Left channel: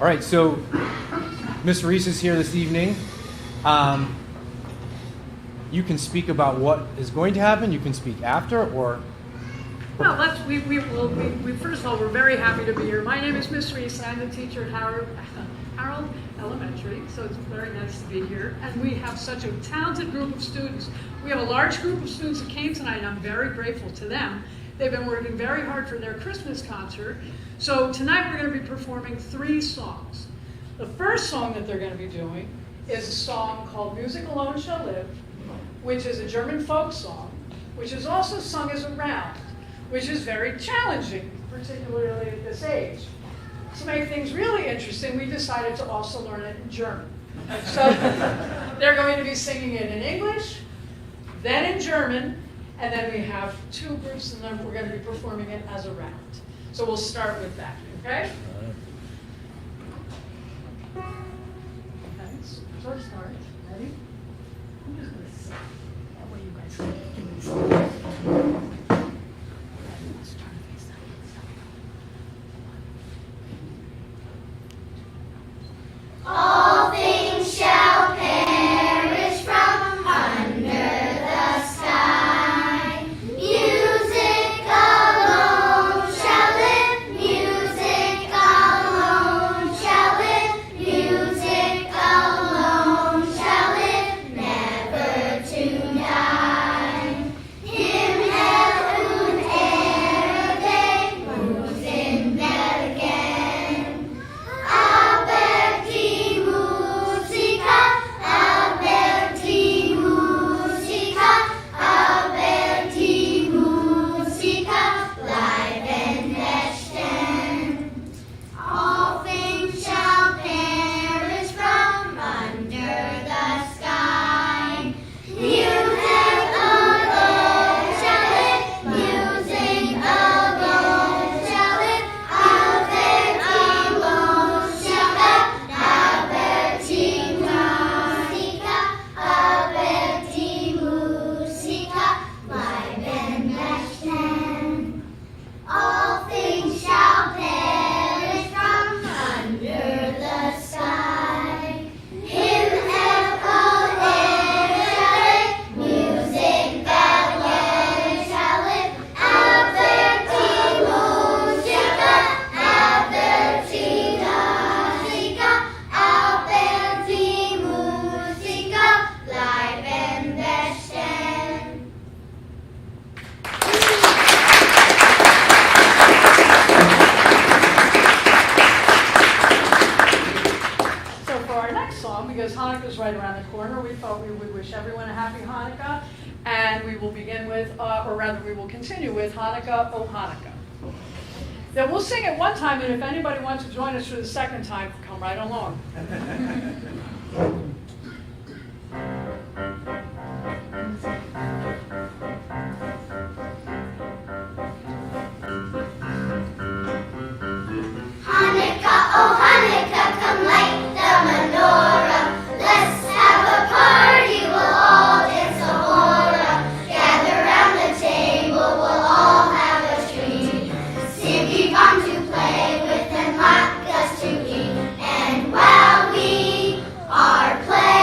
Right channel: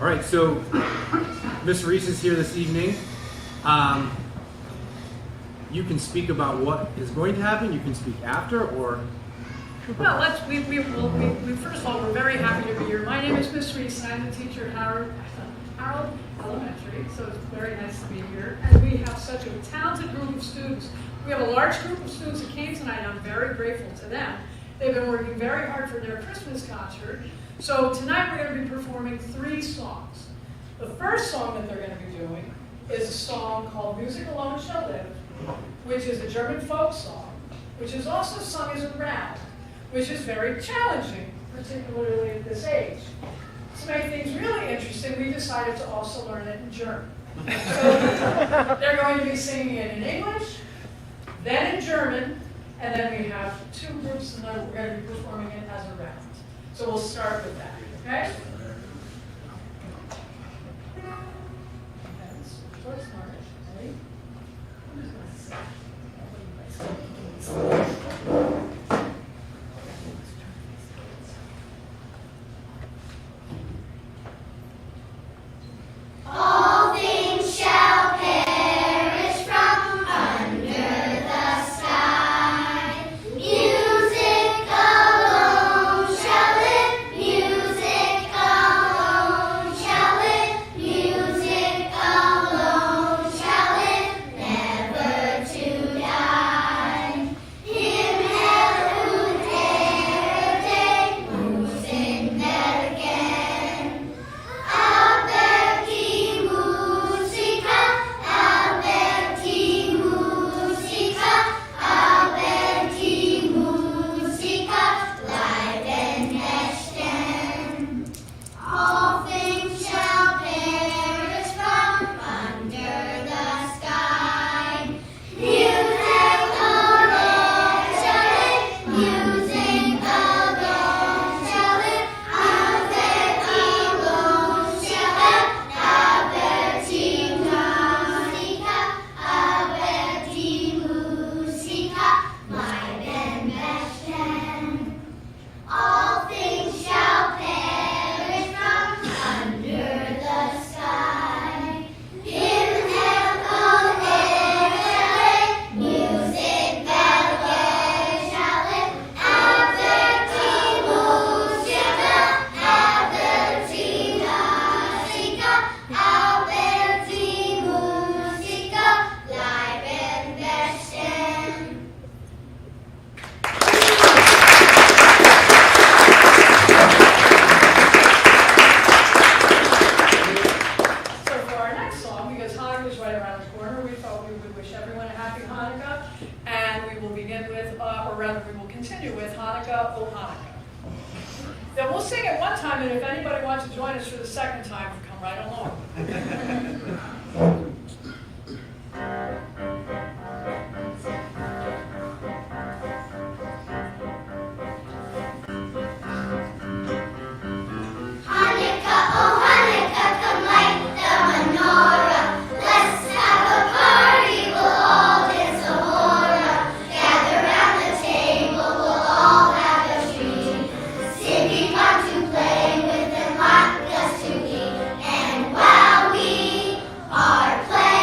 All right, so Miss Reese is here this evening. You can speak about what is going to happen. You can speak after, or well, first of all, we're very happy to be here. My name is Miss Reese. I'm the teacher at Harold Elementary, so it's very nice to be here. And we have such a talented group of students. We have a large group of students that came tonight, and I'm very grateful to them. They've been working very hard for their Christmas concert. So tonight we're going to be performing 3 songs. The first song that they're going to be doing is a song called Music Alone Shall Live, which is a German folk song, which is also sung as a round, which is very challenging, particularly at this age. To make things really interesting, we decided to also learn it in German. So they're going to be singing it in English, then in German, and then we have 2 groups, and then we're going to be performing it as a round. So we'll start with that, okay? So let's start. Ready? Who's going to sing? What do you guys think? All things shall perish from under the sky. Music alone shall live. Music alone shall live. Music alone shall live, never to die. Him heaven ere day moves in there again. Aperti musica, aperti musica, aperti musica, live and besten. All things shall perish from under the sky. Music alone shall live, music alone shall live, aperti alone shall have, aperti musica, aperti musica, live and besten. All things shall perish from under the sky. In heaven ere music alone shall live. Aperti musica, aperti musica, aperti musica, live and besten. So for our next song, because Hanukkah's right around the corner, we thought we would wish everyone a happy Hanukkah, and we will begin with, or rather we will continue with Hanukkah, O Hanukkah. Then we'll sing it one time, and if anybody wants to join us for the second time, come right along. Hanukkah, oh Hanukkah, come light the menorah. Let's have a party, we'll all dance a hora. Gather round the table, we'll all have a treat. Sticky fun to play with and latkes to eat. And while we are playing,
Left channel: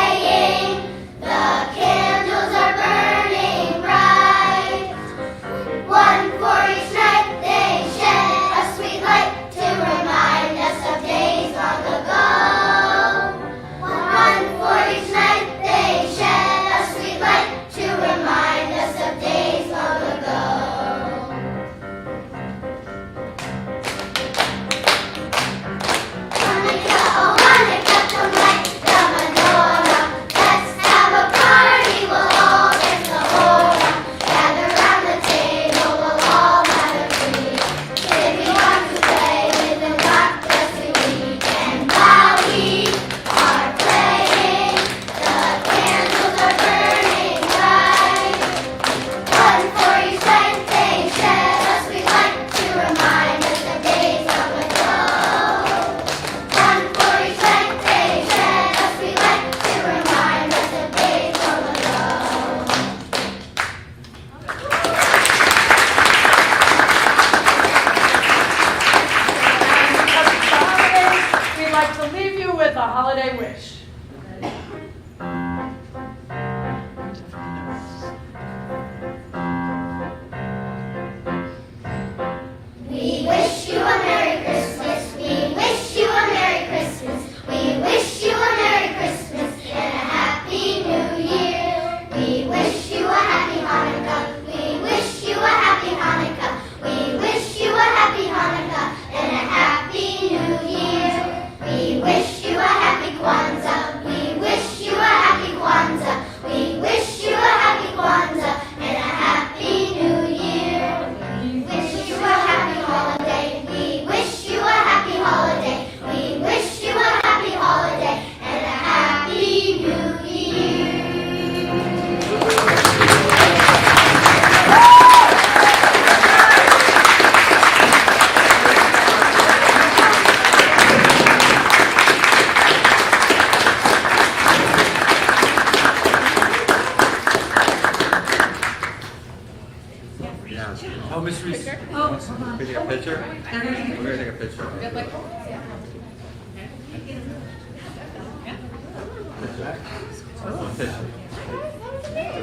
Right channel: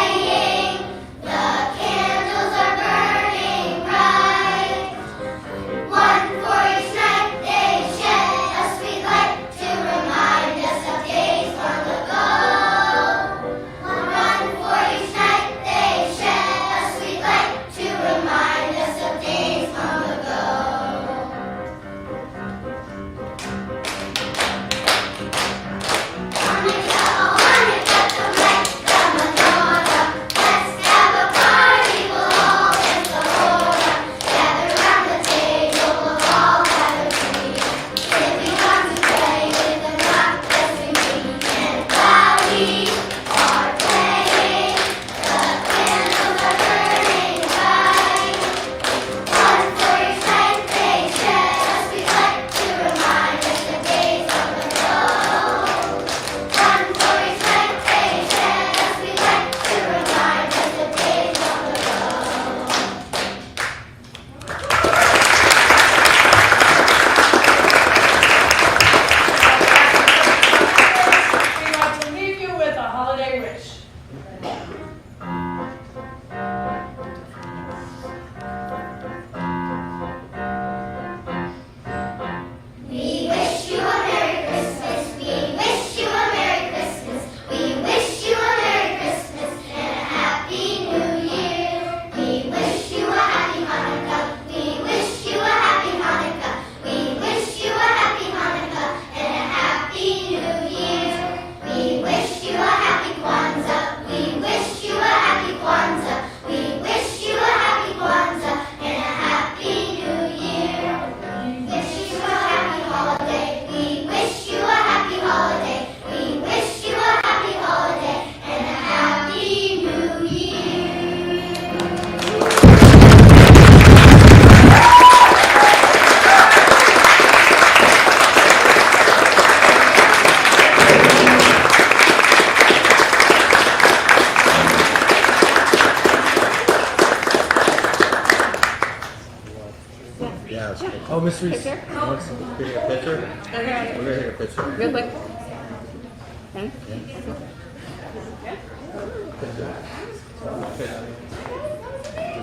Yeah, it's good. Oh, Miss Reese. Can you take a picture? We're gonna take a picture. Real quick.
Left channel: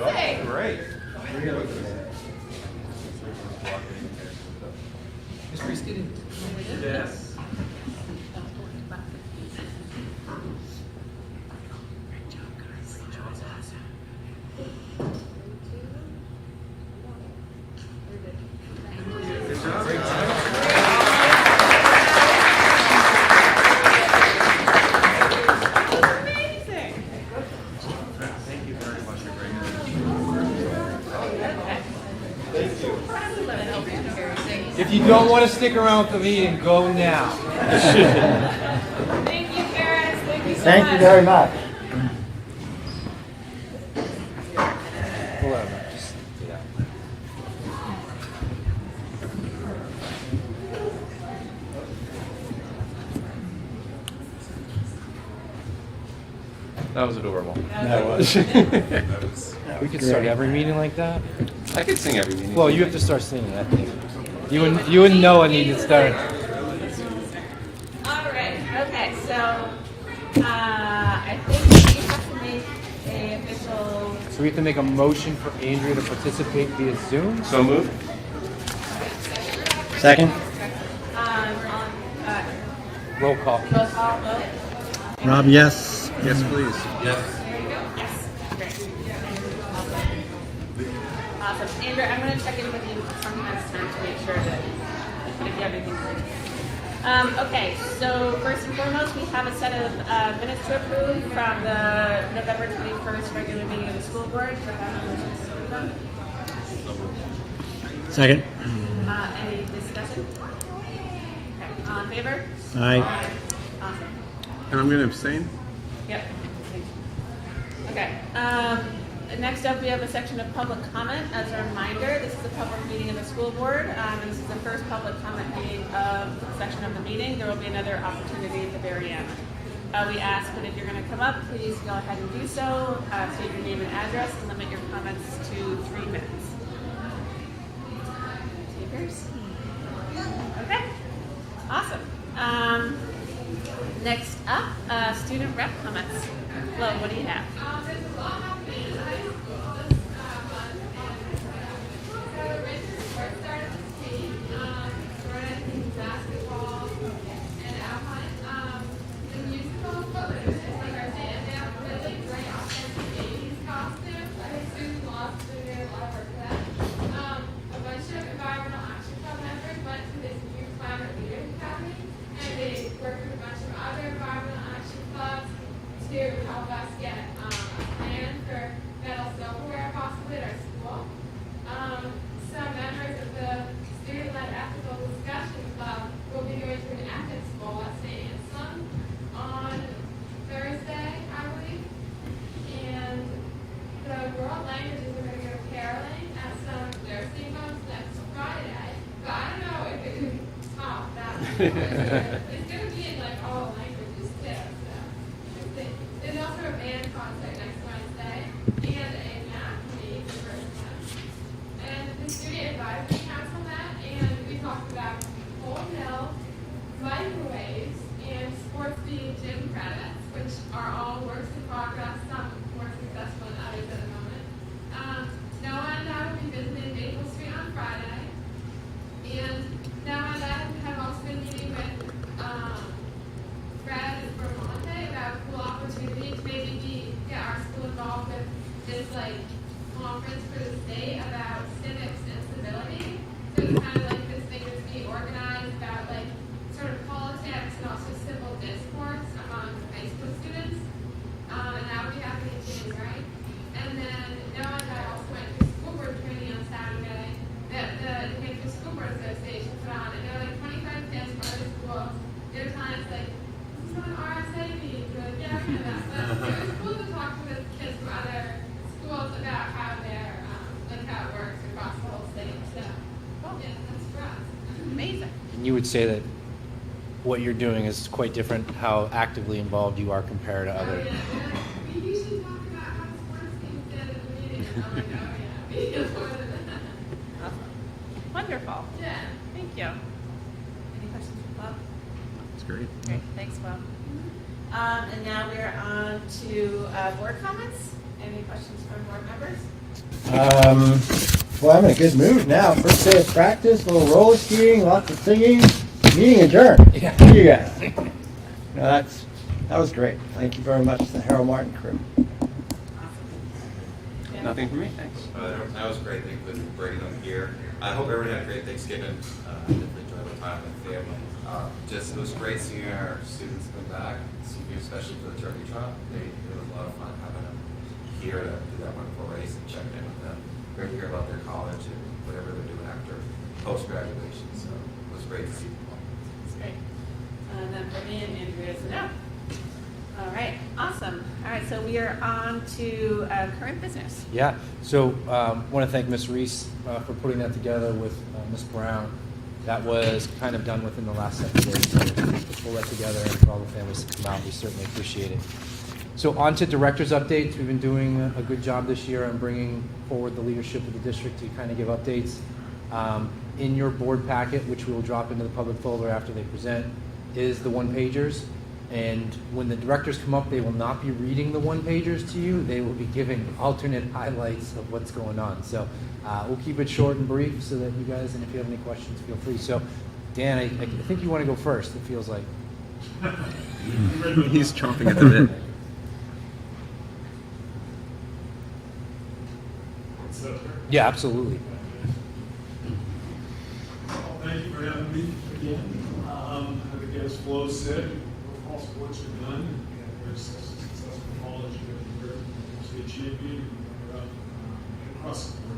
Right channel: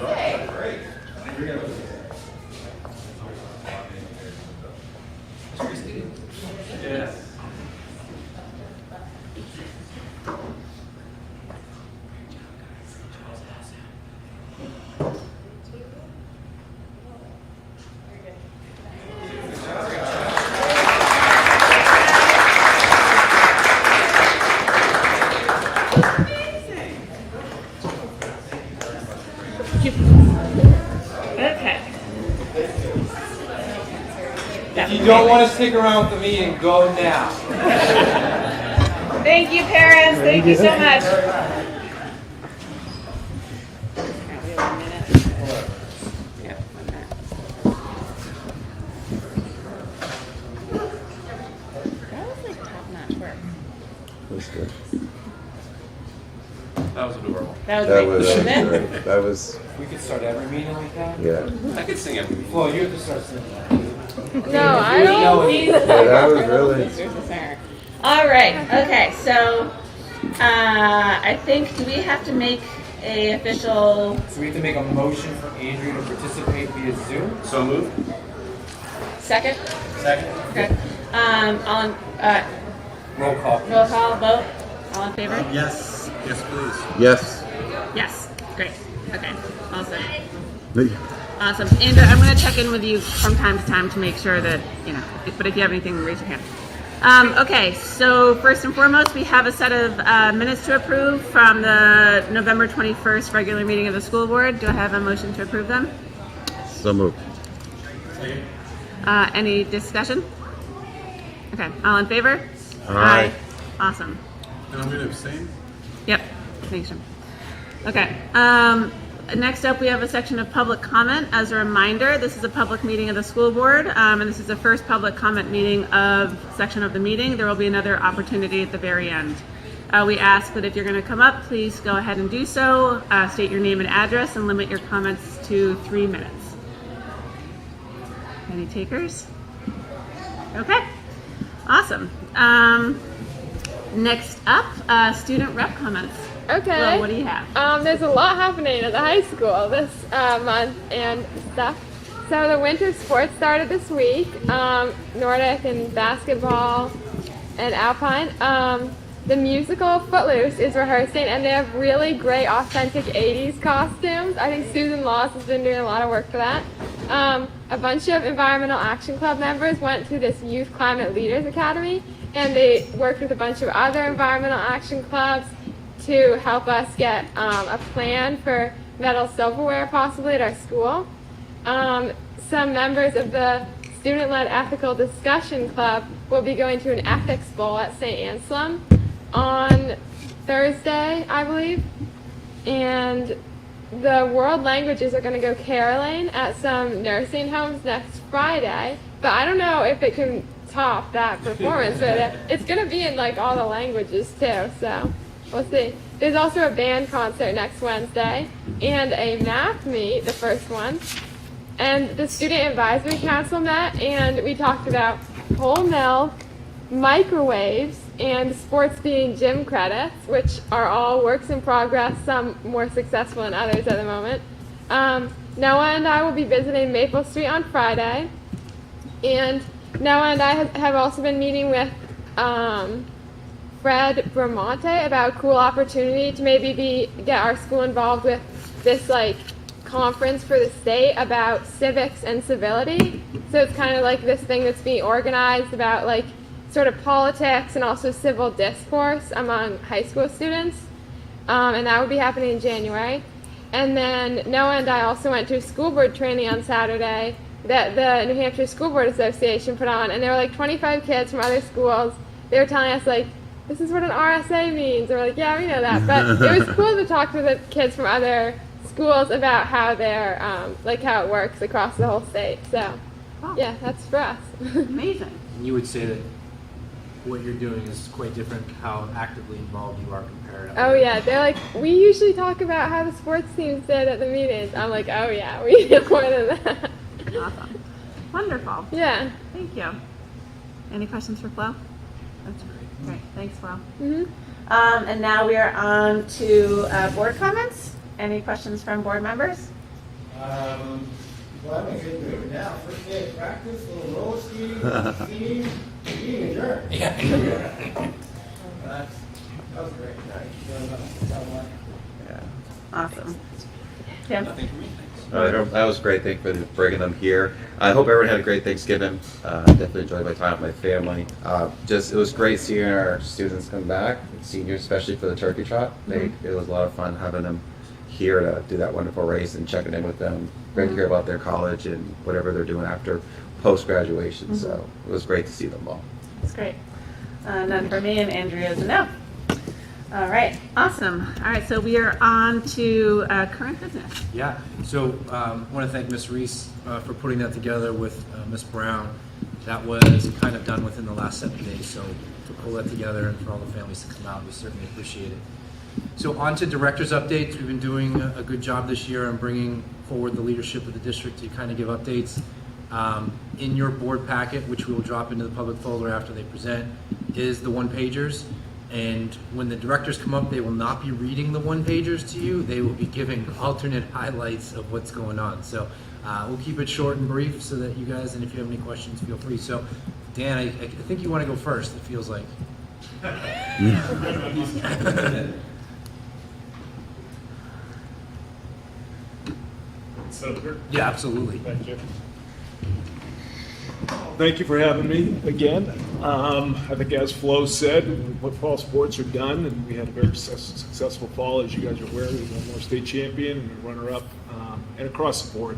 Okay. Great. Miss Reese, get in. Yes. Okay. If you don't want to stick around for the meeting, go now. Thank you, parents. Thank you so much. Thank you very much. That was adorable. That was great. great. That was, We could start every meeting like that. yeah. I could sing everything. Well, you have to start singing that. No, You wouldn't know it. Yeah, that was really, All right. Okay. So I think we have to make a official. So we have to make a motion for Andrew to participate via Zoom. So moved? Second? Second? Okay. On Roll call. roll call vote. All in favor? yes. Yes, please. Yes. Yes. Great. Okay. Awesome. The- Awesome. Andrew, I'm going to check in with you from time to time to make sure that, you know, but if you have anything, raise your hand. Okay, so first and foremost, we have a set of minutes to approve from the November 21st regular meeting of the school board. Do I have a motion to approve them? So moved. Second? Any discussion? Okay, all in favor? Aye. Awesome. And I'm gonna abstain? Yep. Thanks, Jim. Okay. Next up, we have a section of public comment. As a reminder, this is a public meeting of the school board, and this is the first public comment meeting of section of the meeting. There will be another opportunity at the very end. We ask that if you're going to come up, please go ahead and do so. State your name and address, and limit your comments to 3 minutes. Any takers? Okay. Awesome. Next up, student rep comments. Okay. Well, what do you have? There's a lot happening at the high school this month and stuff. So the winter sports started this week. Nordic and basketball and alpine. The musical Footloose is rehearsing, and they have really great authentic 80s costumes. I think Susan Laws has been doing a lot of work for that. A bunch of Environmental Action Club members went to this Youth Climate Leaders Academy, and they worked with a bunch of other environmental action clubs to help us get a plan for metal silverware possibly at our school. Some members of the Student-Led Ethical Discussion Club will be going to an ethics bowl at St. Anselm on Thursday, I believe. And the world languages are going to go caroling at some nursing homes next Friday. But I don't know if it can top that performance, but it's going to be in like all the languages too, so we'll see. There's also a band concert next Wednesday and a math meet, the first one. And the Student Advisory Council met, and we talked about whole milk, microwaves, and sports being gym credits, which are all works in progress, some more successful than others at the moment. Noah and I will be visiting Maple Street on Friday, and Noah and I have also been meeting with Fred Bramante about a cool opportunity to maybe get our school involved with this like conference for the state about civics and civility. So it's kind of like this thing that's being organized about like sort of politics and also civil discourse among high school students. And that would be happening in January. And then Noah and I also went to a school board training on Saturday that the New Hampshire School Board Association put on. And there were like 25 kids from other schools. They were telling us like, this is what an RSA means. And we're like, yeah, we know that. But it was cool to talk to the kids from other schools about how they're, like how it works across the whole state. So, yeah, that's for us. Amazing. And you would say that what you're doing is quite different, how actively involved you are compared to Oh other- yeah, they're like, we usually talk about how the sports teams did at the meetings. I'm like, oh yeah, we did more than that. Awesome. Wonderful. Yeah. Thank you. Any questions for Flo? That's great. Great. Thanks, Flo. Mm-hmm. And now we are on to board comments. Any questions from board members? Well, I'm in a good mood now. First day of practice, a little roller skating, lots of singing, meeting adjourned. Yeah. See ya. That was great. Thank you very much to the Harold Martin crew. Awesome. Tim? Nothing for me, thanks. That was great. Thank you for bringing them here. I hope everyone had a great Thanksgiving. Definitely enjoyed my time with my family. It was great seeing our students come back, seniors, especially for the turkey trot. It was a lot of fun having them here to do that wonderful race and checking in with them. Great to hear about their college and whatever they're doing after post-graduation. So it was great to see them all. That's great. None for me, and Andrea's a no. All right, awesome. All right, so we are on to current business. Yeah, so want to thank Ms. Reese for putting that together with Ms. Brown. That was kind of done within the last 7 days, so to pull that together for all the families to come out, we certainly appreciate it. So on to director's updates. We've been doing a good job this year on bringing forward the leadership of the district to kind of give updates. In your board packet, which we will drop into the public folder after they present, is the one-pagers. And when the directors come up, they will not be reading the one-pagers to you. They will be giving alternate highlights of what's going on. So we'll keep it short and brief so that you guys, and if you have any questions, feel free. So Dan, I think you want to go first, it feels like. He's trying to get it in. Yeah, absolutely. Thank you. Thank you for having me again. I think as Flo said, fall sports are done, and we had a very successful fall. As you guys are aware, we won our state champion and runner-up, and across the board.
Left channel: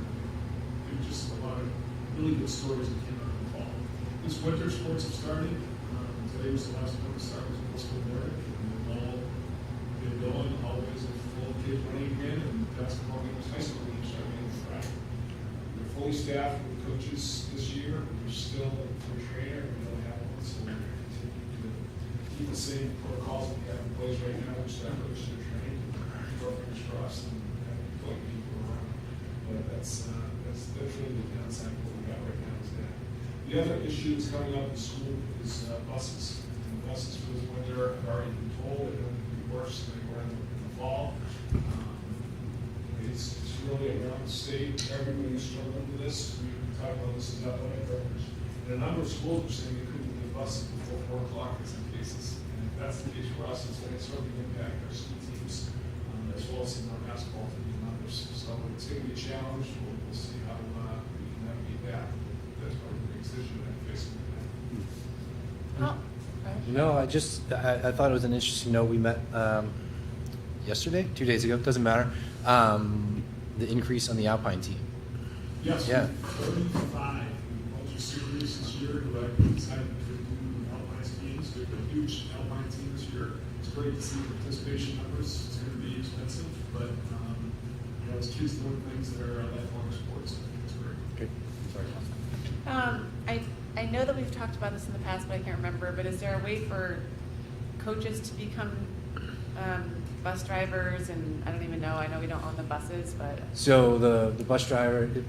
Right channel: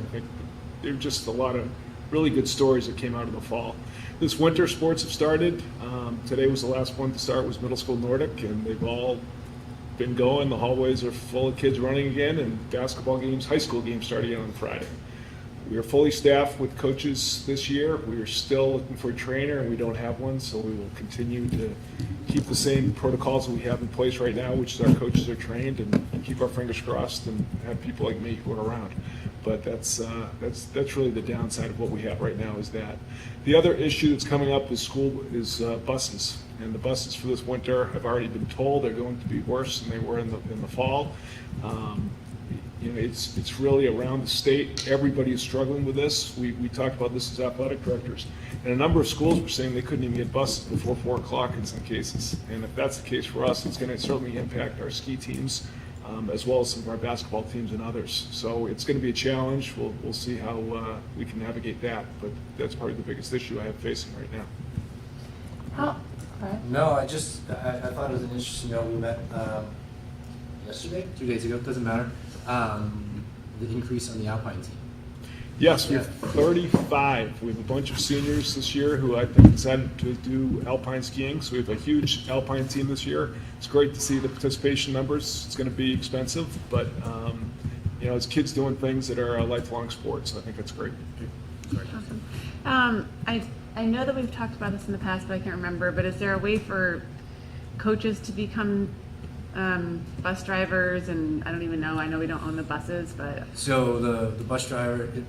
There were just a lot of really good stories that came out of the fall. This winter, sports have started. Today was the last one to start, was middle school Nordic, and they've all been going. The hallways are full of kids running again, and basketball games, high school games start again on Friday. We are fully staffed with coaches this year. We are still looking for a trainer, and we don't have one, so we will continue to keep the same protocols that we have in place right now, which is our coaches are trained, and keep our fingers crossed and have people like me who are around. But that's really the downside of what we have right now is that. The other issue that's coming up is buses, and the buses for this winter have already been told they're going to be worse than they were in the fall. It's really around the state. Everybody is struggling with this. We talked about this as athletic directors. And a number of schools were saying they couldn't even get buses before 4 o'clock in some cases. And if that's the case for us, it's going to certainly impact our ski teams, as well as some of our basketball teams and others. So it's going to be a challenge. We'll see how we can navigate that. But that's probably the biggest issue I have facing right now. Oh, right. No, I thought it was an interesting note. We met yesterday, 2 days ago, doesn't matter. The increase on the Alpine team. Yes, we have 35. We have a bunch of seniors this year who I think decided to do alpine skiing. So we have a huge alpine team this year. It's great to see the participation numbers. It's going to be expensive, but it's kids doing things that are a lifelong sport. So I think it's great. Awesome. I know that we've talked about this in the past, but I can't remember. But is there a way for coaches to become bus drivers? And I don't even know. I know we don't own the buses, but So the bus driver, I'm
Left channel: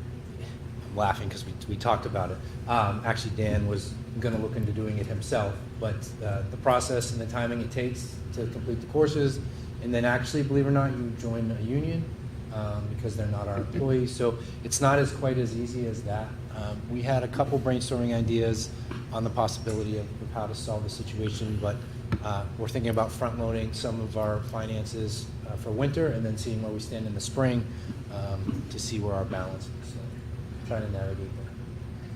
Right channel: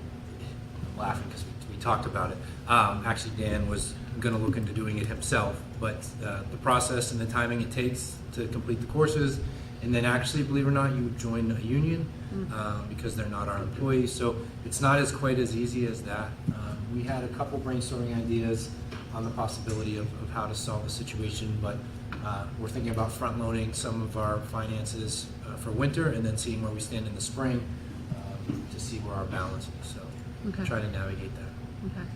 laughing because we talked about it. Actually, Dan was going to look into doing it himself, but the process and the timing it takes to complete the courses, and then actually, believe it or not, you join a union because they're not our employees. So it's not as quite as easy as that. We had a couple brainstorming ideas on the possibility of how to solve the situation, but we're thinking about front loading some of our finances for winter and then seeing where we stand in the spring to see where our balance is. So Okay. try to navigate that. okay.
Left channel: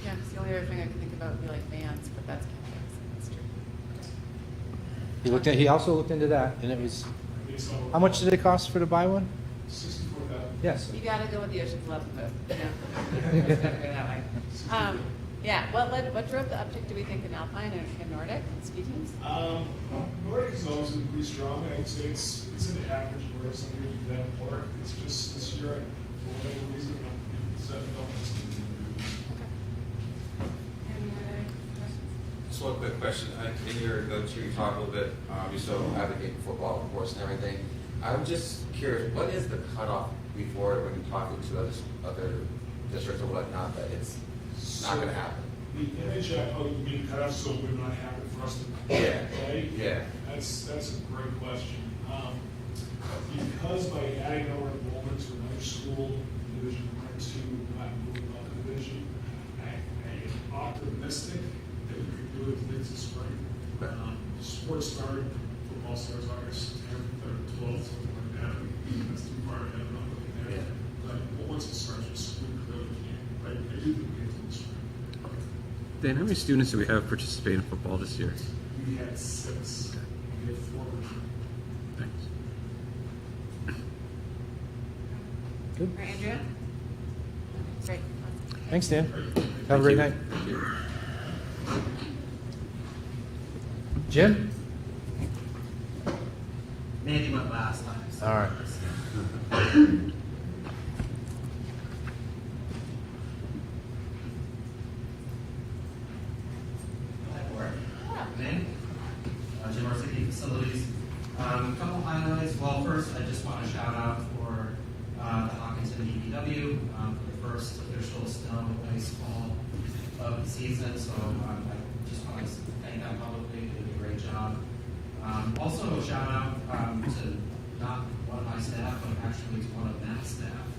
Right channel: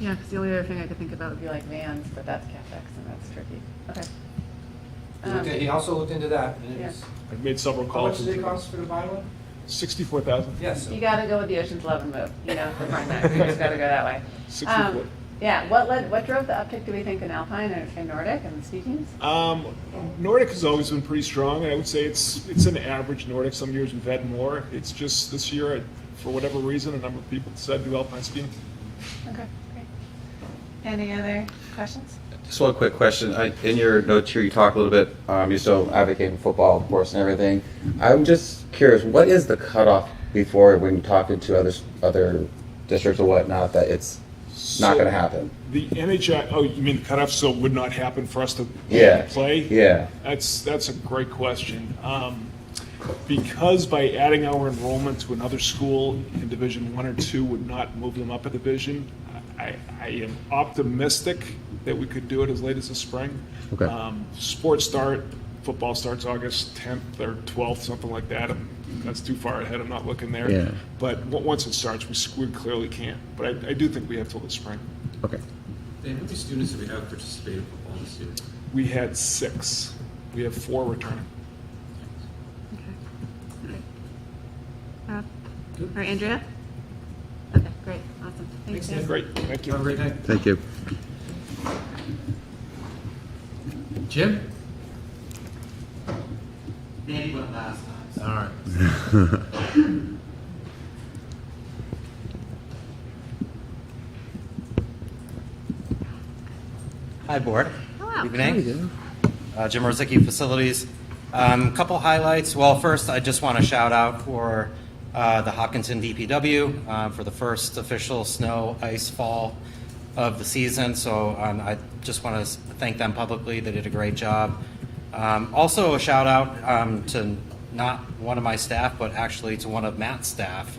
Yeah, because the only other thing I could think about would be like vans, but that's CapEx and that's tricky. Okay. He also looked into that, and it was, I've made several how much calls. did it cost to buy one? 64,000. Yes. You got to go with the Ocean's 11 move, for Martha. You just got to go that way. 64. Yeah. What drove the uptick? Do we think in Alpine and Nordic and ski teams? Nordic has always been pretty strong. I would say it's an average Nordic. Some years we've had more. It's just this year, for whatever reason, a number of people decided to do alpine skiing. Okay. Great. Any other questions? Just one quick question. In your notes here, you talk a little bit, you're still advocating football, of course, and everything. I'm just curious, what is the cutoff before when talking to other districts or whatnot that it's not going to happen? The NHI, oh, you mean cutoff, so it would not happen for us to Yeah. play? Yeah. That's a great question. Because by adding our enrollment to another school in Division 1 or 2 would not move them up a division, I am optimistic that we could do it as late as the spring. Okay. Sports start, football starts August 10th or 12th, something like that. That's too far ahead, I'm not looking there. Yeah. But once it starts, we clearly can't. But I do think we have till the spring. Okay. Dan, how many students do we have participating in football this year? We had 6. We have 4 returning. Rob? Or Andrea? Okay, great, awesome. Thanks, Dan. Great, thank you. Have a great night. Thank you. Jim? Maybe went last time. So. All right. Hi, board. Hello. Evening. Jim Rosicki, Facilities. Couple highlights. Well, first, I just want to shout out for the Hopkinton DPW for the first official snow ice fall of the season. So I just want to thank them publicly. They did a great job. Also, a shout out to not one of my staff, but actually to one of Matt's staff.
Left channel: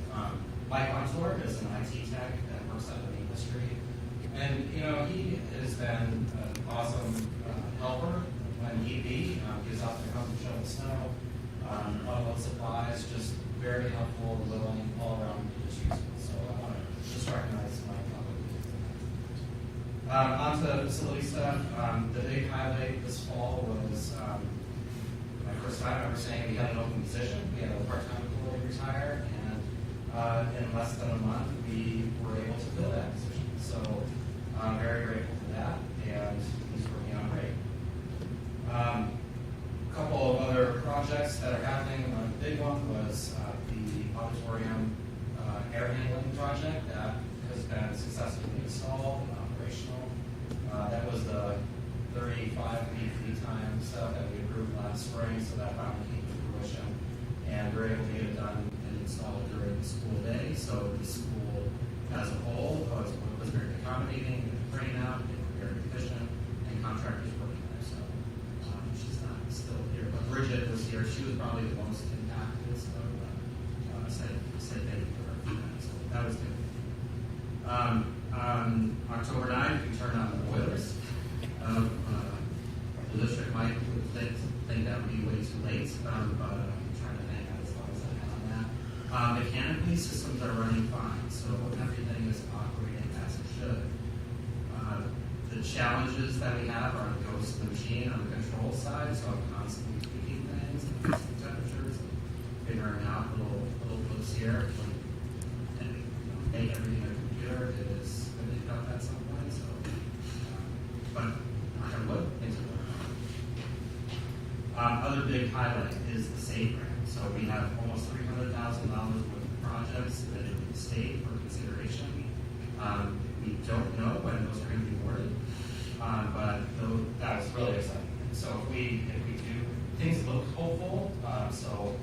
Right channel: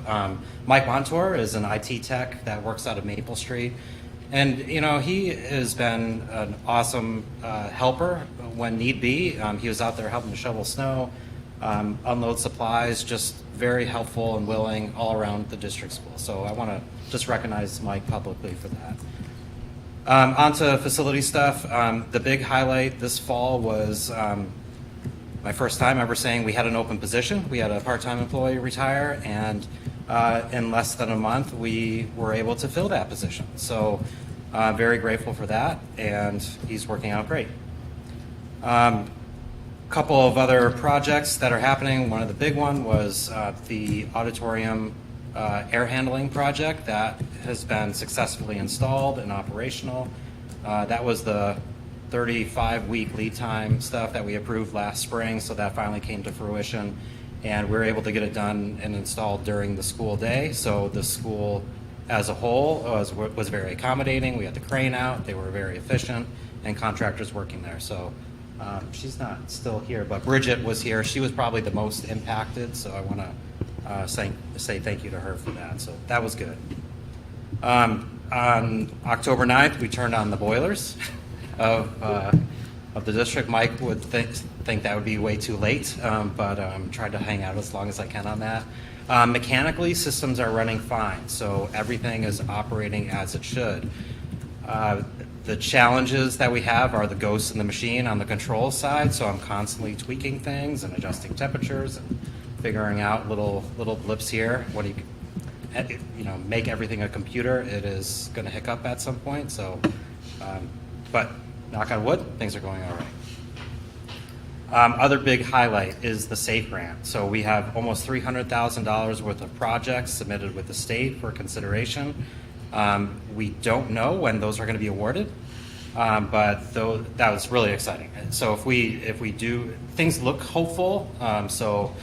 Mike Montour is an IT tech that works out of Maple Street. And, you know, he has been an awesome helper when need be. He was out there helping to shovel snow, unload supplies, just very helpful and willing all around the district school. So I want to just recognize Mike publicly for that. On to facility stuff. The big highlight this fall was my first time ever saying we had an open position. We had a part-time employee retire, and in less than a month, we were able to fill that position. So very grateful for that, and he's working out great. Couple of other projects that are happening. One of the big one was the auditorium air handling project that has been successfully installed and operational. That was the 35-week lead time stuff that we approved last spring, so that finally came to fruition, and we were able to get it done and installed during the school day. So the school as a whole was very accommodating. We had the crane out, they were very efficient, and contractors working there. So she's not still here, but Bridget was here. She was probably the most impacted, so I want to say thank you to her for that. So that was good. On October 9th, we turned on the boilers of the district. Mike would think that would be way too late, but tried to hang out as long as I can on that. Mechanically, systems are running fine, so everything is operating as it should. The challenges that we have are the ghosts in the machine on the control side, so I'm constantly tweaking things and adjusting temperatures and figuring out little blips here. What do you know, make everything a computer, it is going to hiccup at some point. So, but knock on wood, things are going all right. Other big highlight is the SAFE grant. So we have almost $300,000 worth of projects submitted with the state for consideration. We don't know when those are going to be awarded, but that was really exciting. And so if we do, things look hopeful. So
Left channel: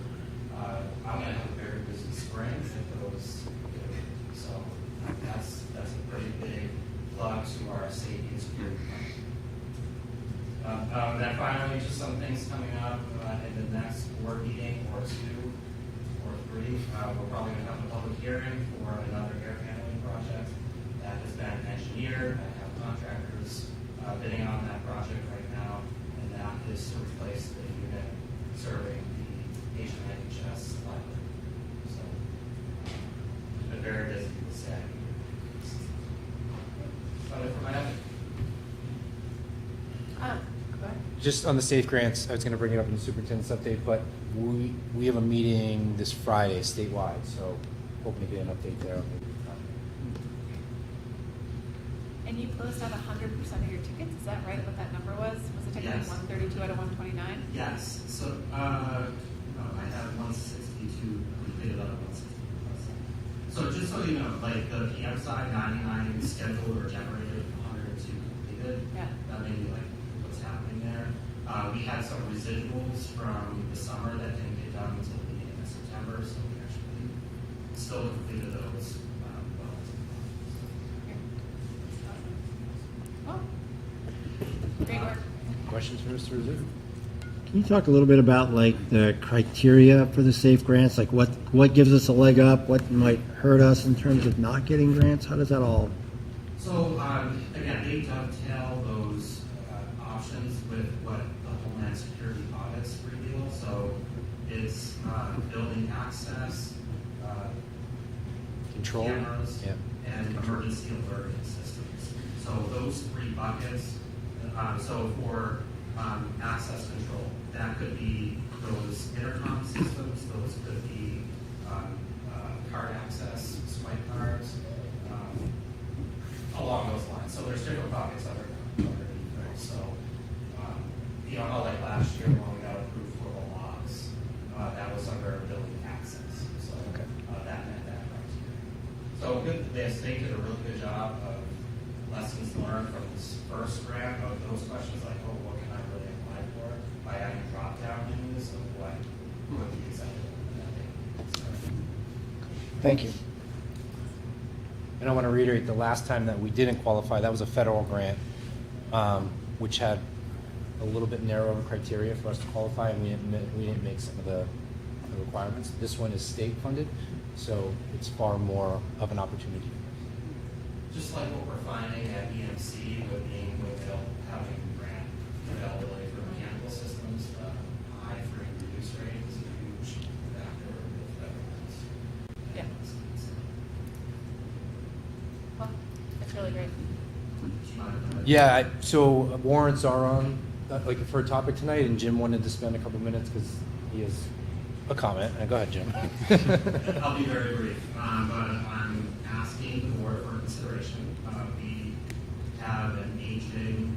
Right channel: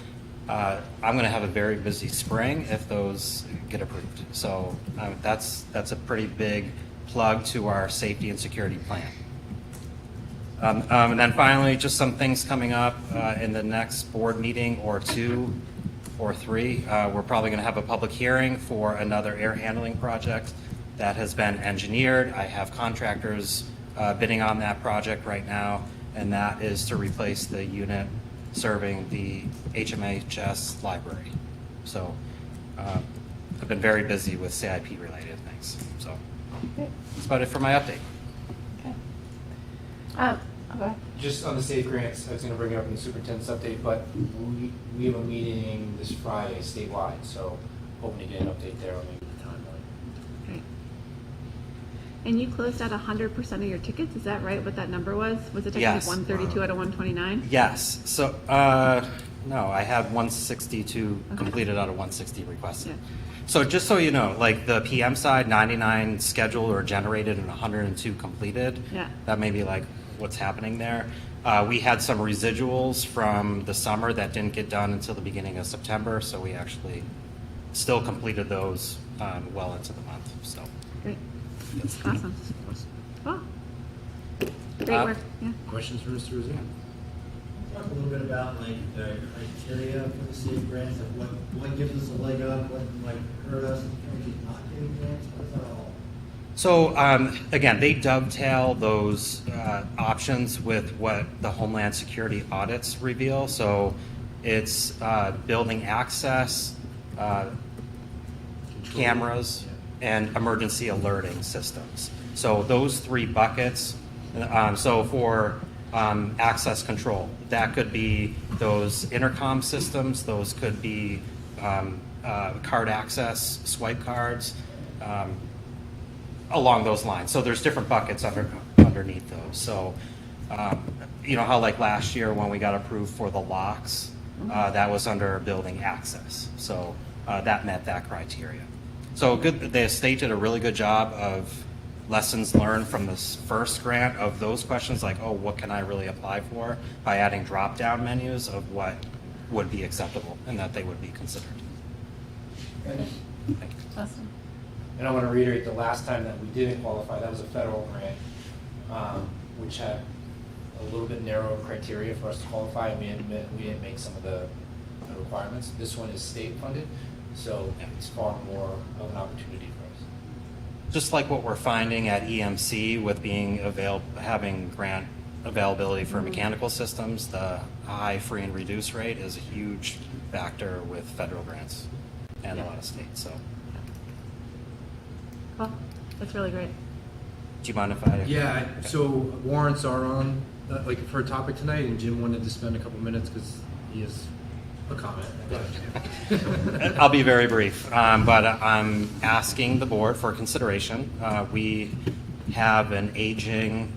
I'm going to have a very busy spring if those get approved. So that's a pretty big plug to our safety and security plan. And then finally, just some things coming up in the next board meeting or 2 or 3. We're probably going to have a public hearing for another air handling project that has been engineered. I have contractors bidding on that project right now, and that is to replace the unit serving the HMHS library. So I've been very busy with CIP related things. So that's about it for my update. Okay. Just on the SAFE grants, I was going to bring it up in the superintendent's update, but we have a meeting this Friday statewide, so hoping to get an update there on maybe the timeline. Great. And you closed out 100% of your tickets, is that right, what that number was? Was it Yes. 132 out of 129? Yes. So no, I had 162 completed out of 160 requested. Yeah. So just so you know, like the PM side, 99 scheduled or generated and 102 completed. Yeah. That may be like what's happening there. We had some residuals from the summer that didn't get done until the beginning of September, so we actually still completed those well into the month, so. Great. Awesome. Well, great work. Yeah. Questions for Mr. Rizzo? Can you talk a little bit about like the criteria for the SAFE grants? Like what gives us a leg up? What might hurt us in terms of not getting grants? How does that all? So again, they dovetail those options with what the Homeland Security audits reveal. So it's building access, cameras, and emergency alerting systems. So those three buckets. So for access control, that could be those intercom systems. Those could be card access, swipe cards. Along those lines. So there's different buckets underneath those. So, you know how like last year when we got approved for the locks, that was under building access. So that met that criteria. So good. The state did a really good job of lessons learned from this first grant of those questions like, oh, what can I really apply for, by adding drop-down menus of what would be acceptable and that they would be considered. Thank you. Thank you. And I want to reiterate, the last time that we didn't qualify, that was a federal grant, which had a little bit narrower criteria for us to qualify, and we didn't make some of the requirements. This one is state funded, so it's far more of an opportunity for us. Just like what we're finding at EMC with having grant availability for mechanical systems, the high free and reduced rate is a huge factor with federal grants and a lot of states. So. Well, that's really great. Do you mind if I? Yeah, so warrants are on, like for a topic tonight, and Jim wanted to spend a couple minutes because he has a comment. Go ahead, Jim. I'll be very brief, but I'm asking the board for consideration. We have an aging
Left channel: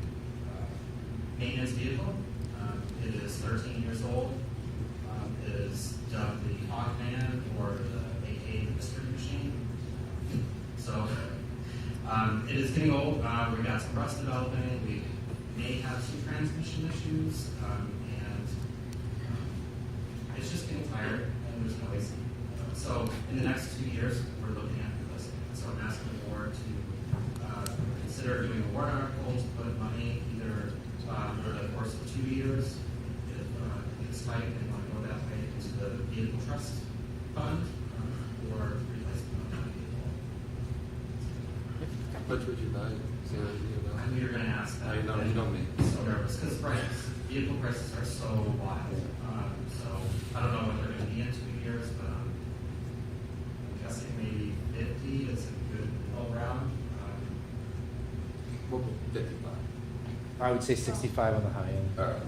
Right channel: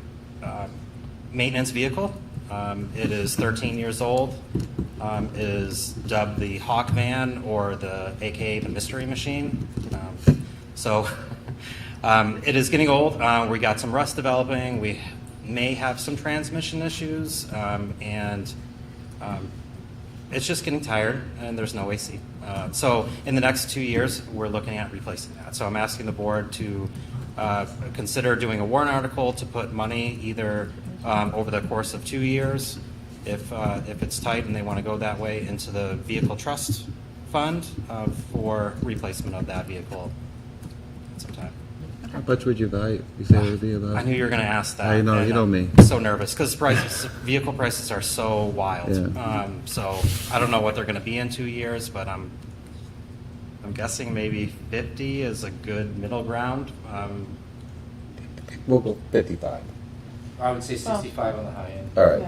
maintenance vehicle. It is 13 years old. Is dubbed the Hawk Van, or the AKA the Mystery Machine. It is getting old. We got some rust developing. We may have some transmission issues, and it's just getting tired, and there's no AC. So in the next 2 years, we're looking at replacing that. So I'm asking the board to consider doing a warrant article to put money either over the course of 2 years, if it's tight and they want to go that way, into the vehicle trust fund for replacement of that vehicle sometime. How much would you value? You say it would be about? I knew you were going to ask that. I know, and you know I'm me. so nervous because vehicle prices are so wild. Yeah. So I don't know what they're going to be in 2 years, but I'm guessing maybe 50 is a good middle ground. We'll go 55. I would say 65 on the high end. All right,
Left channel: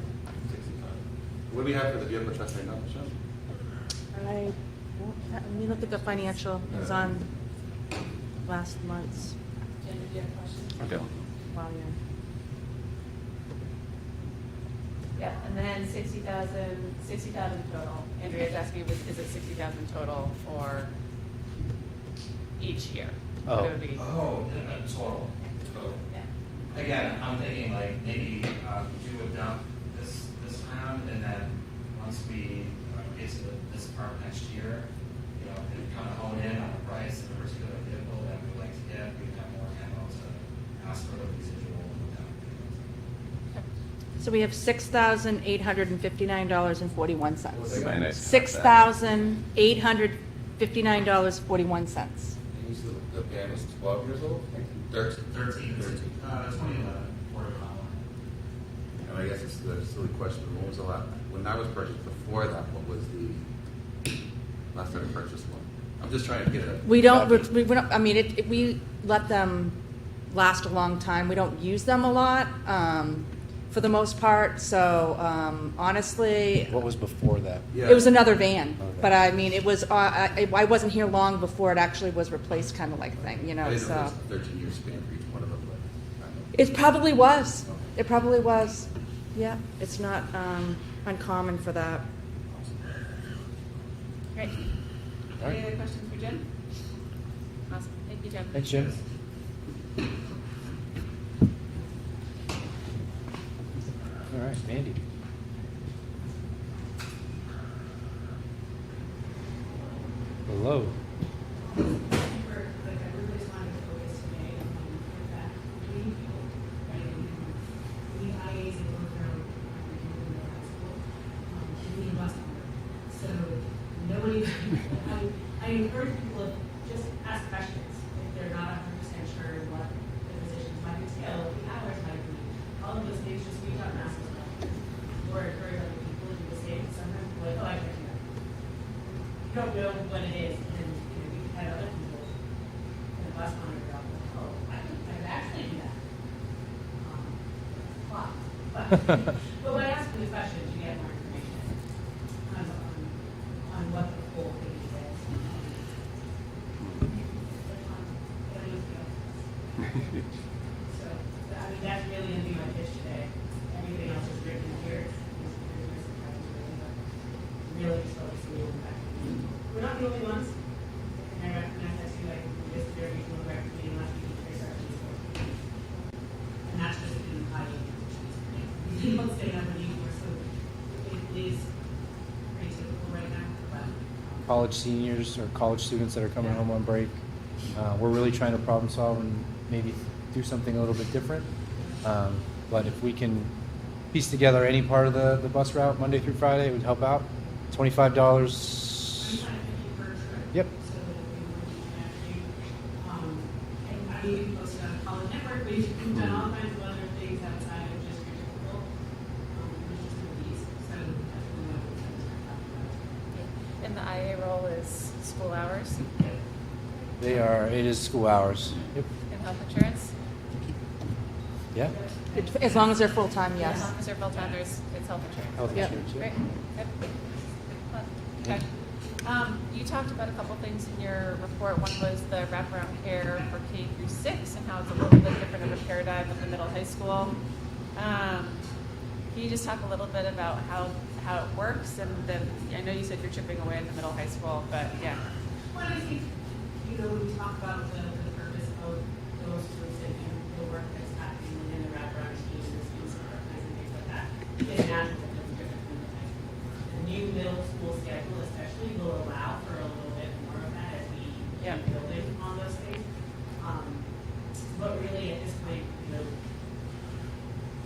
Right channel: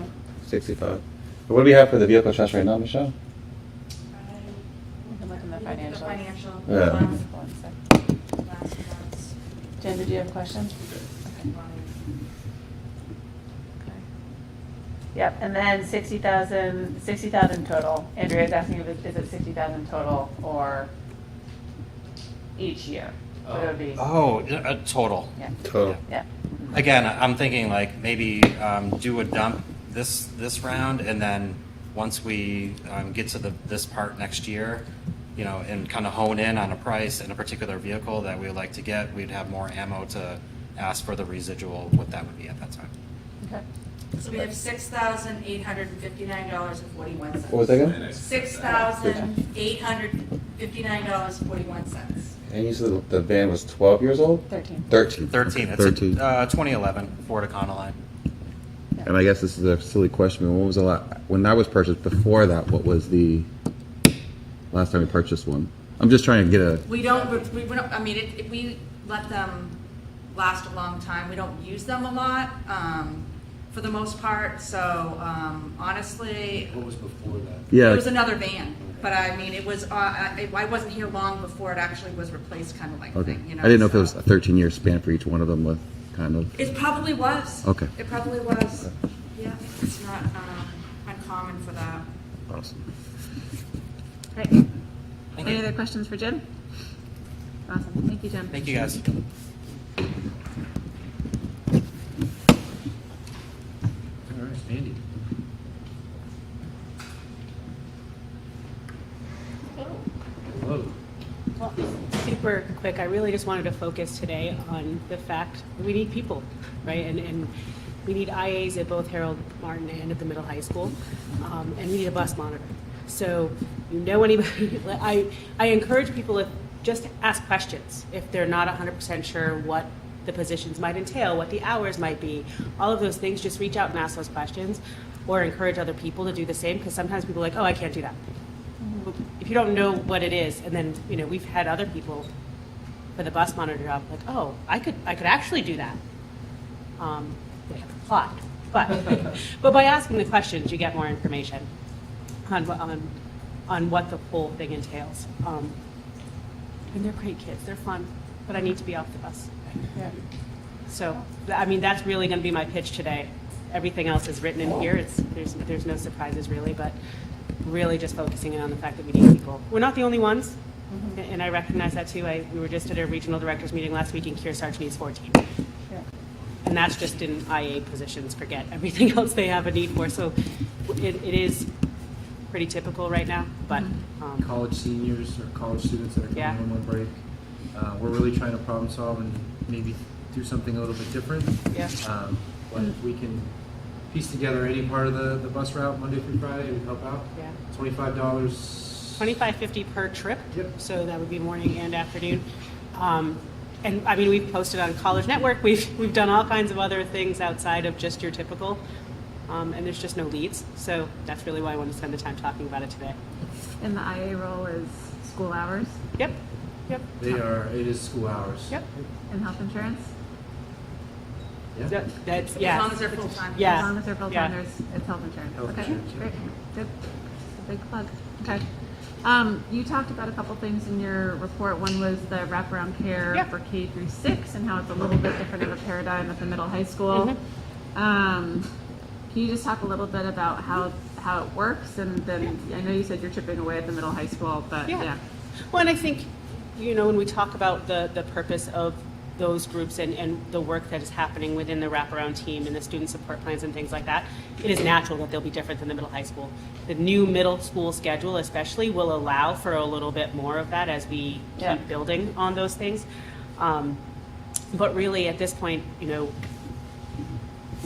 65. What do we have for the vehicle trust right now, Michelle? I think the financial Yeah. was on last month's. Jen, did you have a question? Okay. Yep, and then 60,000 total. Andrea's asking you, is it 60,000 total or each year? So it would be, Total. yeah, Total. yeah. Again, I'm thinking like maybe do a dump this round, and then once we get to this part next year, you know, and kind of hone in on a price in a particular vehicle that we would like to get, we'd have more ammo to ask for the residual, what that would be at that time. Okay. So we have $6,859.41. What was that again? $6,859.41. And you said the van was 12 years old? 13. 13. 13. It's 13. a 2011 Ford Econoline. And I guess this is a silly question, but when was when that was purchased before that, what was the last time we purchased one? I'm just trying to get a. We don't, I mean, we let them last a long time. We don't use them a lot, for the most part, so, honestly, What was before that? Yeah. it was another van. But I mean, it was, I wasn't here long before it actually was replaced, kind of like Okay. thing, you know? I didn't know if so. it was a 13-year span for each one of them with kind of. It probably was. Okay. It probably was. Yeah, it's not, uncommon for that. Awesome. Great. Any other questions for Jim? Awesome. Thank you, Jim. Thank you, guys. All right, Andy. Hello. I think we're clear. really just wanted to focus today on the fact that we need people, right? And we need IAs at both Harold Martin and at the middle high school, and we need a bus monitor. So, you know anybody, I encourage people to just ask questions if they're not 100% sure what the positions might entail, what the hours might be, all of those things, just reach out and ask those questions, or encourage other people to do the same, because sometimes people are like, oh, I can't do that. If you don't know what it is, and then, you know, we've had other people for the bus monitor job, like, oh, I could actually do that. They apply. But by asking the questions, you get more information on what the whole thing entails. And they're great kids, they're fun, but I need to be off the bus. So, I mean, that's really gonna be my pitch today. Everything else is written in here, there's no surprises really, but really just focusing in on the fact that we need people. We're not the only ones, and I recognize that too. We were just at a regional directors meeting last week, and Kearsarge needs 14. And that's just in IA positions, forget everything else they have a need for. So it is pretty typical right now, but. College seniors or college students that are coming home on break. We're really trying to problem solve and maybe do something a little bit different. Yeah. But if we can piece together any part of the bus route Monday through Friday, it would help out. Yeah. $25. $25.50 per trip. Yep. So that would be morning and afternoon. And I mean, we've posted on College Network. We've done all kinds of other things outside of just your typical. And there's just no leads. So that's really why I wanted to spend the time talking about it today. And the IA role is school hours? Yep. Yep. It is school hours. Yep. And health insurance? Yeah. As long as they're full-time, Yeah. As long as they're full-time, it's health insurance. Health Okay, insurance, yeah. great, good. Big plug. Okay. You talked about a couple things in your report. One was the wraparound care for K through 6 and how it's a little bit different of a paradigm at the middle high school. Can you just talk a little bit about how it works? And then, I know you said you're chipping away at the middle high school, but yeah. Well, and I think, you know, when we talk about the purpose of those groups and the work that is happening within the wraparound team and the student support plans and things like that, it is natural that they'll be different than the middle high school. The new middle school schedule especially will allow for a little bit more of that as we keep building on those things. But really at this point, you know,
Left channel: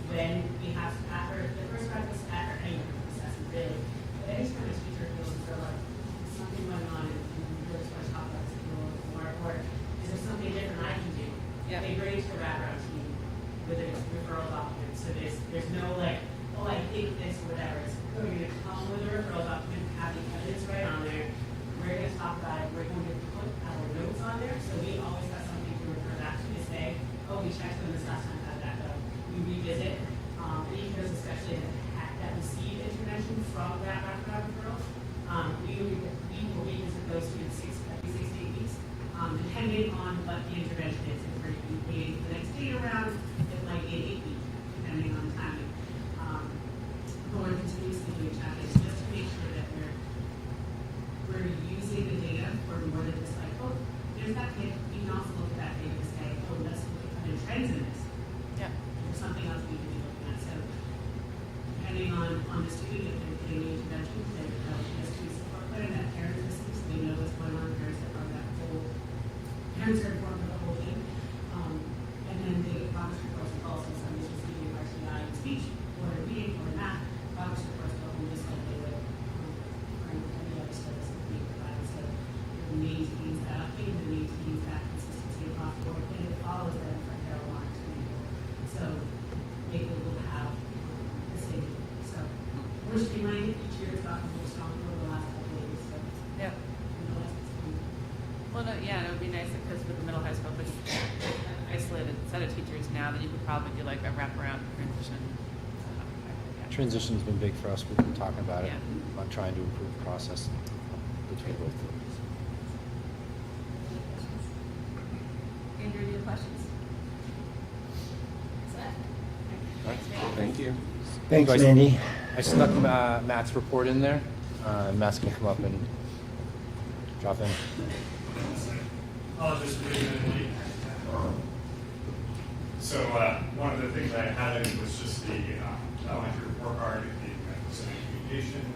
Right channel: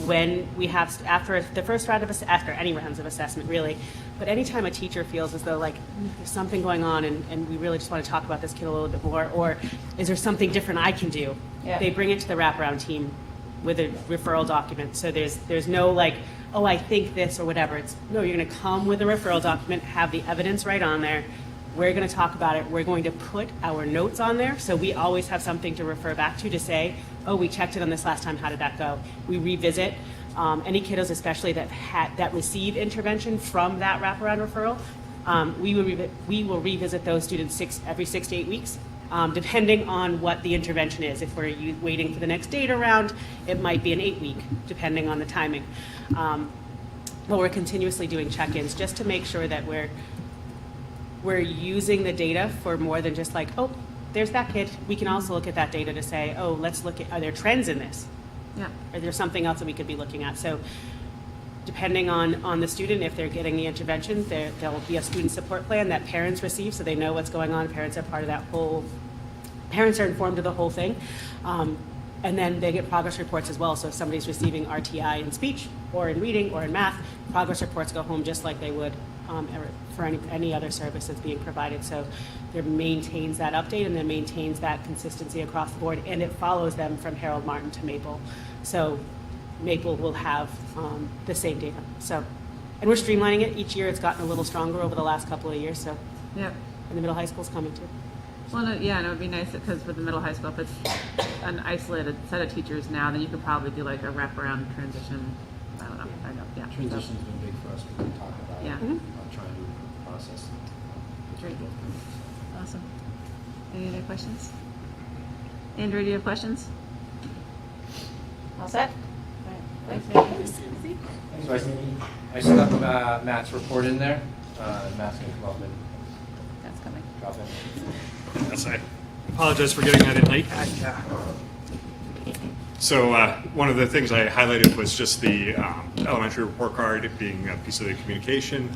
when we have, after the first round of, after any rounds of assessment really, but anytime a teacher feels as though like there's something going on and we really just want to talk about this kid a little bit more, or is there something different I can do, they bring it to the wraparound team with a referral document. So there's no like, oh, I think this or whatever. It's, no, you're going to come with a referral document, have the evidence right on there. We're going to talk about it. We're going to put our notes on there. So we always have something to refer back to say, oh, we checked it on this last time. How did that go? We revisit. Any kiddos especially that receive intervention from that wraparound referral, we will revisit those students every 6 to 8 weeks, depending on what the intervention is. If we're waiting for the next data round, it might be an 8-week, depending on the timing. But we're continuously doing check-ins just to make sure that we're using the data for more than just like, oh, there's that kid. We can also look at that data to say, oh, let's look at, are there trends in this? Yeah. Or there's something else that we could be looking at. So depending on the student, if they're getting the intervention, there'll be a student support plan that parents receive so they know what's going on. Parents are part of that whole, parents are informed of the whole thing. And then they get progress reports as well. So if somebody's receiving RTI in speech or in reading or in math, progress reports go home just like they would for any other service that's being provided. So it maintains that update and then maintains that consistency across the board, and it follows them from Harold Martin to Maple. So Maple will have the same data. So, and we're streamlining it. Each year it's gotten a little stronger over the last couple of years. So yeah. And the middle high school's coming too. Well, no, yeah, and it would be nice because for the middle high school, if it's an isolated set of teachers now, then you could probably do like a wraparound transition. I don't know. Yeah. Transition's been big for us. We've been talking about it, Mm-hmm. about trying to improve the process. Great. Awesome. Any other questions? Andrew, do you have questions? All set? Thanks, Andy. I still have Matt's report in there. Matt's going to come up and drop in. Yes, I apologize for getting that in late. So one of the things I highlighted was just the elementary report card being a piece of the communication.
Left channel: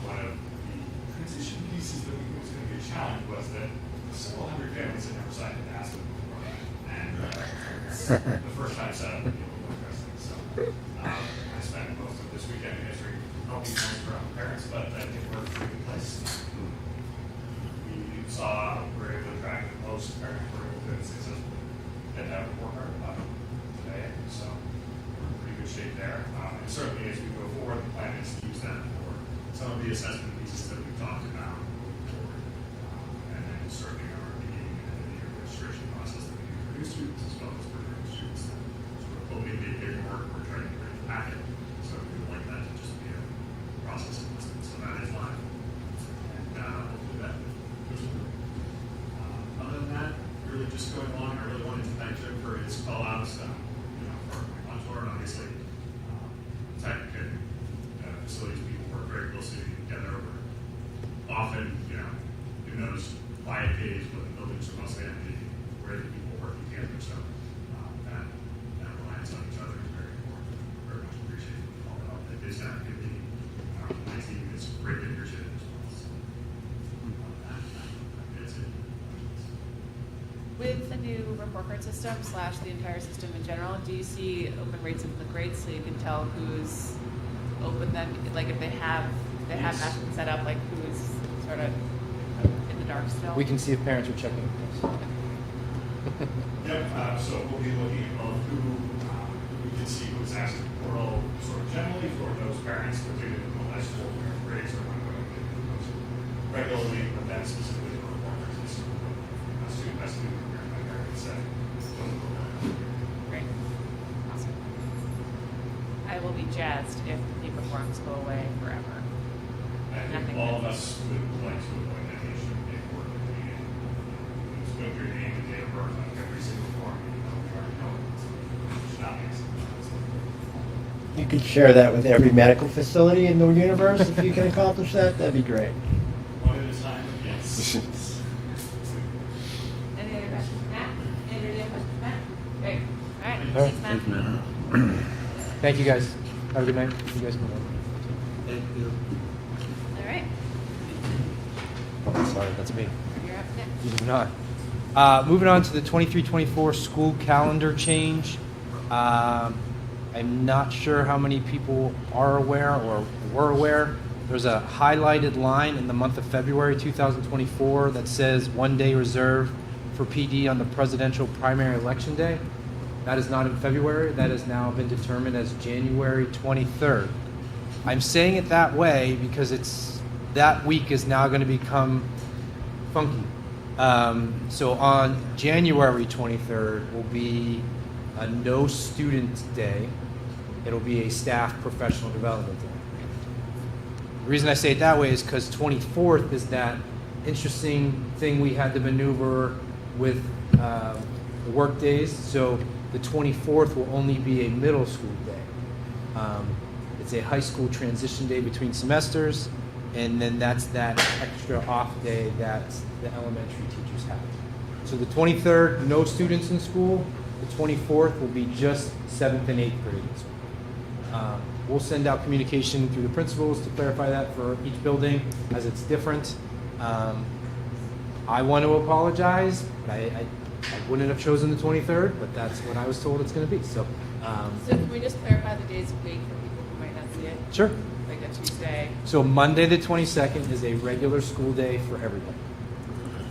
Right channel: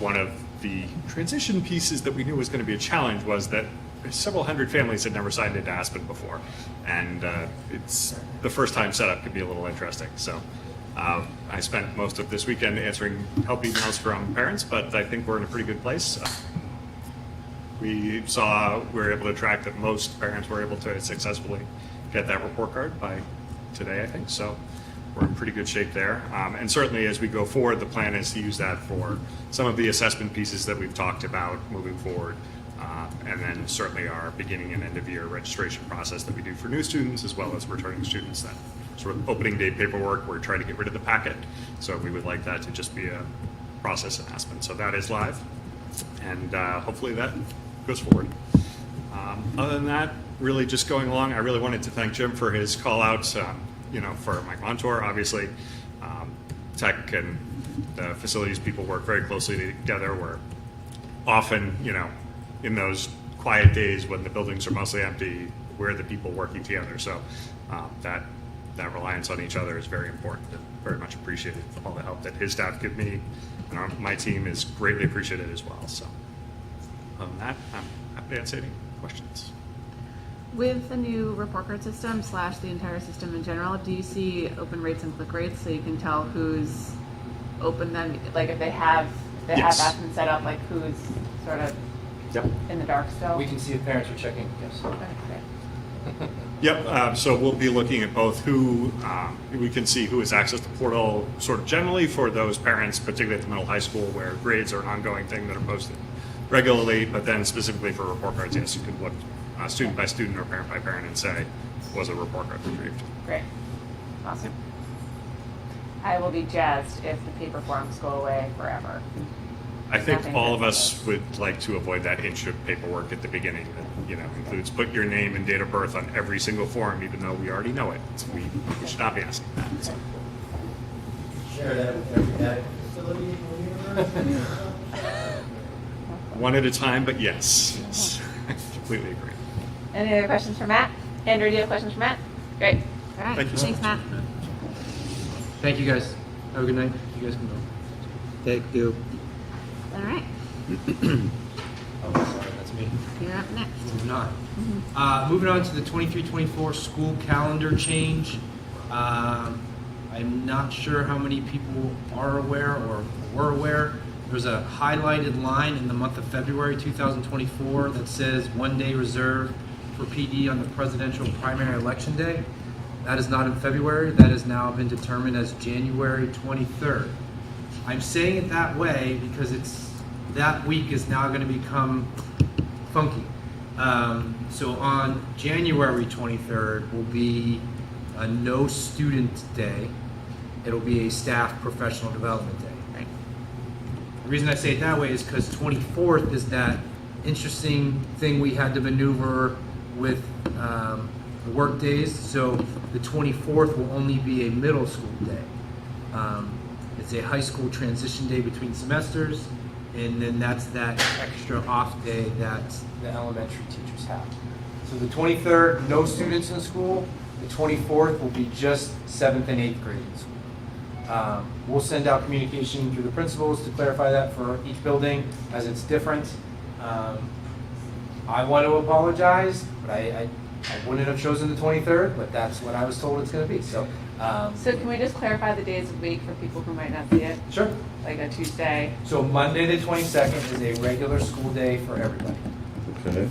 One of the transition pieces that we knew was going to be a challenge was that several hundred families had never signed into Aspen before, and it's the first time setup could be a little interesting. So I spent most of this weekend answering help emails from parents, but I think we're in a pretty good place. We were able to track that most parents were able to successfully get that report card by today, I think. So we're in pretty good shape there. And certainly as we go forward, the plan is to use that for some of the assessment pieces that we've talked about moving forward. And then certainly our beginning and end of year registration process that we do for new students as well as returning students. That sort of opening day paperwork, we're trying to get rid of the packet. So we would like that to just be a process in Aspen. So that is live. And hopefully that goes forward. Other than that, really just going along, I really wanted to thank Jim for his call outs, for my contour. Obviously, tech and the facilities people work very closely together. We're often, in those quiet days when the buildings are mostly empty, we're the people working together. So that reliance on each other is very important and very much appreciated. All the help that his staff give me and my team is greatly appreciated as well. So other than that, I'm happy to answer any questions. With the new report card system / the entire system in general, do you see open rates and click rates so you can tell who's open them, like if they have Yes. Aspen set up, like who's sort of in the dark still? We can see if parents are checking, yes. Okay, great. Yep, so we'll be looking at both who, we can see who has access to the portal sort of generally for those parents, particularly at the middle high school where grades are an ongoing thing that are posted regularly, but then specifically for report cards, yes, you could look student by student or parent by parent and say, was a report card retrieved? Great. Awesome. I will be jazzed if the paper forms go away forever. I think Nothing all of but- us would like to avoid that inch of paperwork at the beginning that includes put your name and date of birth on every single form, even though we already know it. We should not be asking that. So, You could share that with every medical facility in the universe if you can accomplish that. That'd be great. one at a time, but yes, I completely agree. Any other questions for Matt? Andrew, do you have questions for Matt? Great. All right. Thank you. Thanks, Matt. Thank you, guys. Have a good night. You guys can go. Thank you. All right, Oh, sorry, that's me. you're up next. Moving on to the 23-24 school calendar change. I'm not sure how many people are aware or were aware. There's a highlighted line in the month of February 2024 that says 1 day reserved for PD on the presidential primary election day. That is not in February. That has now been determined as January 23rd. I'm saying it that way because that week is now going to become funky. So on January 23rd will be a no student day. It'll be a staff professional development day. Right? The reason I say it that way is because 24th is that interesting thing we had to maneuver with the work days. So the 24th will only be a middle school day. It's a high school transition day between semesters, and then that's that extra off day that the elementary teachers have. So the 23rd, no students in school. The 24th will be just 7th and 8th grade in school. We'll send out communication through the principals to clarify that for each building as it's different. I want to apologize, but I wouldn't have chosen the 23rd, but that's what I was told it's going to be. So Can we just clarify the days of the week for people who might not see it? Sure. Like a Tuesday? So Monday the 22nd is a regular school day for everybody. Okay.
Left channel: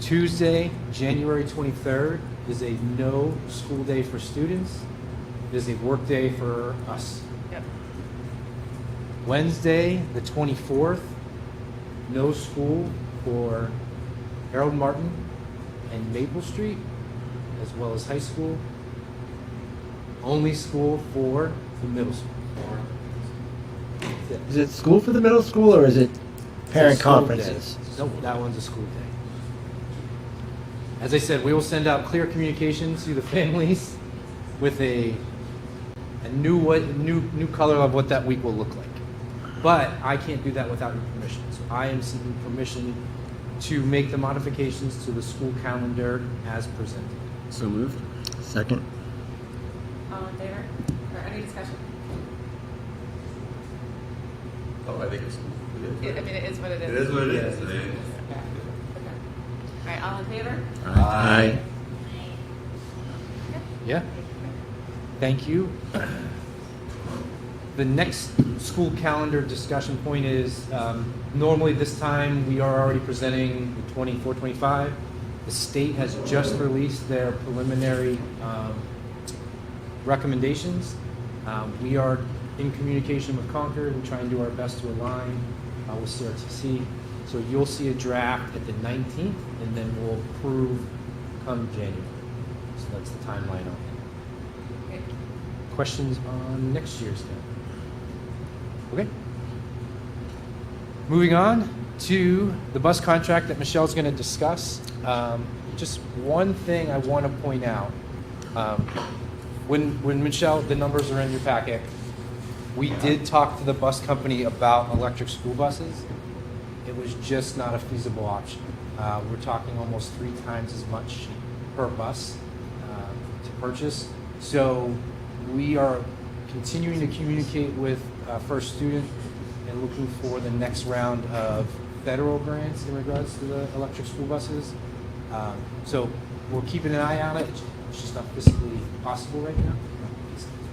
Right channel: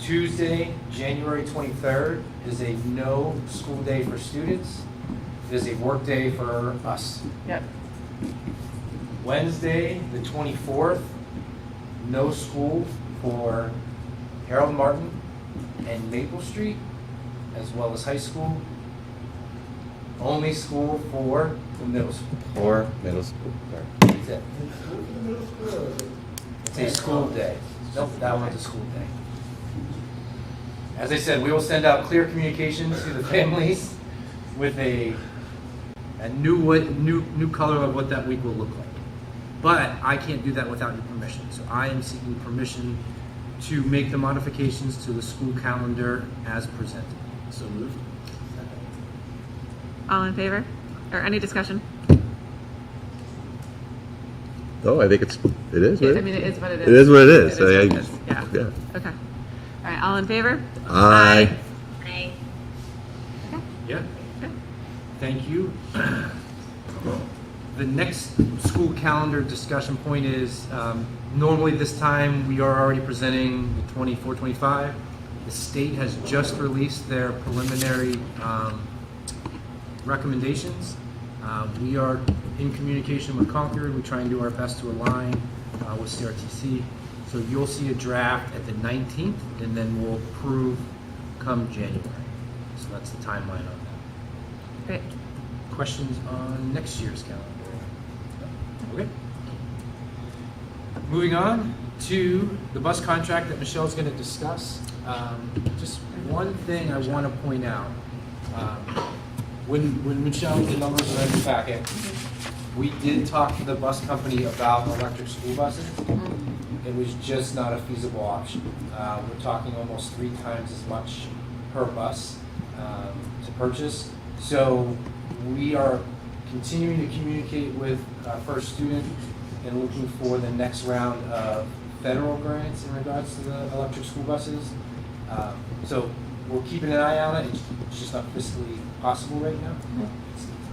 Tuesday, January 23rd is a no school day for students. It is a work day for us. Yep. Wednesday, the 24th, no school for Harold Martin and Maple Street, as well as high school. Only school for the middle school. Or middle school. That's it. Is it school for the middle school or is it parent It's a school conferences? day. Nope, that one's a school day. As I said, we will send out clear communications to the families with a new color of what that week will look like. But I can't do that without your permission. So I am seeking permission to make the modifications to the school calendar as presented. So moved. Second. All in favor? Or any discussion? Oh, I think it is. Yeah, Right? I mean, it is what it is. It is what it is. It is what it I- is. Yeah. yeah. Okay. All right, all in favor? Aye. Yeah. Thank you. The next school calendar discussion point is, normally this time we are already presenting the 24-25. The state has just released their preliminary recommendations. We are in communication with Concord. We try and do our best to align with CRTC. So you'll see a draft at the 19th, and then we'll approve come January. So that's the timeline on that. Great. Questions on next year's calendar? Okay. Moving on to the bus contract that Michelle's going to discuss. Just one thing I want to point out. When Michelle, the numbers are in the packet, we did talk to the bus company about electric school buses. It was just not a feasible option. We're talking almost 3 times as much per bus to purchase. So we are continuing to communicate with First Student and looking for the next round of federal grants in regards to the electric school buses. So we're keeping an eye on it. It's just not physically possible right now.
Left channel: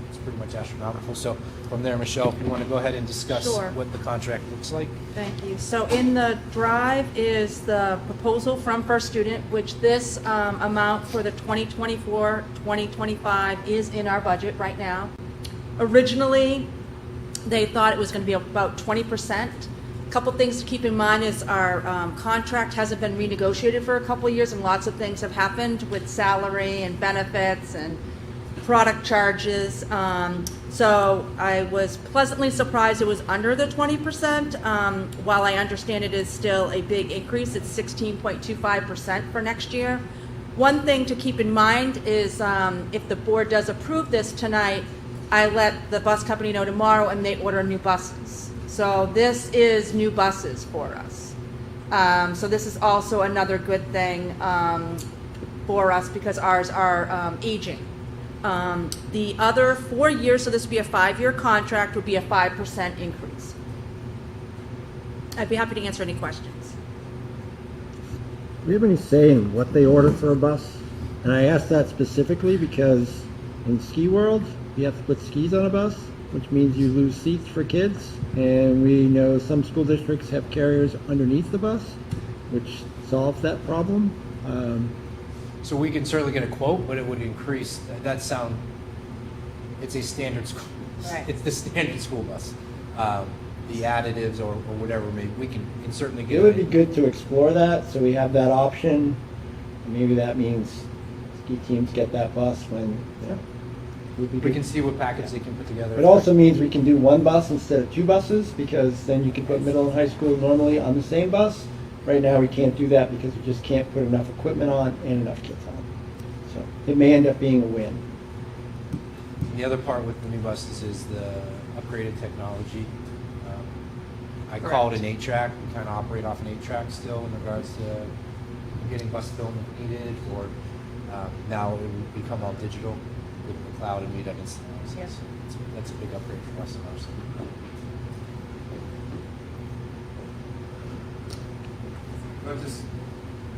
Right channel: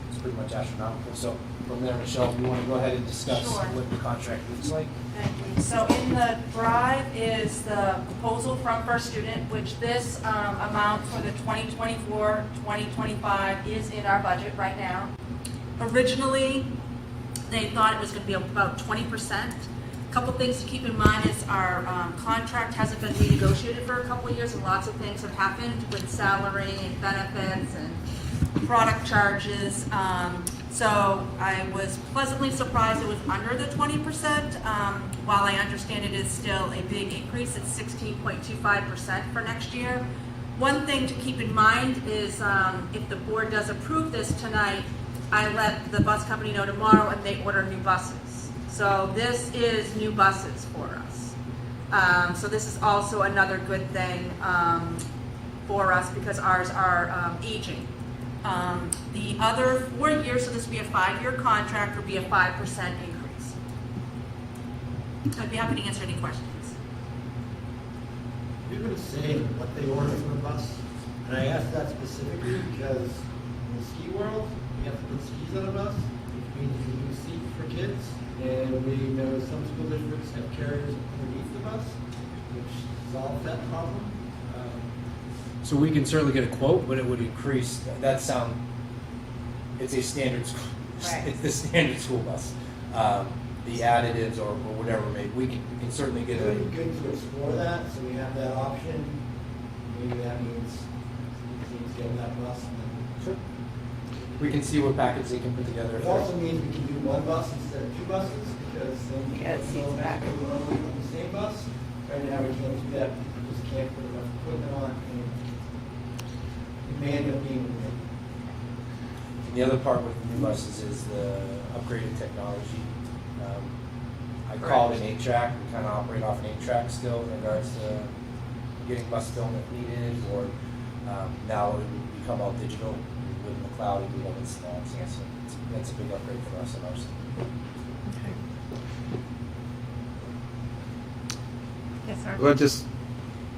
It's pretty much astronomical. So from there, Michelle, if you want to go ahead and discuss Sure. what the contract looks like. Thank you. So in the drive is the proposal from First Student, which this amount for the 2024-2025 is in our budget right now. Originally, they thought it was going to be about 20%. A couple things to keep in mind is our contract hasn't been renegotiated for a couple of years, and lots of things have happened with salary and benefits and product charges. So I was pleasantly surprised it was under the 20%. While I understand it is still a big increase, it's 16.25% for next year. One thing to keep in mind is if the board does approve this tonight, I let the bus company know tomorrow and they order new buses. So this is new buses for us. So this is also another good thing for us because ours are aging. The other 4 years, so this would be a 5-year contract, would be a 5% increase. I'd be happy to answer any questions. Do we have any say in what they order for a bus? And I ask that specifically because in ski world, you have to put skis on a bus, which means you lose seats for kids. And we know some school districts have carriers underneath the bus, which solves that problem. So we can certainly get a quote, but it would increase. It's a standard school. Right. It's the standard school bus. The additives or whatever, maybe we can certainly get. It would be good to explore that, so we have that option. Maybe that means ski teams get that bus when. We can see what packets they can put together. It also means we can do one bus instead of 2 buses, because then you can put middle and high school normally on the same bus. Right now, we can't do that because we just can't put enough equipment on and enough kids on. So it may end up being a win. The other part with the new buses is the upgraded technology. I call it an 8-track. We kind of operate off an 8-track still in regards to getting bus film if needed, or now it would become all digital with the cloud and we'd have instant access. So that's a big upgrade for us in ours. Well, just,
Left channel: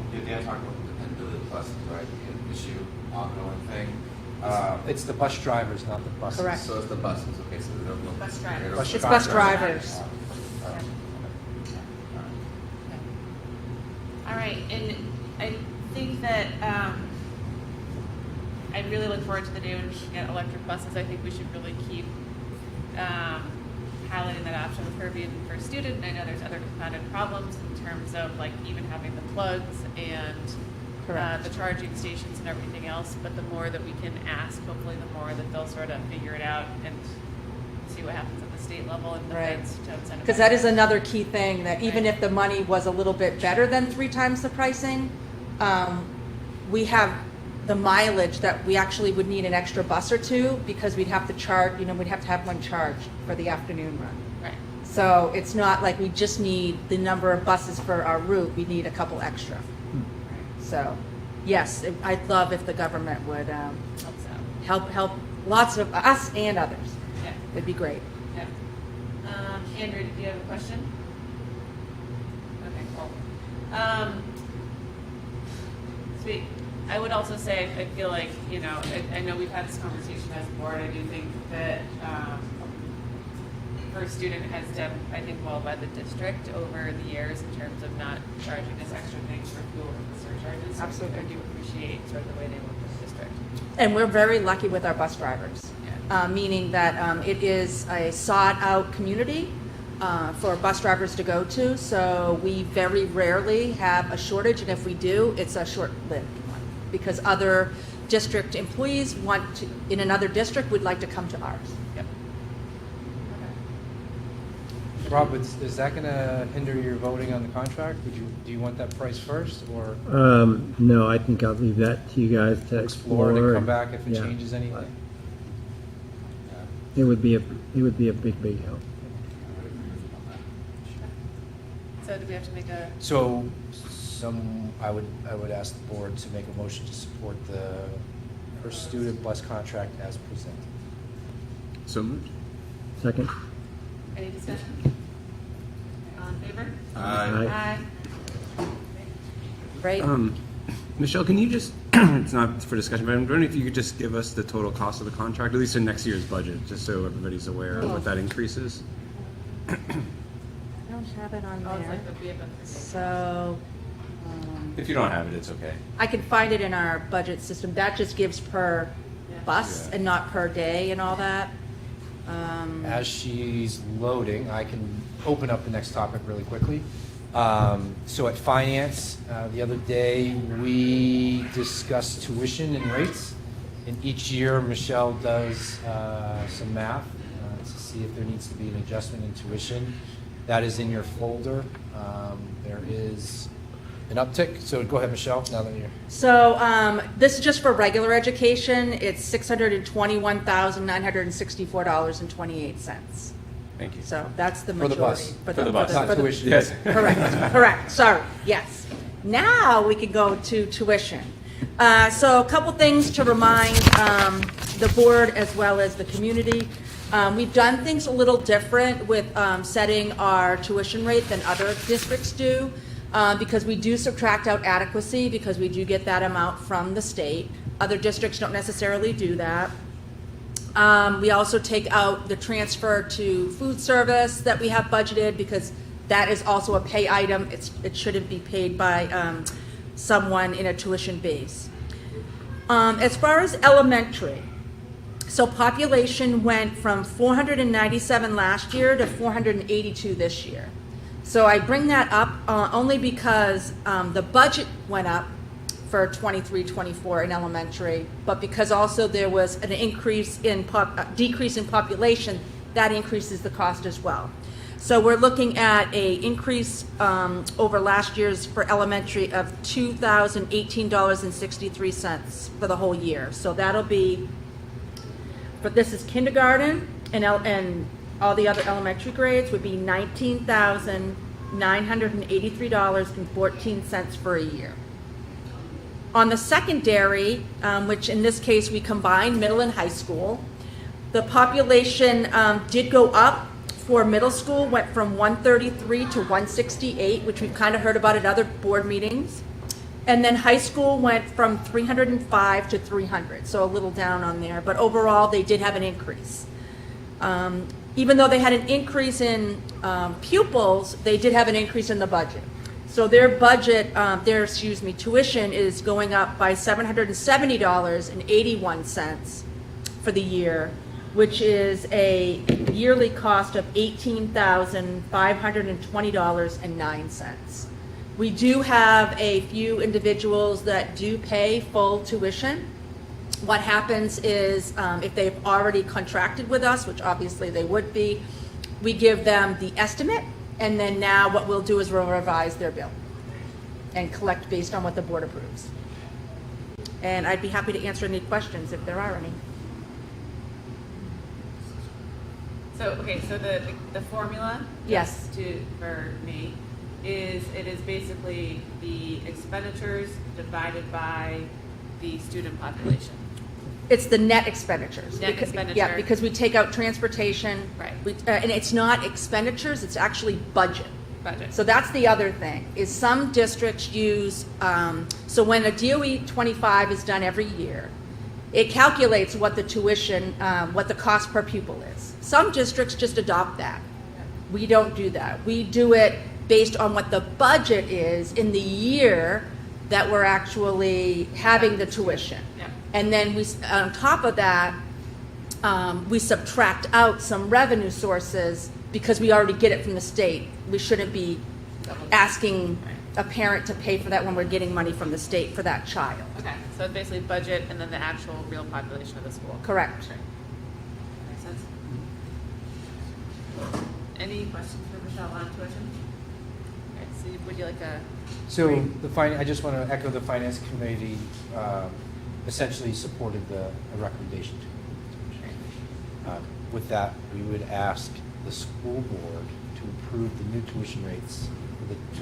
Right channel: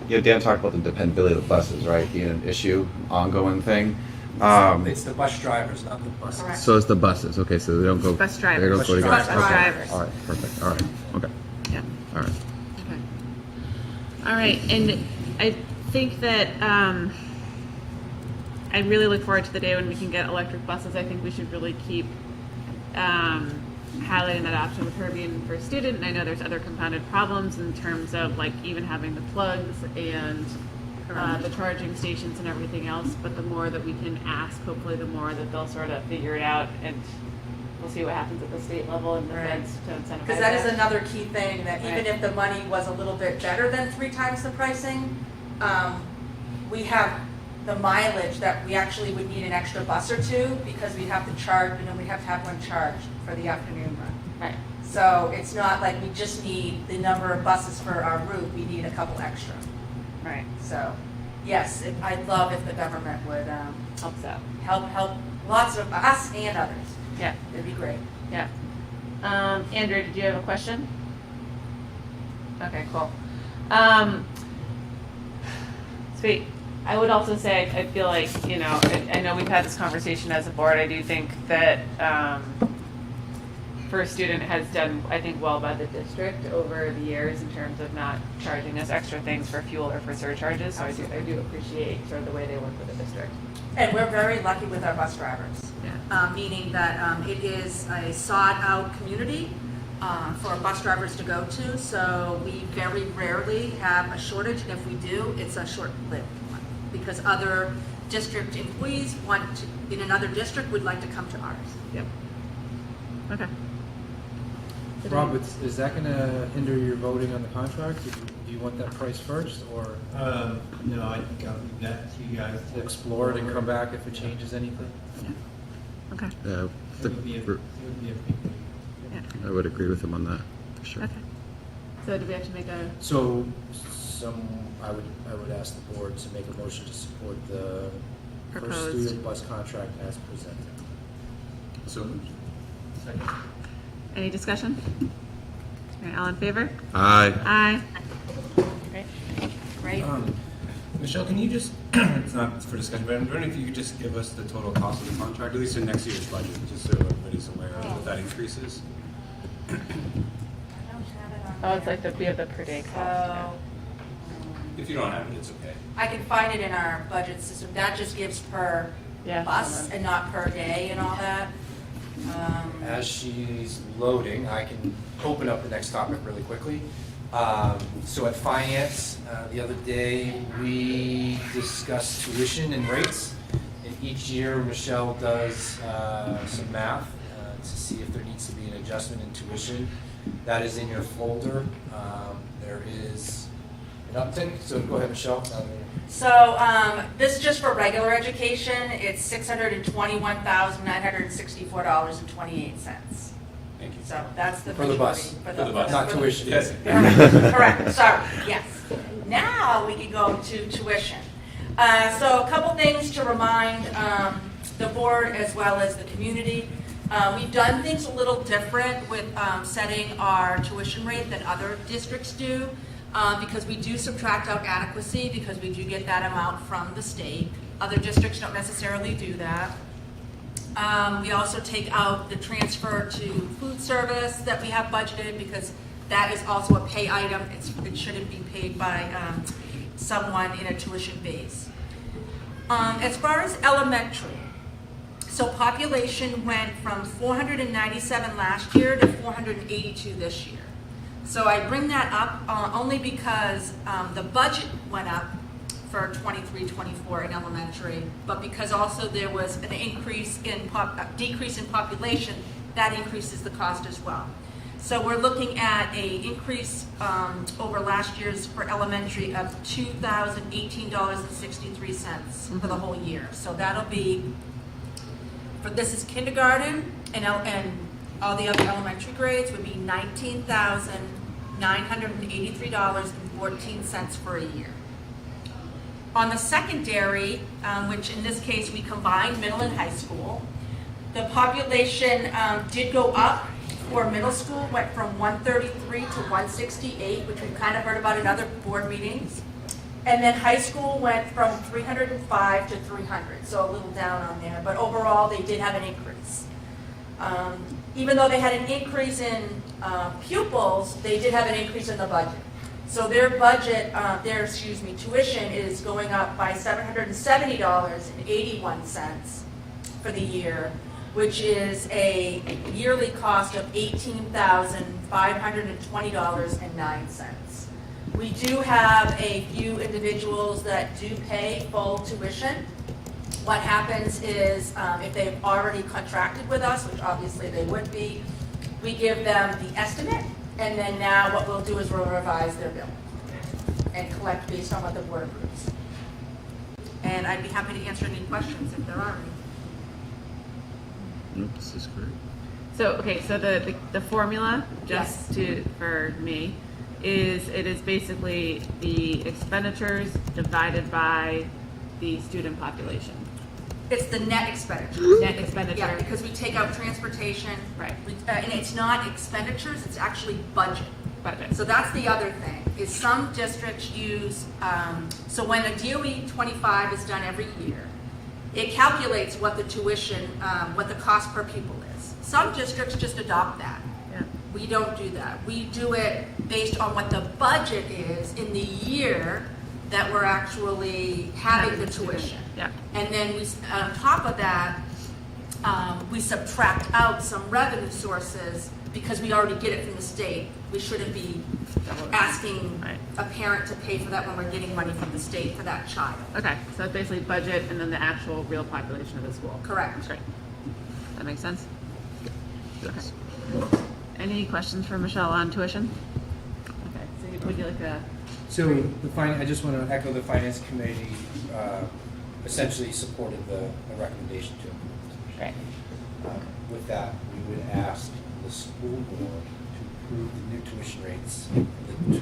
Dan talked about the dependability of the buses, right, being an issue, ongoing thing. It's the bus drivers, not the buses. Correct. So it's the buses, okay, so they don't go. Bus They drivers. don't go. Bus drivers. All right, perfect, all right, okay, Yeah. all right. Okay. All right, and I think that I really look forward to the day when we can get electric buses. I think we should really keep highlighting that option with her being first student. And I know there's other compounded problems in terms of like even having the plugs and the charging stations and everything else. But the more that we can ask, hopefully the more that they'll sort of figure it out, and we'll see what happens at the state level and defense to incentivize. Because that is another key thing, that even Right. if the money was a little bit better than 3 times the pricing, we have the mileage that we actually would need an extra bus or 2 because we'd have to charge, we'd have to have one charged for the afternoon run. Right. So it's not like we just need the number of buses for our route, we need a couple extra. Right. So, yes, I'd love if the government would Helps out. help lots of us and others. Yeah. It'd be great. Yeah. Andrew, did you have a question? Okay, cool. Sweet. I would also say, I feel like, you know, I know we've had this conversation as a board. I do think that First Student has done, I think, well by the district over the years in terms of not charging us extra things for fuel or for surcharges. So I do appreciate sort of the way they work with the district. And we're very lucky with our bus drivers, meaning that it is a sought-out community for bus drivers to go to, so we very rarely have a shortage, and if we do, it's a short-lived one, because other district employees in another district would like to come to ours. Yep. Okay. Rob, is that going to hinder your voting on the contract? Do you want that price first, or No, I think I'll leave that to you guys to explore explore. and come back if it Yeah. changes anything? Okay. It would be a big help. I would agree with him on that. Sure. Okay. So do we have to make a? So, I would ask the board to make a motion to support the Proposed. first student bus contract as presented. So moved. Second? Any discussion? All right, all in favor? Aye. Aye. Great. Michelle, can you just, it's not for discussion, but I'm wondering if you could just give us the total cost of the contract, at least in next year's budget, just so everybody's aware of what that increase is? I don't have it on Oh, it's there. like we have the per day cost. So, If you don't have it, it's okay. I can find it in our budget system. That just gives per Yeah. bus and not per day and all that. As she's loading, I can open up the next topic really quickly. So at finance, the other day, we discussed tuition and rates. And each year, Michelle does some math to see if there needs to be an adjustment in tuition. That is in your folder. There is an uptick. So go ahead, Michelle. Now that you're So this is just for regular education. It's $621,964.28. Thank you. So that's the For the majority. bus. For For the bus. Not tuition. Yes. Correct, sorry, yes. Now we can go to tuition. So a couple things to remind the board as well as the community. We've done things a little different with setting our tuition rate than other districts do, because we do subtract out adequacy, because we do get that amount from the state. Other districts don't necessarily do that. We also take out the transfer to food service that we have budgeted, because that is also a pay item. It shouldn't be paid by someone in a tuition base. As far as elementary, so population went from 497 last year to 482 this year. So I bring that up only because the budget went up for 23-24 in elementary, but because also there was an increase in decrease in population, that increases the cost as well. So we're looking at a increase over last year's for elementary of $2,018.63 for the whole year. So that'll be, but this is kindergarten and all the other elementary grades would be $19,983.14 for a year. On the secondary, which in this case we combined middle and high school, the population did go up for middle school, went from 133 to 168, which we've kind of heard about in other board meetings. And then high school went from 305 to 300, so a little down on there. But overall, they did have an increase. Even though they had an increase in pupils, they did have an increase in the budget. So their budget, tuition is going up by $770.81 for the year, which is a yearly cost of $18,520.09. We do have a few individuals that do pay full tuition. What happens is if they've already contracted with us, which obviously they would be, we give them the estimate, and then now what we'll do is we'll revise their bill and collect based on what the board approves. And I'd be happy to answer any questions if there are any. This is great. So, okay, so the formula, Yes. for me, is basically the expenditures divided by the student population. It's the net expenditure. Net expenditure. Yeah, because we take out transportation. Right. And it's not expenditures, it's actually budget. Budget. So that's the other thing, is some districts use, so when a DOE 25 is done every year, it calculates what the tuition, what the cost per pupil is. Some districts just adopt that. We don't do that. We do it based on what the budget is in the year that we're actually having the tuition. Yeah. And then we, on top of that, we subtract out some revenue sources because we already get it from the state. We shouldn't be asking a parent to pay for that when we're getting money from the state for that child. Okay, so it's basically budget and then the actual real population of the school. Correct. Great. That makes sense? Okay. Any questions for Michelle on tuition? Okay, so would you like a? So I just want to echo the finance committee essentially supported the recommendation to. Right. With that, we would ask the school board to approve the new tuition rates for the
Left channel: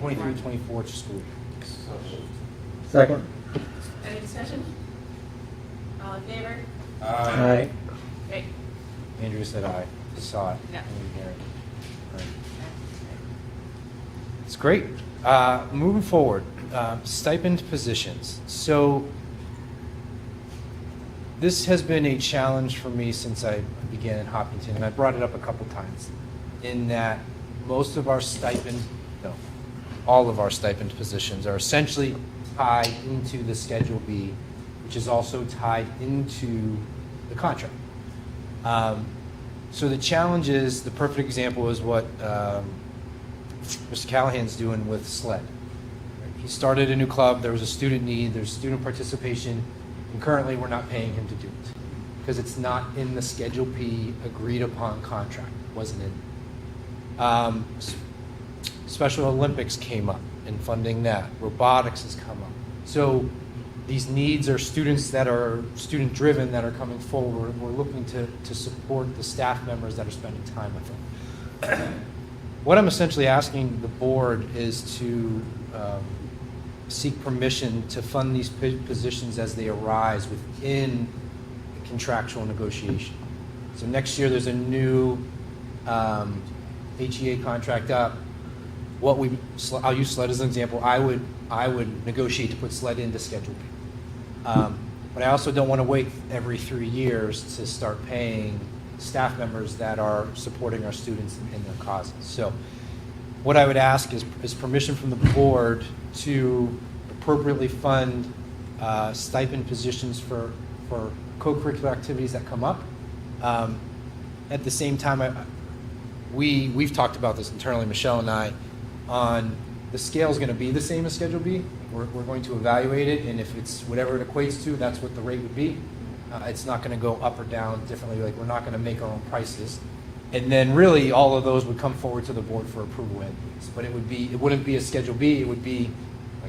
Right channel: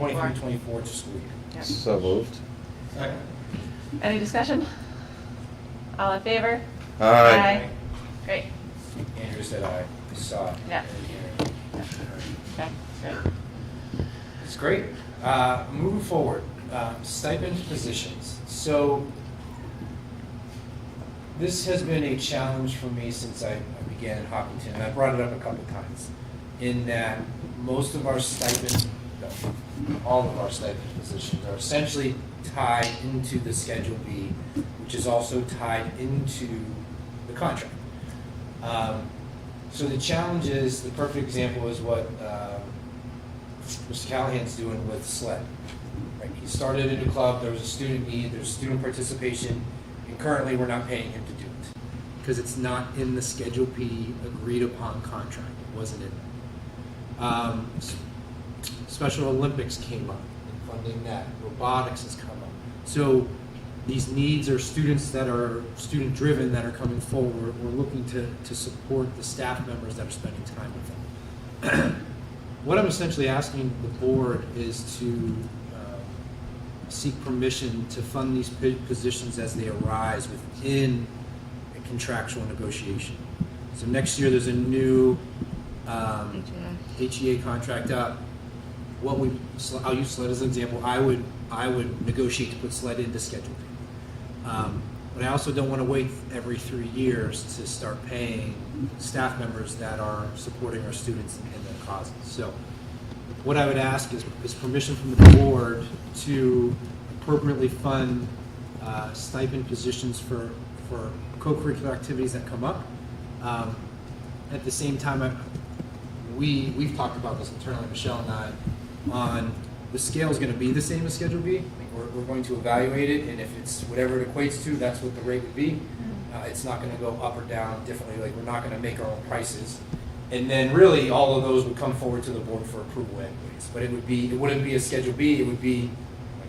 23-24 school year. So moved. Second. Any discussion? All in favor? Aye. Great. Andrew said aye. Saw it. Yeah. Okay, good. It's great. Moving forward, stipend positions. So this has been a challenge for me since I began at Hopkinton, and I brought it up a couple times, in that most of our all of our stipend positions are essentially tied into the Schedule B, which is also tied into the contract. So the challenge is, the perfect example is what Mr. Callahan's doing with SLED. Right? He started a new club, there was a student need, there's student participation, and currently we're not paying him to do it because it's not in the Schedule B agreed upon contract. It wasn't in there. Special Olympics came up and funding that. Robotics has come up. So these needs are students that are student-driven that are coming forward. We're looking to support the staff members that are spending time with them. What I'm essentially asking the board is to seek permission to fund these positions as they arise within a contractual negotiation. So next year there's a new HEA contract up. I'll use SLED as an example. I would negotiate to put SLED into Schedule B. But I also don't want to wait every 3 years to start paying staff members that are supporting our students in their causes. So what I would ask is permission from the board to appropriately fund stipend positions for co-curricular activities that come up. At the same time, we've talked about this internally, Michelle and I, on the scale is going to be the same as Schedule B. We're going to evaluate it, and if it's whatever it equates to, that's what the rate would be. It's not going to go up or down differently. Like, we're not going to make our own prices. And then really all of those would come forward to the board for approval anyways. But it wouldn't be a Schedule B. It would be,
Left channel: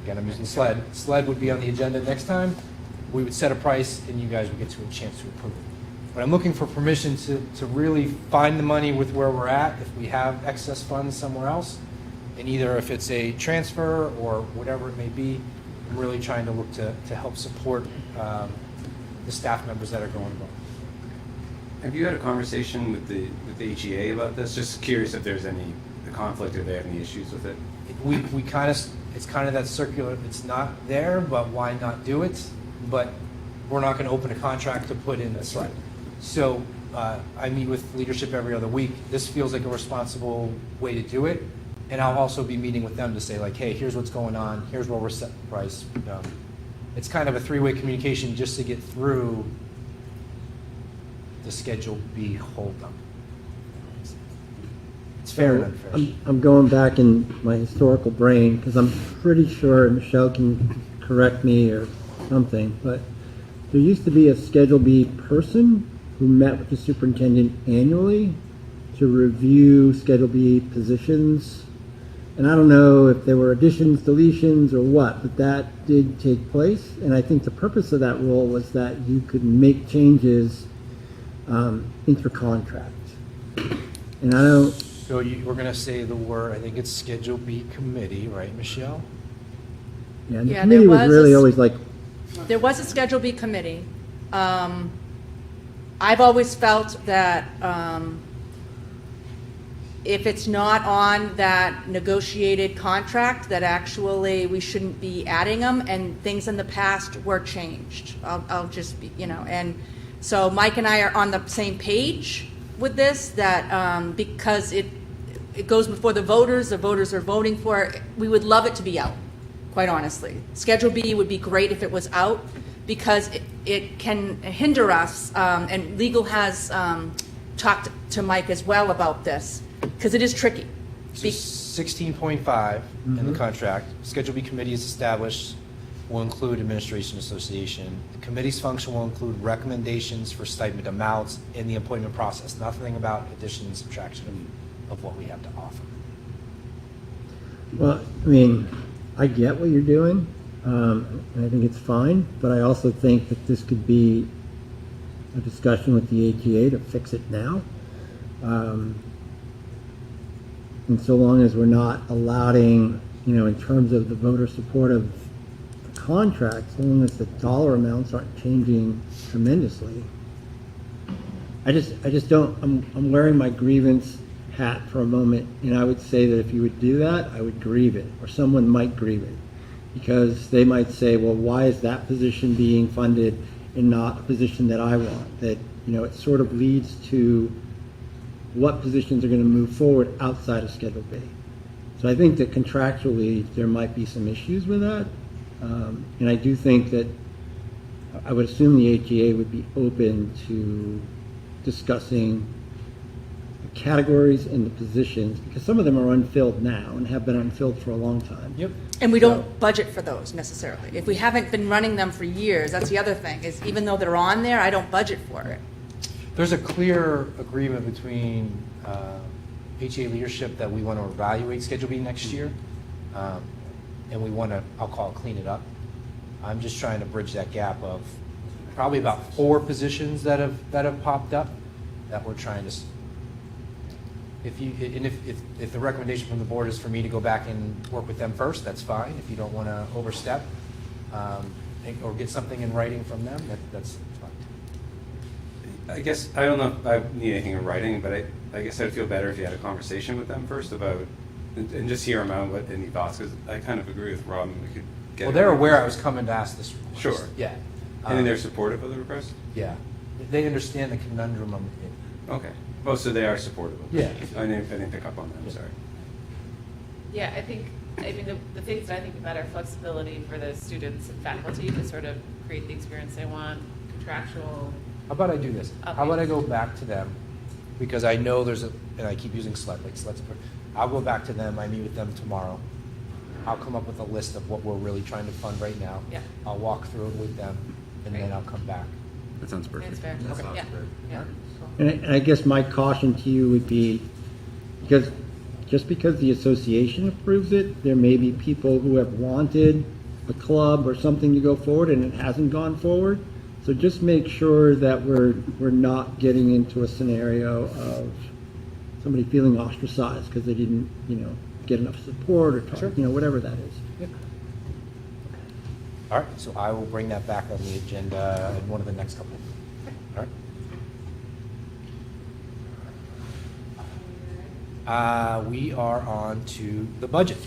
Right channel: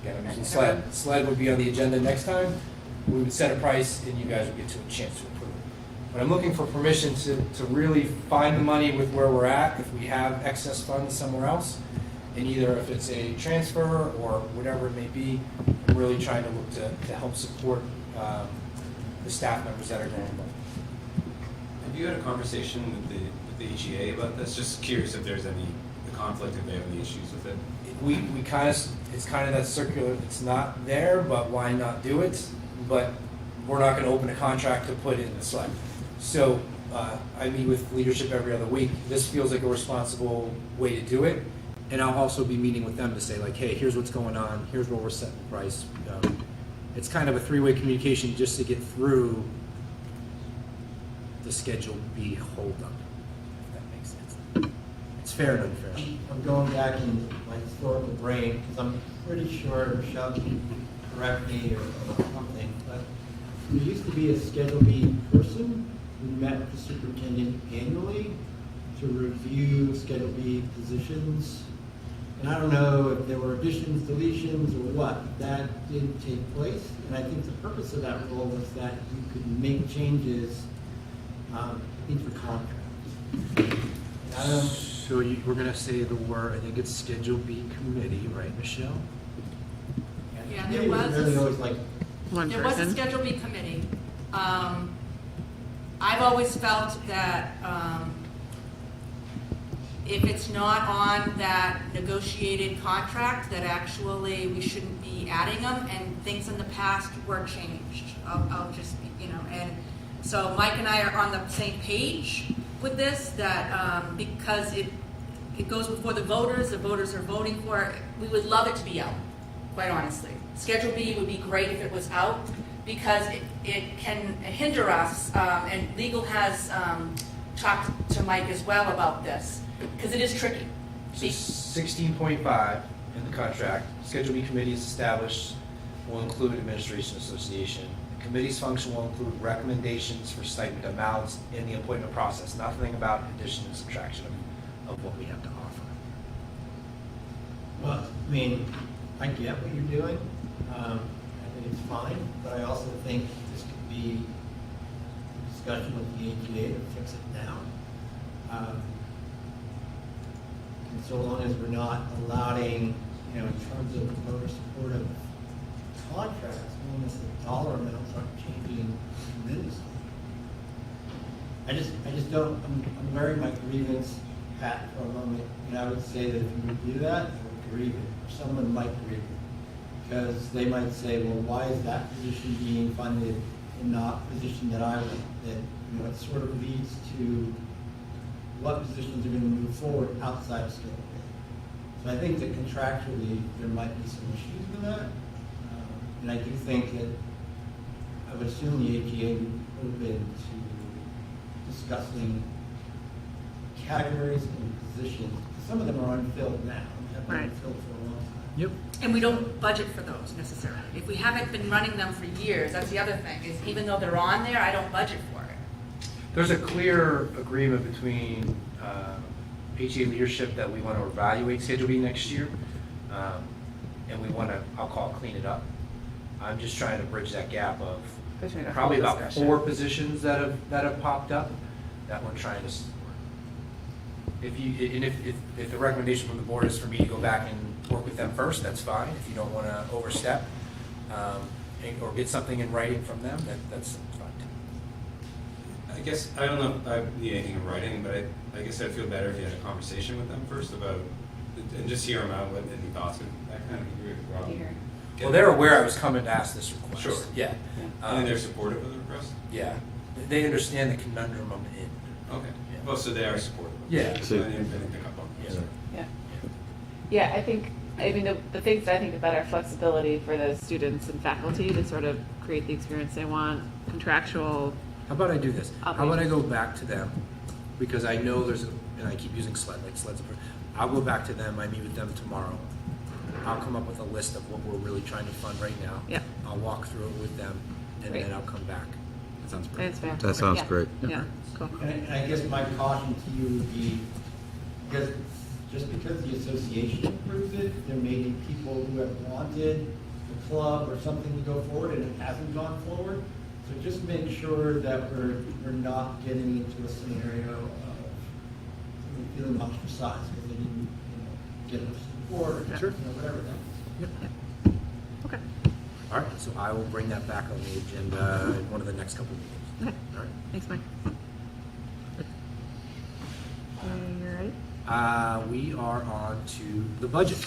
again, I'm using SLED. SLED would be on the agenda next time. We would set a price, and you guys would get to a chance to approve it. But I'm looking for permission to really find the money with where we're at. If we have excess funds somewhere else, and either if it's a transfer or whatever it may be, we're really trying to look to help support the staff members that are going both. Have you had a conversation with the HEA about this? Just curious if there's any conflict, if they have any issues with it. We kind of, it's kind of that circular, it's not there, but why not do it? But we're not going to open a contract to put in the SLED. So I meet with leadership every other week. This feels like a responsible way to do it. And I'll also be meeting with them to say, like, hey, here's what's going on. Here's where we're setting the price. It's kind of a three-way communication just to get through the Schedule B holdup, if that makes sense. It's fair and unfair. I'm going back in my historical brain because I'm pretty sure, Michelle can correct me or something, but there used to be a Schedule B person who met with the superintendent annually to review Schedule B positions. And I don't know if there were additions, deletions, or what, but that did take place. And I think the purpose of that role was that you could make changes inter-contract. And I don't... So we're going to say the word, I think it's Schedule B committee, right, Michelle? Yeah, and the committee was really always like... There was a Schedule B committee. I've always felt that if it's not on that negotiated contract, that actually we shouldn't be adding them, and things in the past were changed. I'll just be, and so Mike and I are on the same page with this, that because it goes before the voters are voting for it, we would love it to be out, quite honestly. Schedule B would be great if it was out, because it can hinder us, and legal has talked to Mike as well about this, because it is tricky. So 16.5 in the contract, Schedule B committee is established, will include administration association. The committee's function will include recommendations for stipend amounts in the appointment process, nothing about addition and subtraction of what we have to offer. Well, I mean, I get what you're doing, and I think it's fine, but I also think that this could be a discussion with the ATA to fix it now. And so long as we're not allowing, in terms of the voter support of the contract, so long as the dollar amounts aren't changing tremendously. I just don't, I'm wearing my grievance hat for a moment, and I would say that if you would do that, I would grieve it, or someone might grieve it, because they might say, well, why is that position being funded and not a position that I want? That, it sort of leads to what positions are going to move forward outside of Schedule B. So I think that contractually there might be some issues with that, and I do think that I would assume the ATA would be open to discussing the categories and the positions, because some of them are unfilled now and have been unfilled for a long time. Yep. And we don't budget for those necessarily. If we haven't been running them for years, that's the other thing, is even though they're on there, I don't budget for it. There's a clear agreement between ATA leadership that we want to evaluate Schedule B next year, and we want to, I'll call it, clean it up. I'm just trying to bridge that gap of probably about 4 positions that have popped up that we're trying to. If the recommendation from the board is for me to go back and work with them first, that's fine. If you don't want to overstep or get something in writing from them, that's fine. I guess, I don't know if I need anything in writing, but I guess I'd feel better if you had a conversation with them first about, and just hear them out, what any thoughts, because I kind of agree with Rob. Well, they're aware I was coming to ask this request. Sure. Yeah. And they're supportive of the request? Yeah. They understand the conundrum I'm in. Okay. Oh, so they are supportive. Yeah. I didn't pick up on that, sorry. Yeah, I think, the things that I think about are flexibility for the students and faculty to sort of create the experience they want, contractual. How about I do this? How about I go back to them, because I know there's and I keep using SLED, like SLED's. I'll go back to them, I meet with them tomorrow. I'll come up with a list of what we're really trying to fund right now. Yeah. I'll walk through it with them, and then I'll come back. That sounds great. That's fair. That sounds Yeah. great. Yeah, cool. And I guess my caution to you would be, because just because the association approves it, there may be people who have wanted a club or something to go forward and it hasn't gone forward. So just make sure that we're not getting into a scenario of somebody feeling ostracized because they didn't, get enough support or whatever that is. Okay. All right, so I will bring that back on the agenda in one of the next couple of meetings. Okay. All right. Thanks, Mike. All right. We are on to the budget.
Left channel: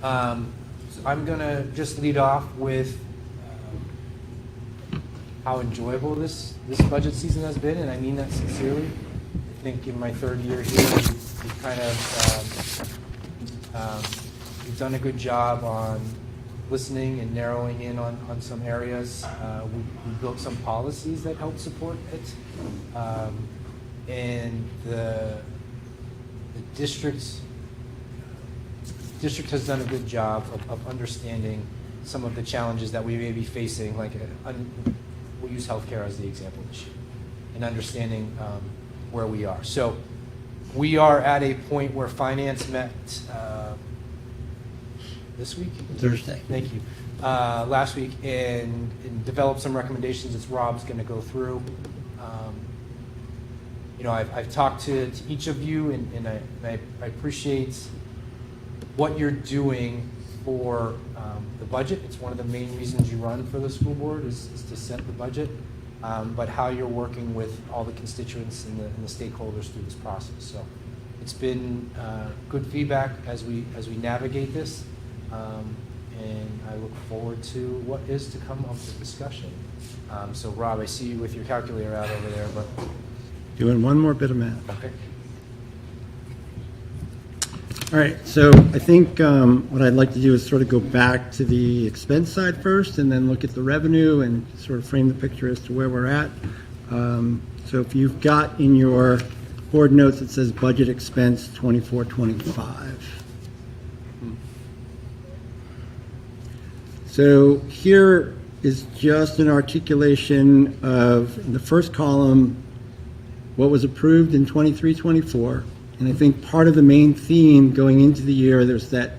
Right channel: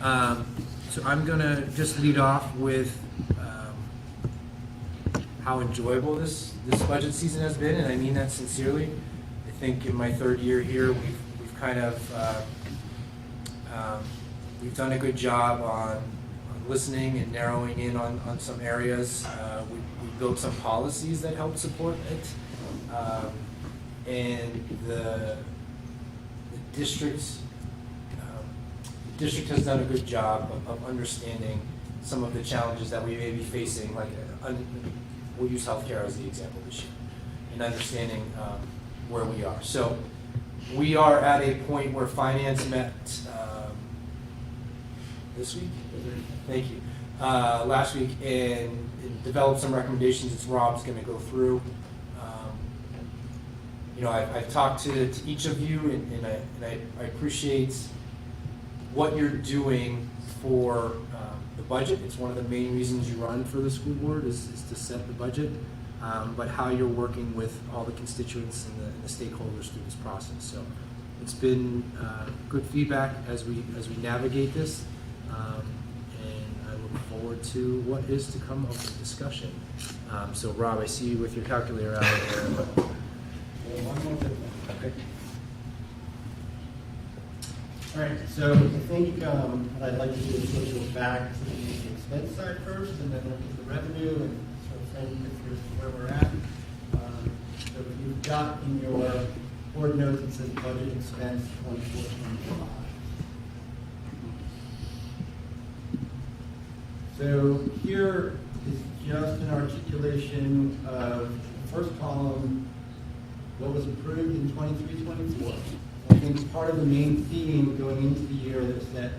So I'm gonna just lead off with how enjoyable this budget season has been, and I mean that sincerely. I think in my 3rd year here, we've kind of we've done a good job on listening and narrowing in on some areas. We built some policies that help support it, and the district has done a good job of understanding some of the challenges that we may be facing, like we'll use healthcare as the example this year, and understanding where we are. So we are at a point where finance met this week? Thursday. Thank you. Last week, and developed some recommendations that Rob's going to go through. I've talked to each of you, and I appreciate what you're doing for the budget. It's one of the main reasons you run for the school board is to set the budget, but how you're working with all the constituents and the stakeholders through this process. So it's been good feedback as we navigate this, and I look forward to what is to come of the discussion. So Rob, I see you with your calculator out there. But... Doing one more bit of math. Okay. All right, so I think what I'd like to do is sort of go back to the expense side first and then look at the revenue and sort of frame the picture as to where we're at. So if you've got in your board notes, it says budget expense 24-25. So here is just an articulation of, in the first column, what was approved in 23-24. And I think part of the main theme going into the year, there's that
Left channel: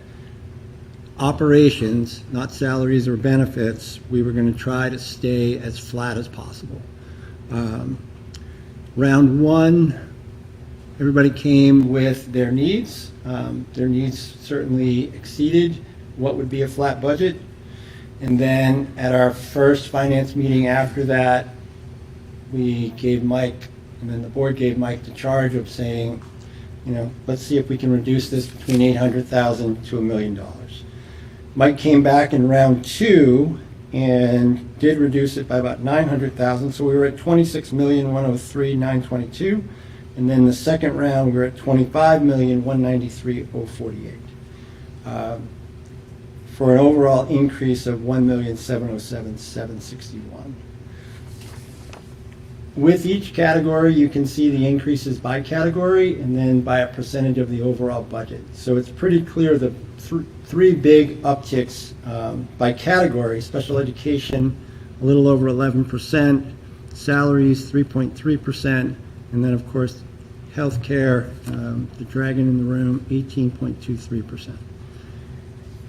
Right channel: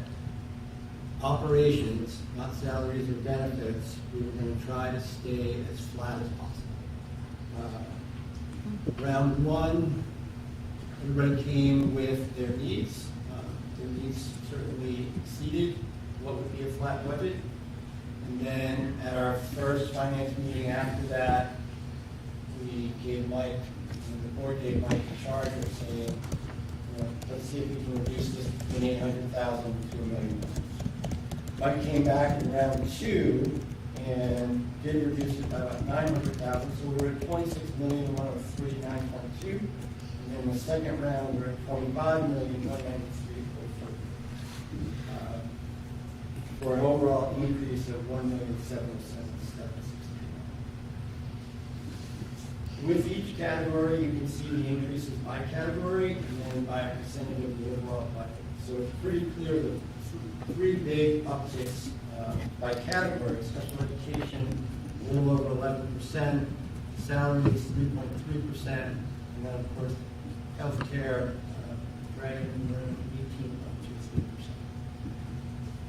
operations, not salaries or benefits, we were going to try to stay as flat as possible. Round one, everybody came with their needs. Their needs certainly exceeded what would be a flat budget. And then at our first finance meeting after that, we gave Mike, and then the board gave Mike the charge of saying, let's see if we can reduce this between $800,000 to $1 million. Mike came back in round two and did reduce it by about $900,000, so we were at $26,103,922, and then the second round we were at $25,193,048, for an overall increase of $1,707,761. With each category, you can see the increases by category and then by a percentage of the overall budget. So it's pretty clear the three big upticks by category: special education, a little over 11%, salaries, 3.3%, and then, of course, healthcare, the dragon in the room, 18.23%.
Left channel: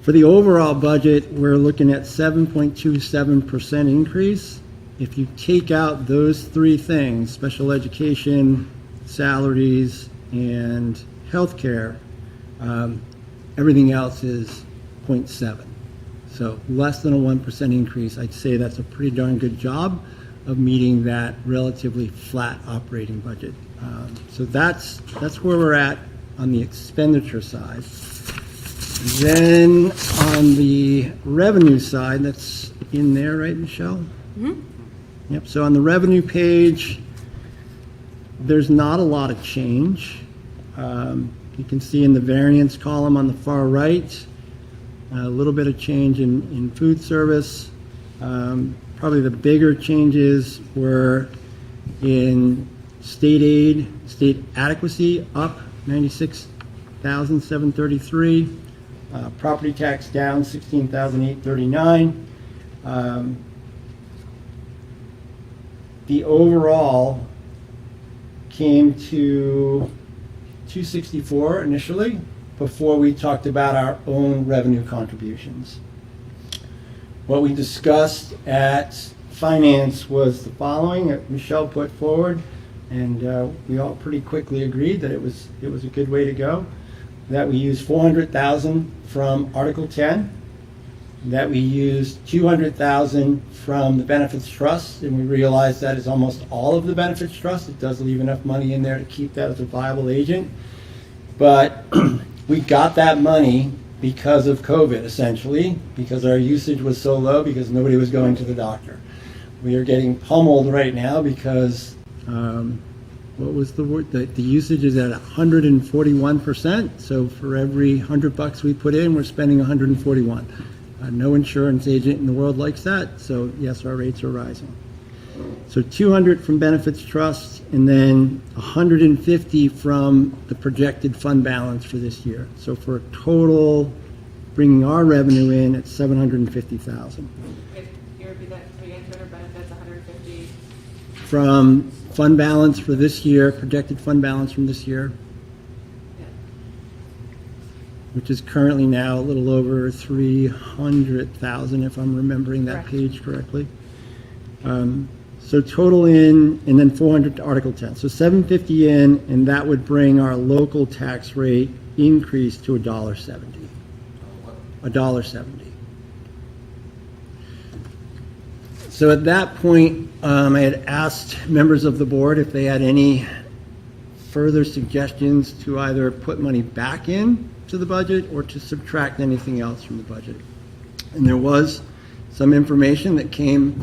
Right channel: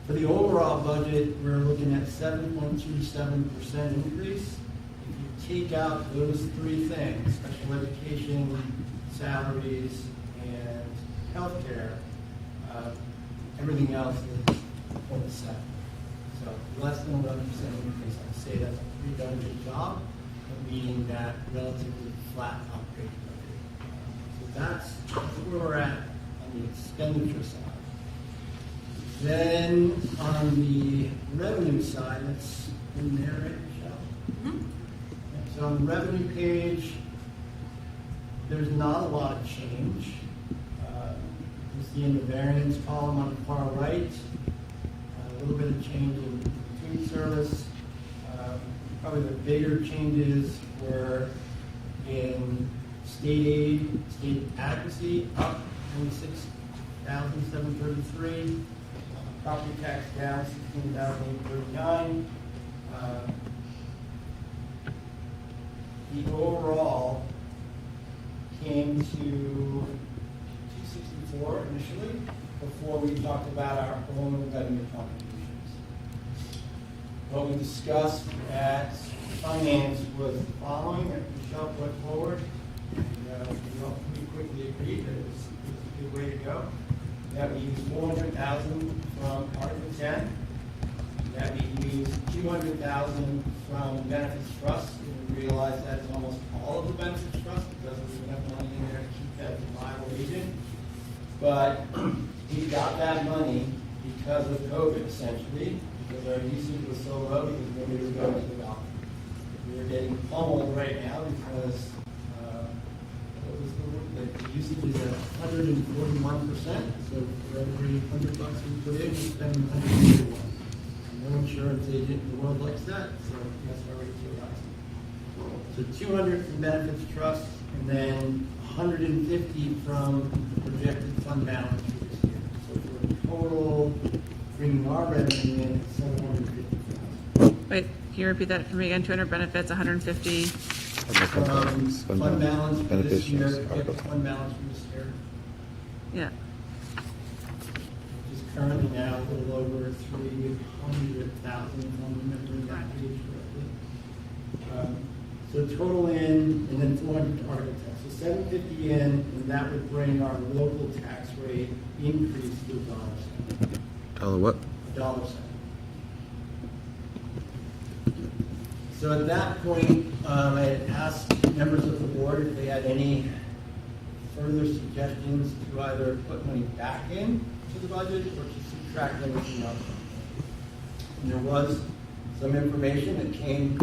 For the overall budget, we're looking at 7.27% increase. If you take out those three things, special education, salaries, and healthcare, everything else is 0.7. So less than a 1% increase. I'd say that's a pretty darn good job of meeting that relatively flat operating budget. So that's where we're at on the expenditure side. Then on the revenue side, that's in there, right, Michelle? Mm-hmm. Yep, so on the revenue page, there's not a lot of change. You can see in the variance column on the far right, a little bit of change in food service. Probably the bigger changes were in state aid, state adequacy, up 96,733. Property tax down 16,839. The overall came to 264 initially, before we talked about our own revenue contributions. What we discussed at finance was the following that Michelle put forward, and we all pretty quickly agreed that it was a good way to go. That we used $400,000 from Article 10, that we used $200,000 from the benefits trust, and we realized that is almost all of the benefits trust. It does leave enough money in there to keep that as a viable agent. But we got that money because of COVID, essentially, because our usage was so low, because nobody was going to the doctor. We are getting pummeled right now because, what was the word? The usage is at 141%. So for every $100 we put in, we're spending 141. No insurance agent in the world likes that, so yes, our rates are rising. So 200 from benefits trust, and then 150 from the projected fund balance for this year. So for a total, bringing our revenue in at 750,000. Wait, can you repeat that for me again? 200 benefits, 150. From fund balance for this year, projected fund balance from this year. Yeah. Which is currently now a little over 300,000, if I'm remembering that page correctly. So total in, and then 400 to Article 10. So 750 in, and that would bring our local tax rate increase to $1.70. What? $1.70. So at that point, I had asked members of the board if they had any further suggestions to either put money back in to the budget or to subtract anything else from the budget. And there was some information that came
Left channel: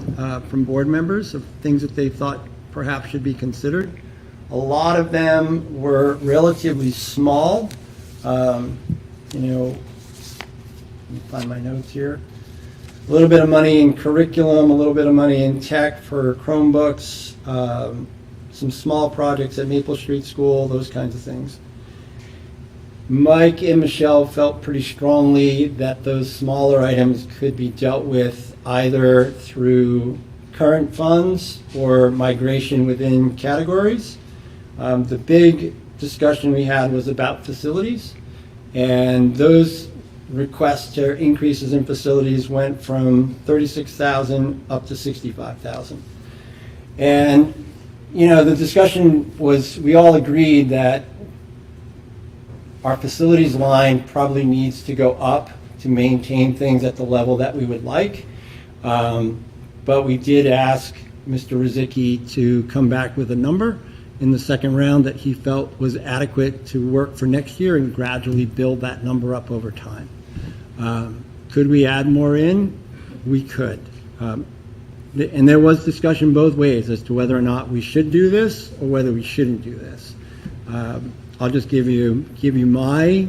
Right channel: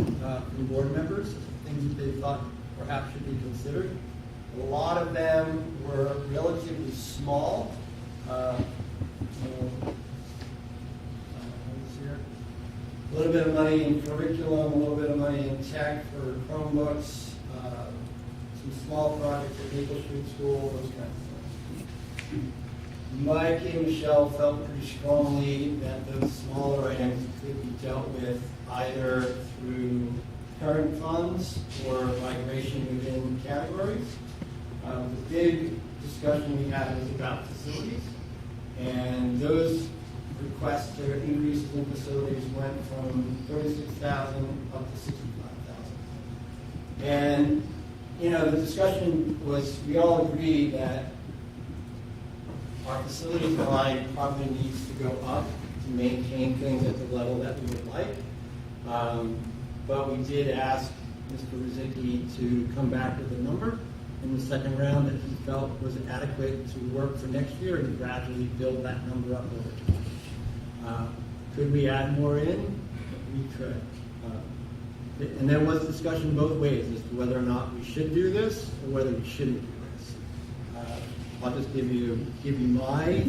from board members of things that they thought perhaps should be considered. A lot of them were relatively small. Let me find my notes here. A little bit of money in curriculum, a little bit of money in tech for Chromebooks, some small projects at Maple Street School, those kinds of things. Mike and Michelle felt pretty strongly that those smaller items could be dealt with either through current funds or migration within categories. The big discussion we had was about facilities, and those requests to increases in facilities went from $36,000 up to $65,000. And, the discussion was, we all agreed that our facilities line probably needs to go up to maintain things at the level that we would like. But we did ask Mr. Rizicki to come back with a number in the second round that he felt was adequate to work for next year and gradually build that number up over time. Could we add more in? We could. And there was discussion both ways as to whether or not we should do this or whether we shouldn't do this. I'll just give you my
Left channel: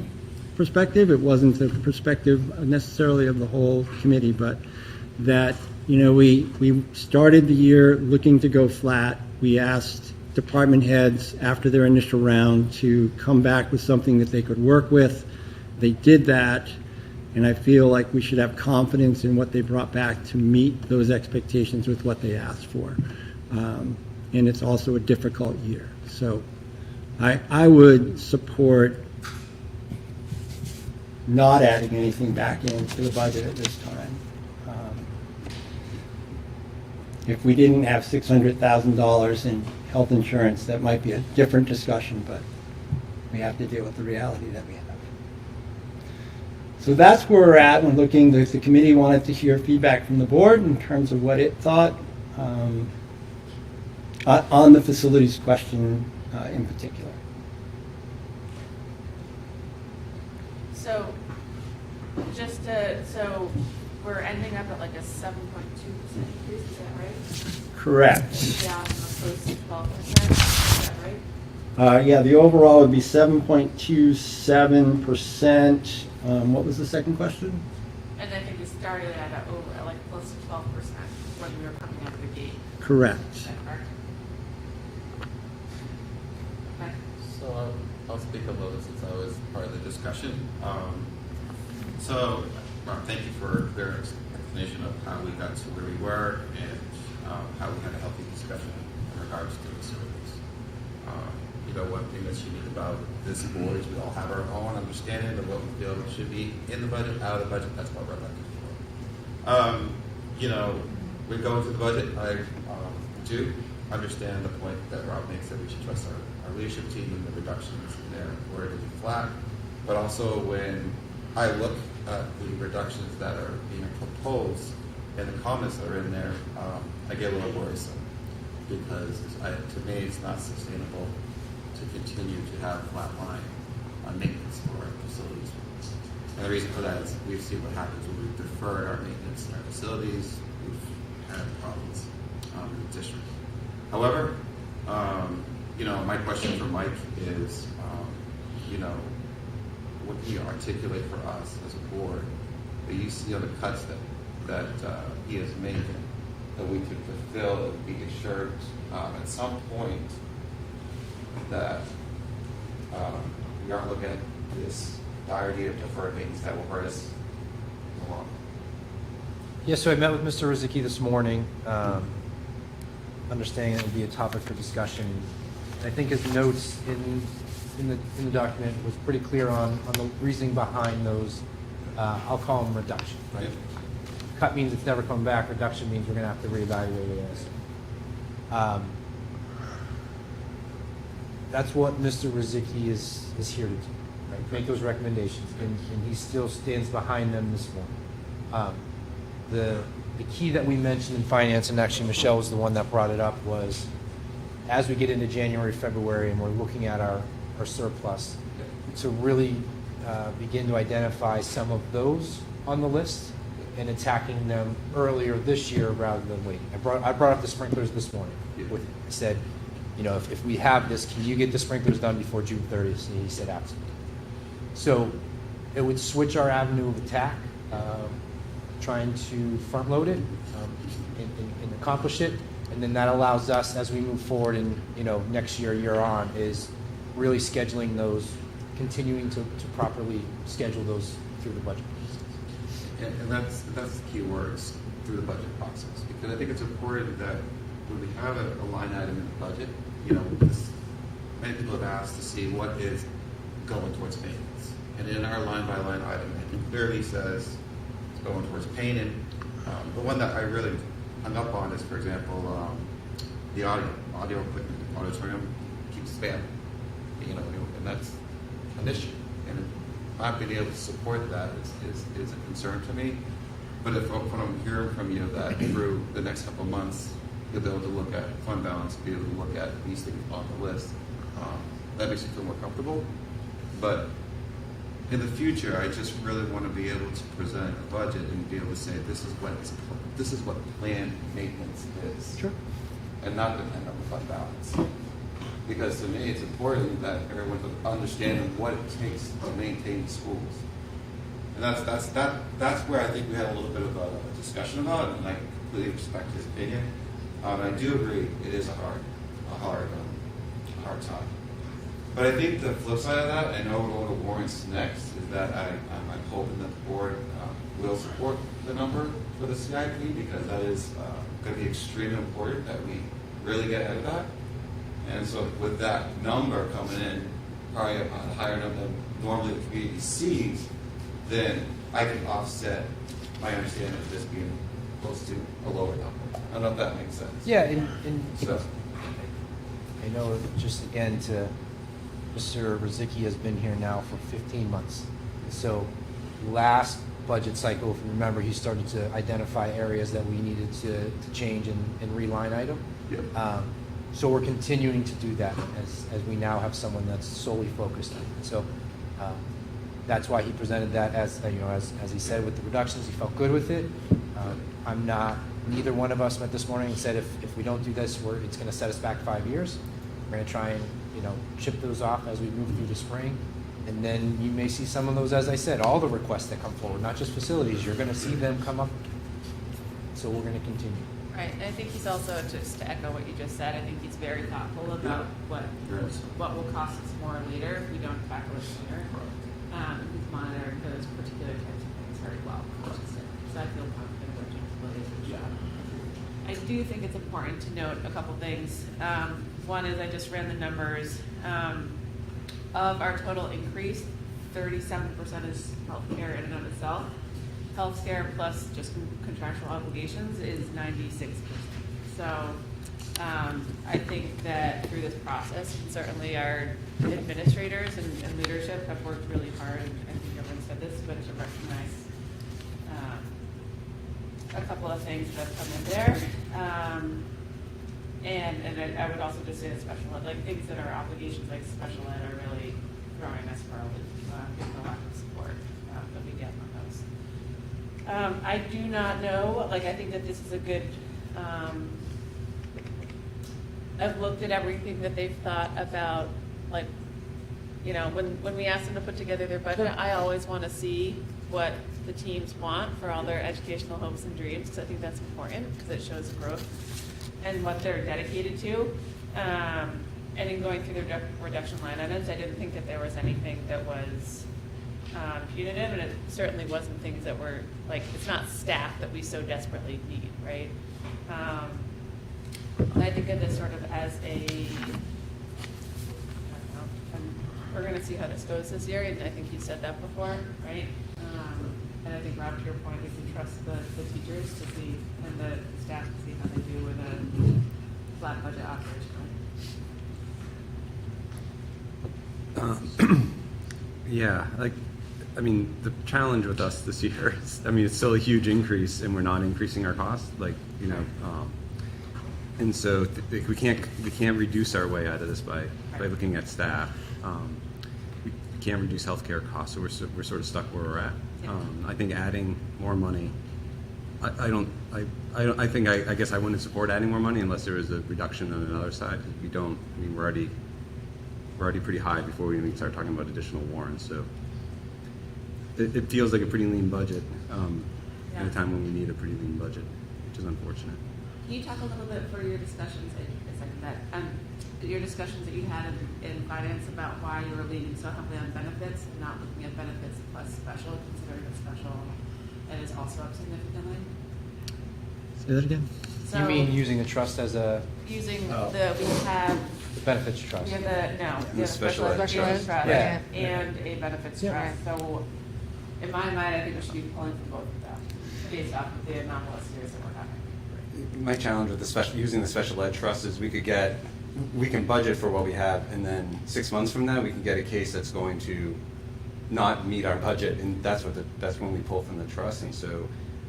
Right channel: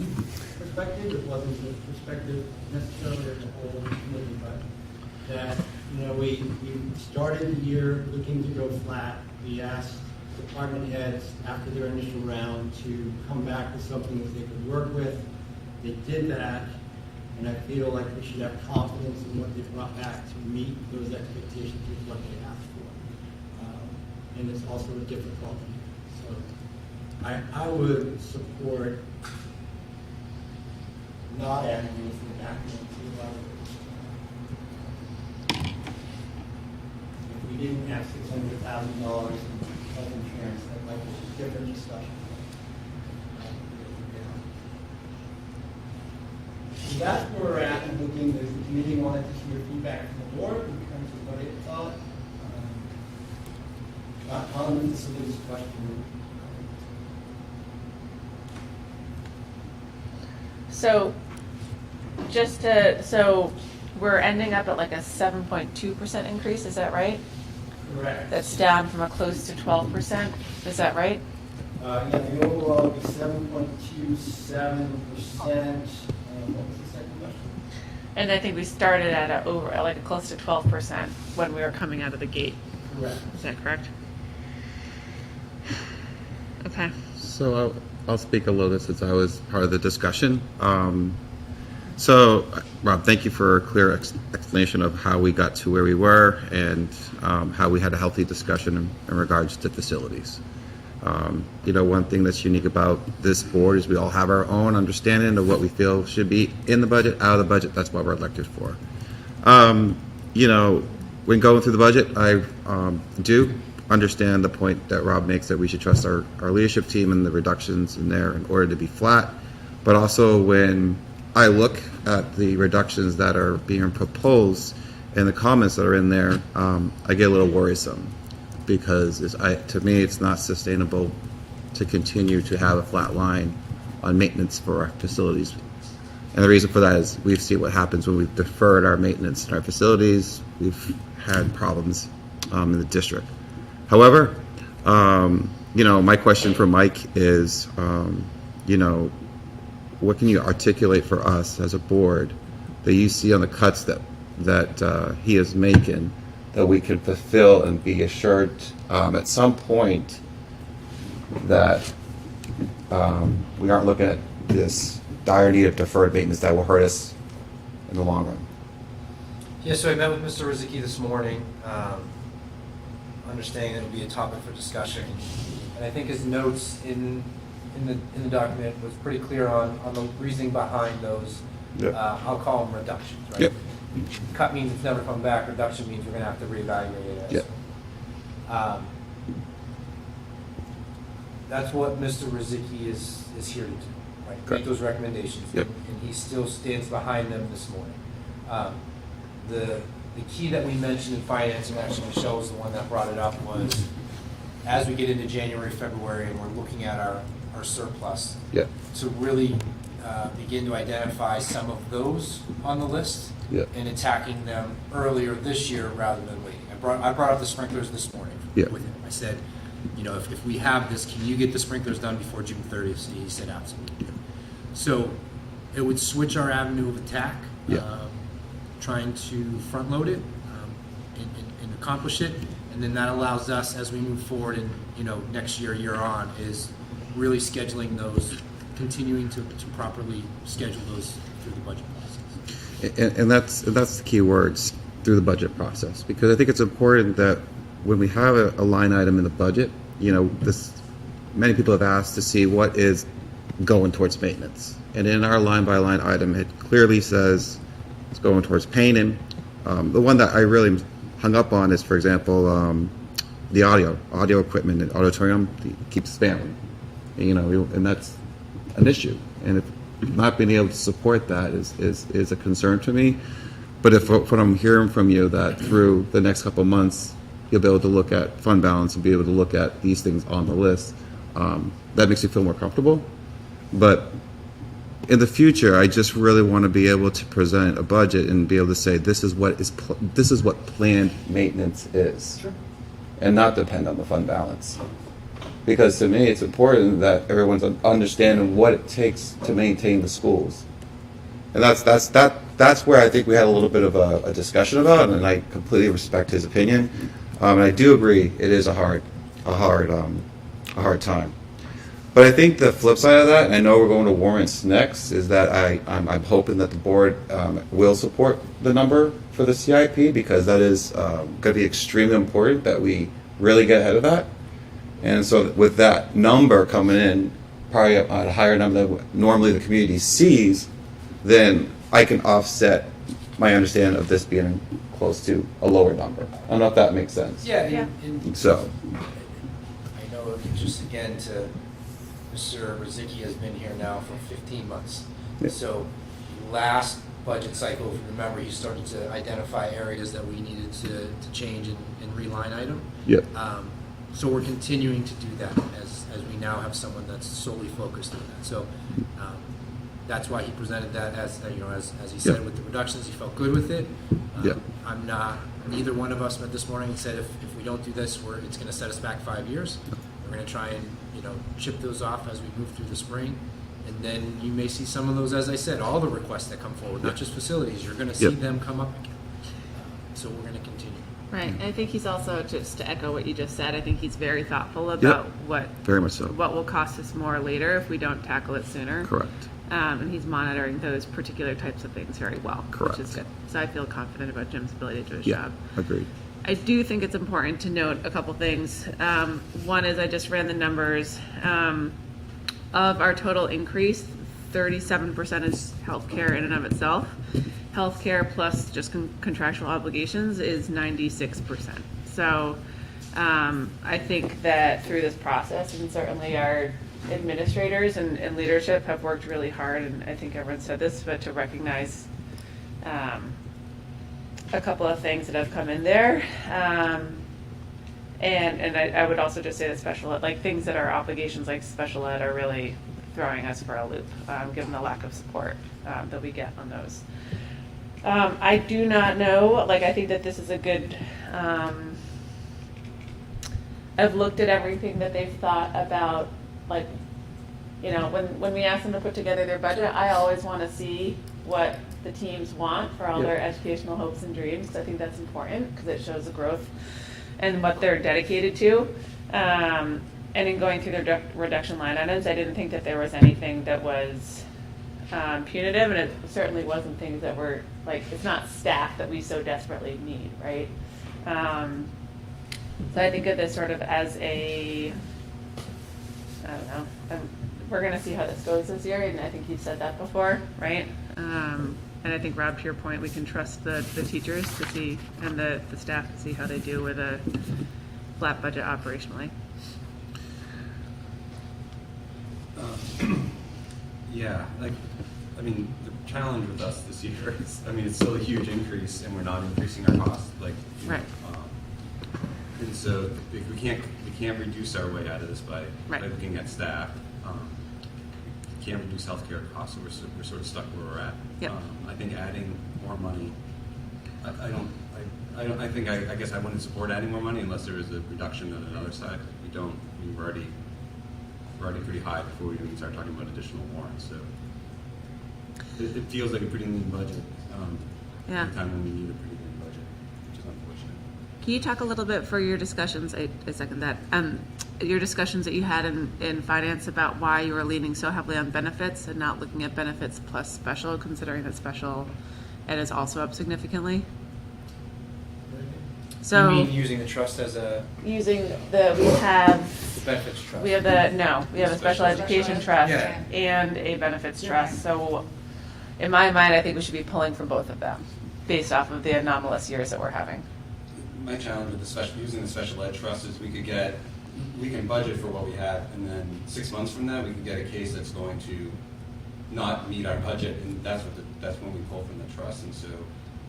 perspective. It wasn't the perspective necessarily of the whole committee, but that, we started the year looking to go flat. We asked department heads after their initial round to come back with something that they could work with. They did that, and I feel like we should have confidence in what they brought back to meet those expectations with what they asked for. And it's also a difficult year. So I would support not adding anything back into the budget at this time. If we didn't have $600,000 in health insurance, that might be a different discussion, but we have to deal with the reality that we have. So that's where we're at and looking. The committee wanted to hear feedback from the board in terms of what it thought on the facilities question in particular. So, so we're ending up at like a 7.2% increase, is that right? Correct. That's down from a close to 12%, is that right? Yeah, the overall would be 7.27%. What was the second question? And I think we started at like a close to 12% when we were coming out of the gate. Correct. Is that correct? Okay. So I'll speak a little bit since I was part of the discussion. So, Rob, thank you for a clear explanation of how we got to where we were and how we had a healthy discussion in regards to facilities. One thing that's unique about this board is we all have our own understanding of what we feel should be in the budget, out of the budget. That's what we're elected for. When going through the budget, I do understand the point that Rob makes that we should trust our leadership team and the reductions in there in order to be flat. But also when I look at the reductions that are being proposed and the comments that are in there, I get a little worrisome because to me it's not sustainable to continue to have a flat line on maintenance for our facilities. And the reason for that is we've seen what happens when we've deferred our maintenance in our facilities. We've had problems in the district. However, my question for Mike is, what can you articulate for us as a board that you see on the cuts that he is making that we can fulfill and be assured at some point that we aren't looking at this dire need of deferred maintenance that will hurt us in the long run? Yeah, so I met with Mr. Rizicki this morning, understanding that it would be a topic for discussion. And I think his notes in the document was pretty clear on the reasoning behind those, I'll call them reductions, right? Yep. Cut means it's never come back, reduction means we're gonna have to reevaluate it. Yep. That's what Mr. Rizicki is here to do, right? Make those recommendations. Yep. And he still stands behind them this morning. The key that we mentioned in finance, and actually Michelle was the one that brought it up, was as we get into January, February, and we're looking at our surplus, Yeah. to really begin to identify some of those on the list Yeah. and attacking them earlier this year rather than waiting. I brought up the sprinklers this morning Yeah. with him. I said, you know, if we have this, can you get the sprinklers done before June 30th? And he said, absolutely. So it would switch our avenue of attack, Yeah. trying to front load it and accomplish it. And then that allows us, as we move forward and, you know, next year on, is really scheduling those, continuing to properly schedule those through the budget process. And that's the key words, through the budget process, because I think it's important that when we have a line item in the budget, you know, many people have asked to see what is going towards maintenance. And in our line by line item, it clearly says it's going towards painting. The one that I really hung up on is, for example, the audio equipment in auditorium keeps failing, you know, and that's an issue. And if not being able to support that is a concern to me. But if what I'm hearing from you, that through the next couple of months, you'll be able to look at fund balance and be able to look at these things on the list, that makes you feel more comfortable. But in the future, I just really want to be able to present a budget and be able to say this is what planned maintenance is, and not depend on the fund balance. Because to me, it's important that everyone's understanding what it takes to maintain the schools, and that's where I think we had a little bit of a discussion about, and I completely respect his opinion, and I do agree it is a hard time. But I think the flip side of that, and I know we're going to warrants next, is that I'm hoping that the board will support the number for the CIP, because that is going to be extremely important that we really get ahead of that. And so with that number coming in, probably at a higher number than normally the community sees, then I can offset my understanding of this being close to a lower number. I don't know if that makes sense. Yeah. So. I know, just again, Mr. Rozicki has been here now for 15 months. Yeah. So last budget cycle, if you remember, he started to identify areas that we needed to change and reline item. Yep. So we're continuing to do that as we now have someone that's solely focused on that. So that's why he presented that as he said, with the reductions, he felt good with it. Neither one of us met this morning and said if we don't do this, it's going to set us back 5 years. We're going to try and chip those off as we move through the spring, and then you may see some of those, as I said, all the requests that come forward, not just facilities. You're going to see them come up again. So we're going to continue. Right. I think he's also, just to echo what you just said, I think he's very thoughtful about Very much so. what will cost us more later if we don't tackle it sooner. Correct. And he's monitoring those particular types of things very well, Correct. which is good. So I feel confident about Jim's ability to do his job. Agreed. I do think it's important to note a couple things. One is I just ran the numbers. Of our total increase, 37% is healthcare in and of itself. Healthcare plus just contractual obligations is 96%. So I think that through this process, and certainly our administrators and leadership have worked really hard, and I think everyone said this, but to recognize a couple of things that have come in there. And I would also just say that special ed, like things that are obligations like special ed, are really throwing us for a loop, given the lack of support that we get on those. I do not know, I think that this is a good, I've looked at everything that they've thought about, when we ask them to put together their budget, I always want to see what the teams want for all their educational hopes and dreams, because I think that's important, because it shows the growth and what they're dedicated to. And in going through their reduction line items, I didn't think that there was anything that was punitive, and it certainly wasn't things that were, it's not staff that we so desperately need, right? But I think of this sort of as I don't know, we're going to see how this goes this year, and I think you said that before, right? And I think, Rob, to your point, we can trust the teachers to see, and the staff to see how they do with a flat budget operationally. The challenge with us this year is, it's still a huge increase, and we're not increasing our costs. And so we can't reduce our way out of this by looking at staff. We can't reduce healthcare costs, so we're sort of stuck where we're at. Yep. I think adding more money. I guess I wouldn't support adding more money unless there was a reduction on another side. We don't. I mean, we're already pretty high before we even start talking about additional warrants. So it feels like a pretty lean budget at a time when we need a pretty lean budget, which is unfortunate. Can you talk a little bit for your discussions, I second that, your discussions that you had in finance about why you were leaning so heavily on benefits and not looking at benefits plus special, considering that special ed is also up significantly? Say that again? So You mean using the trust as a Using Oh. we have benefits trust? we have a special education trust Yeah. and a benefits Yeah. trust. So in my mind, I think we should be pulling from both of them based off of the anomalous years that we're having. My challenge with using the special ed trust is we can budget for what we have, and then 6 months from now we can get a case that's going to not meet our budget, and that's when we pull from the trust. And so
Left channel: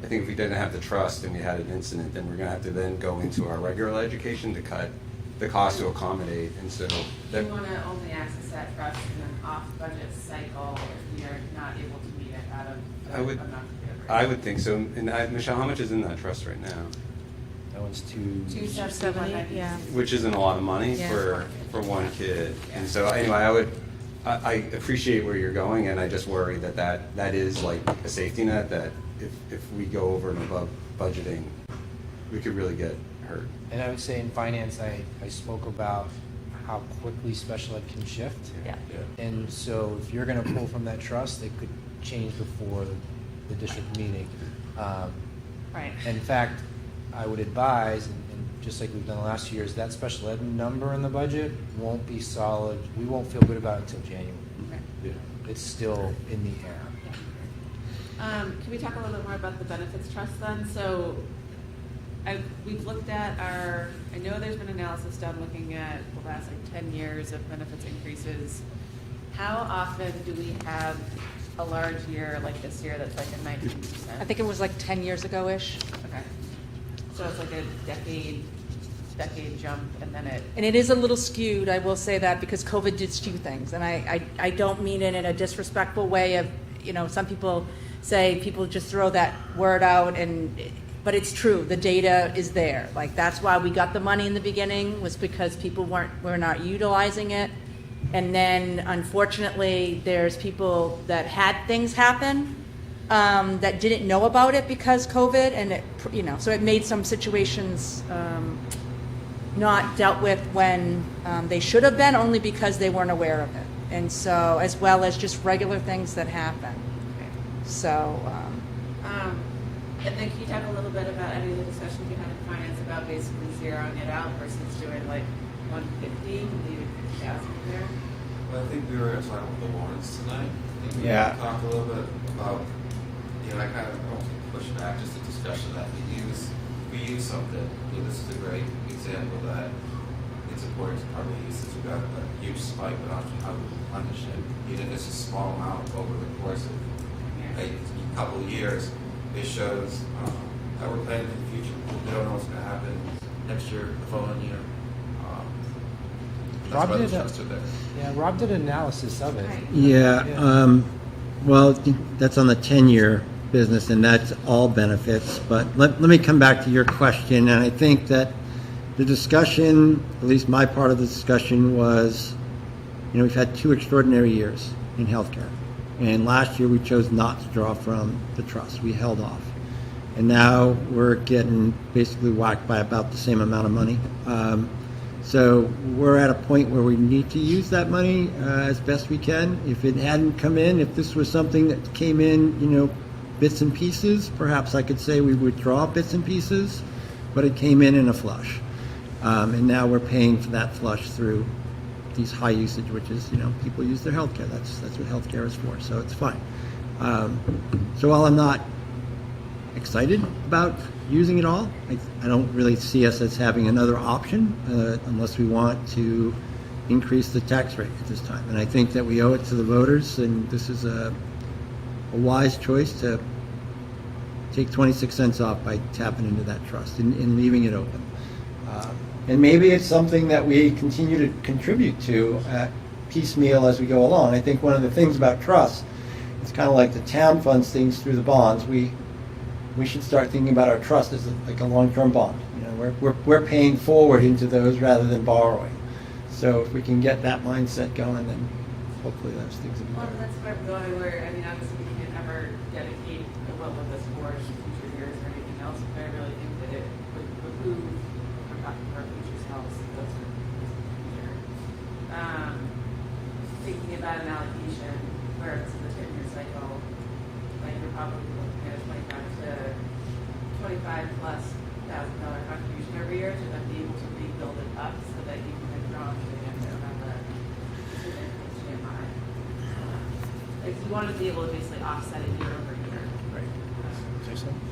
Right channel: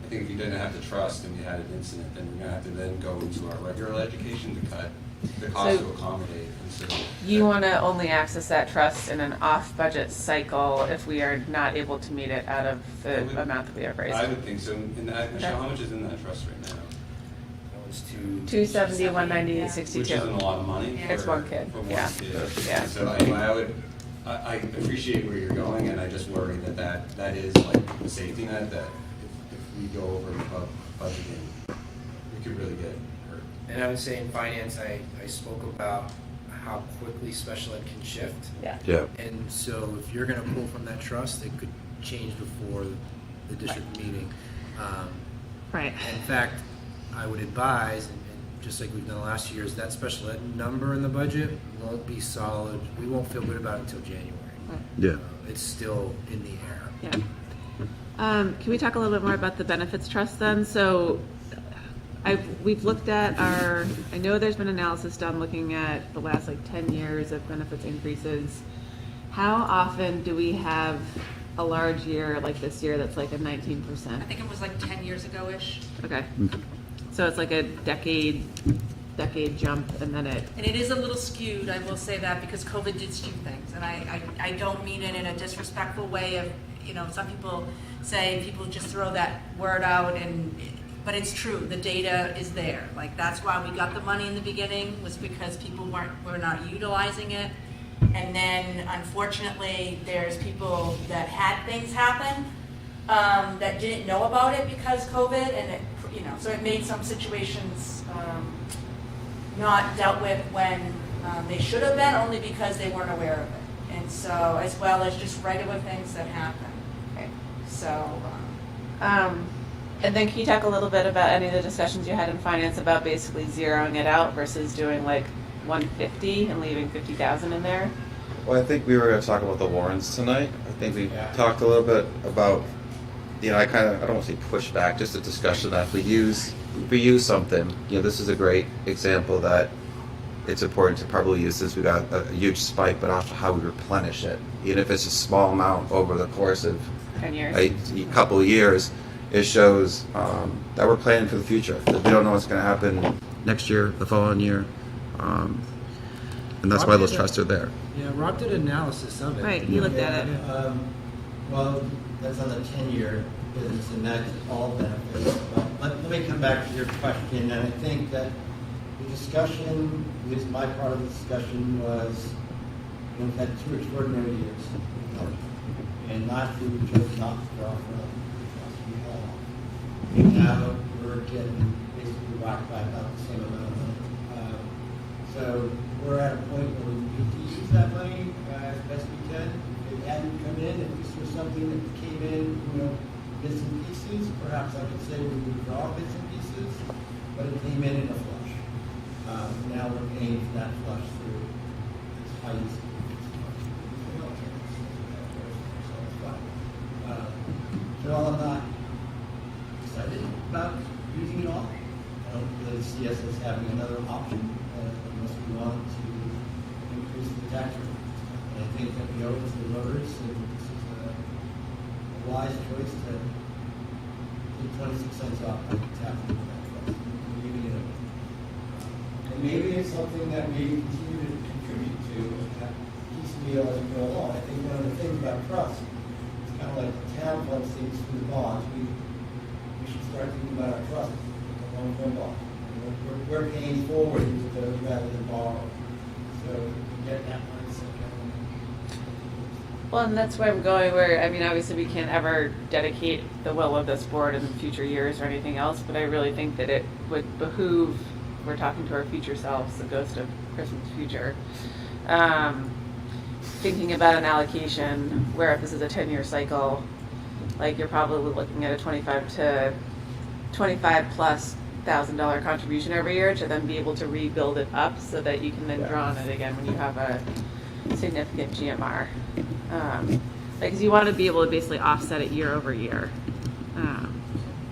I think if we didn't have the trust and we had an incident, then we're going to have to then go into our regular education to cut the cost to accommodate. And so You want to only access that trust in an off-budget cycle if we are not able to meet it out of the amount that we have raised. I would think so. And Michelle, how much is in that trust right now? That was 270, 190, 62. Which isn't a lot of money It's for one kid. for one Yeah. kid. Yeah. And so anyway, I appreciate where you're going, and I just worry that is like a safety net that if we go over and above budgeting, we could really get hurt. And I would say in finance, I spoke about how quickly special ed can shift. Yeah. And so if you're going to pull from that trust, it could change before the district meeting. Right. In fact, I would advise, and just like we've done last year, is that special ed number in the budget won't be solid. We won't feel good about it until January. Right. Yeah. It's still in the air. Yeah. Can we talk a little bit more about the benefits trust then? So we've looked at I know there's been analysis done looking at the last 10 years of benefits increases. How often do we have a large year like this year that's like a 19%? I think it was like 10 years ago-ish. Okay. So it's like a decade jump, and then And it is a little skewed, I will say that, because COVID did skew things. And I don't mean it in a disrespectful way of, some people say people just throw that word out, but it's true. The data is there. Like, that's why we got the money in the beginning, was because people were not utilizing it. And then, unfortunately, there's people that had things happen that didn't know about it because COVID, and so it made some situations not dealt with when they should have been, only because they weren't aware of it. And so, as well as just regular things that happen. So, and then can you talk a little bit about any of the discussions you had in finance about basically zeroing it out versus doing like 150 and leaving 50,000 in there? Well, I think we were going to talk about the warrants tonight. I think we talked a little bit about, I don't want to say pushback, just a discussion that if we use something, this is a great example that it's important to probably use this. We got a huge spike, but also how we replenish it. Even if it's a small amount over the course of 10 years. a couple of years, it shows that we're planning for the future. That we don't know what's going to happen next year, the following year, and that's why those trusts are there. Yeah, Rob did an analysis of it. Right. Yeah, well, that's on the 10-year business, and that's all benefits. But let me come back to your question, and I think that the discussion, at least my part of the discussion, was, we've had 2 extraordinary years in healthcare. And last year we chose not to draw from the trust. We held off. And now we're getting basically whacked by about the same amount of money. So we're at a point where we need to use that money as best we can. If it hadn't come in, if this was something that came in, bits and pieces, perhaps I could say we would draw bits and pieces, but it came in a flush. And now we're paying for that flush through these high usage, which is, people use their healthcare. That's what healthcare is for, so it's fine. So while I'm not excited about using it all, I don't really see us as having another option unless we want to increase the tax rate at this time. And I think that we owe it to the voters, and this is a wise choice to take 26 cents off by tapping into that trust and leaving it open. And maybe it's something that we continue to contribute to piecemeal as we go along. I think one of the things about trust, it's kind of like the town funds things through the bonds. We should start thinking about our trust as like a long-term bond. You know, we're paying forward into those rather than borrowing. So if we can get that mindset going, then hopefully those things will Well, and that's where I'm going, where, I mean, obviously we can't ever dedicate the will of this board in future years or anything else, but I really think that it would behoove, if we're talking to our future selves, the ghost of Christmas future, thinking about an allocation where if this is a 10-year cycle, like you're probably looking at a $25,000+ contribution every year to then be able to rebuild it up so that you can then draw on it again when you have a significant GMR. Because you want to be able to basically offset it year over year.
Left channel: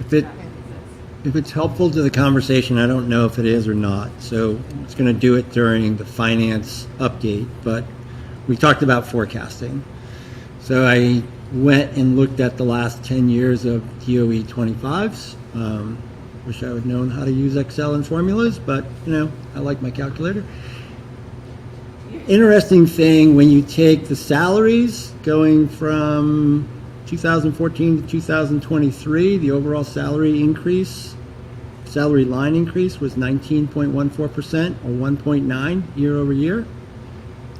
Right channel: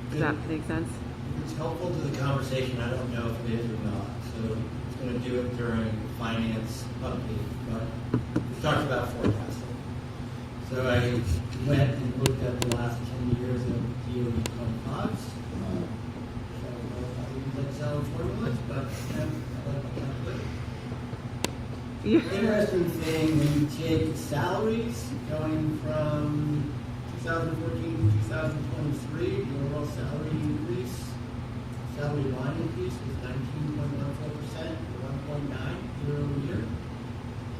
Does that make sense? If it's helpful to the conversation, I don't know if it is or not. So it's going to do it during the finance update, but we talked about forecasting. So I went and looked at the last 10 years of DOE 25s. Wish I would have known how to use Excel and formulas, but I like my calculator. Interesting thing, when you take the salaries going from 2014 to 2023, the overall salary line increase was 19.14%, or 1.9 year over year.